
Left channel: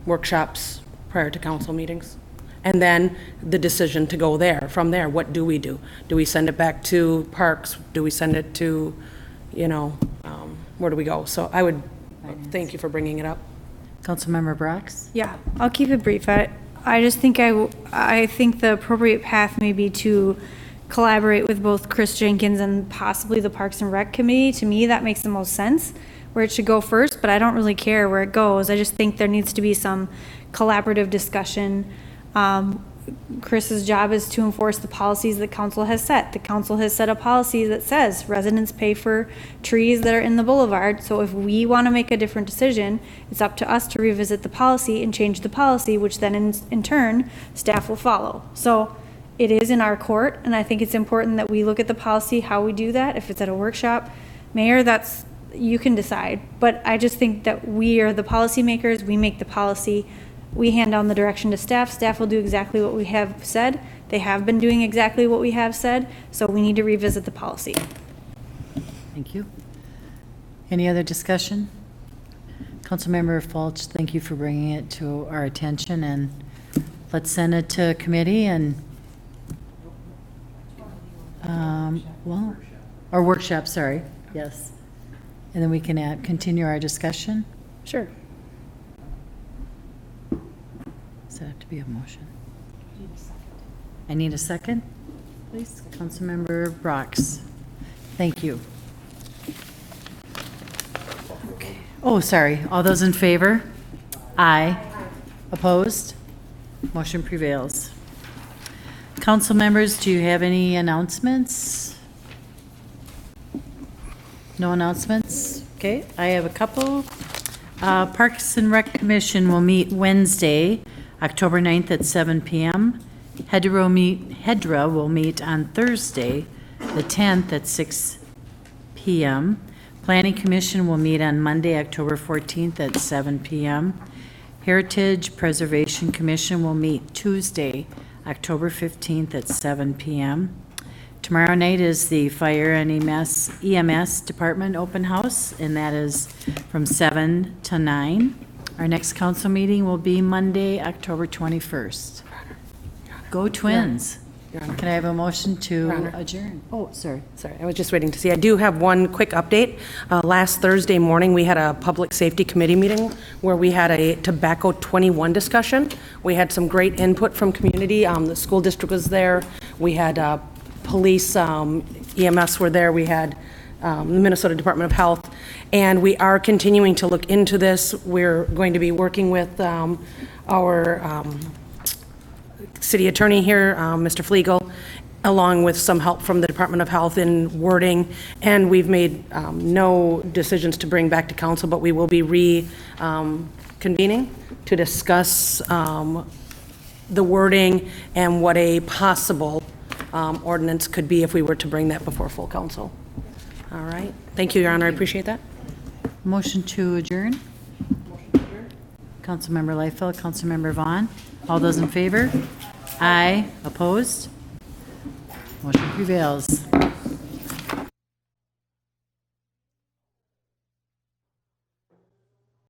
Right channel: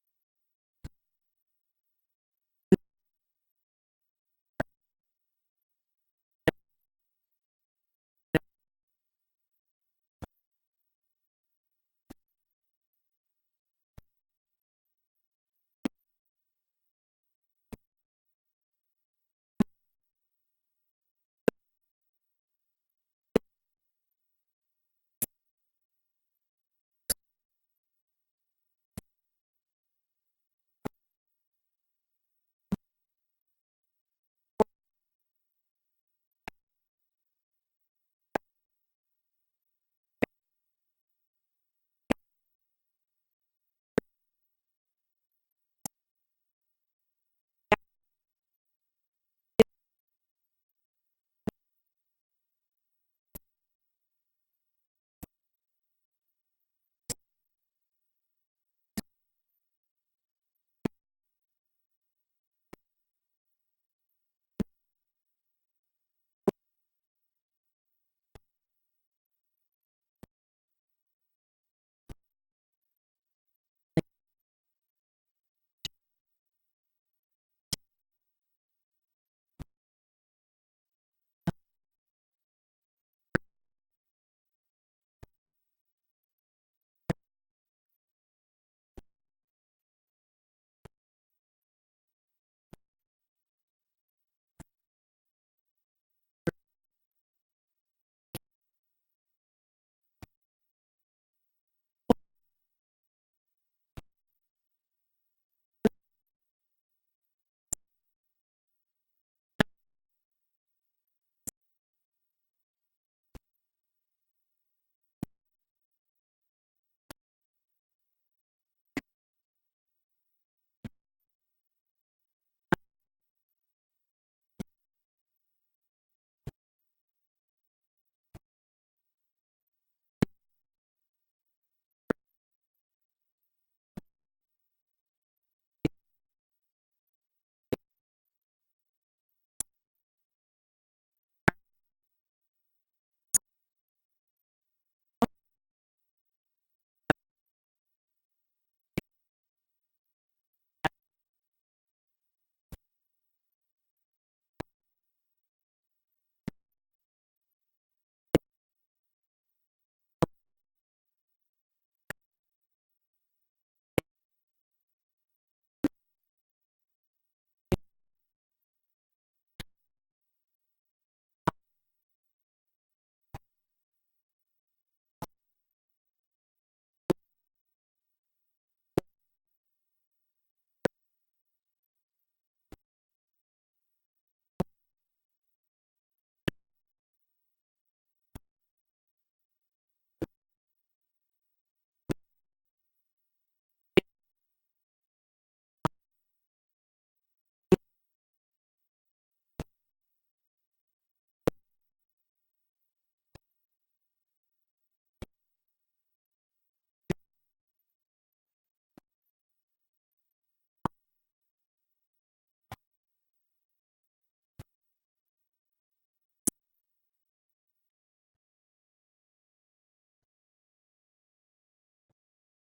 workshops prior to council meetings. And then the decision to go there. From there, what do we do? Do we send it back to Parks? Do we send it to, you know, where do we go? So I would thank you for bringing it up. Councilmember Brox? Yeah, I'll keep it brief. I just think I think the appropriate path may be to collaborate with both Chris Jenkins and possibly the Parks and Rec Committee. To me, that makes the most sense, where it should go first, but I don't really care where it goes. I just think there needs to be some collaborative discussion. Chris's job is to enforce the policies that council has set. The council has set a policy that says residents pay for trees that are in the boulevard. So if we want to make a different decision, it's up to us to revisit the policy and change the policy, which then in turn, staff will follow. So it is in our court, and I think it's important that we look at the policy, how we do that. If it's at a workshop, Mayor, you can decide. But I just think that we are the policymakers, we make the policy. We hand down the direction to staff. Staff will do exactly what we have said. They have been doing exactly what we have said, so we need to revisit the policy. Thank you. Any other discussion? Councilmember Folch, thank you for bringing it to our attention, and let's send it to committee and, or workshop, sorry, yes. And then we can continue our discussion. Sure. Does that have to be a motion? I need a second, please. Councilmember Brox. Thank you. Okay. Oh, sorry. All those in favor? Aye. Opposed? Motion prevails. Council members, do you have any announcements? No announcements? Okay, I have a couple. Parks and Rec Commission will meet Wednesday, October 9th at 7 p.m. Hedra will meet on Thursday, the 10th at 6 p.m. Planning Commission will meet on Monday, October 14th at 7 p.m. Heritage Preservation Commission will meet Tuesday, October 15th at 7 p.m. Tomorrow night is the Fire and EMS Department Open House, and that is from 7 to 9. Our next council meeting will be Monday, October 21st. Go Twins. Can I have a motion to adjourn? Oh, sorry. Sorry, I was just waiting to see. I do have one quick update. Last Thursday morning, we had a Public Safety Committee meeting where we had a Tobacco 21 discussion. We had some great input from community. The school district was there. We had police, EMS were there. We had the Minnesota Department of Health. And we are continuing to look into this. We're going to be working with our city attorney here, Mr. Flegel, along with some help from the Department of Health in wording. And we've made no decisions to bring back to council, but we will be reconvening to discuss the wording and what a possible ordinance could be if we were to bring that before full council. All right. Thank you, Your Honor. I appreciate that. Motion to adjourn? Councilmember Liefeld, Councilmember Vaughn. All those in favor? Aye. Opposed? Motion prevails.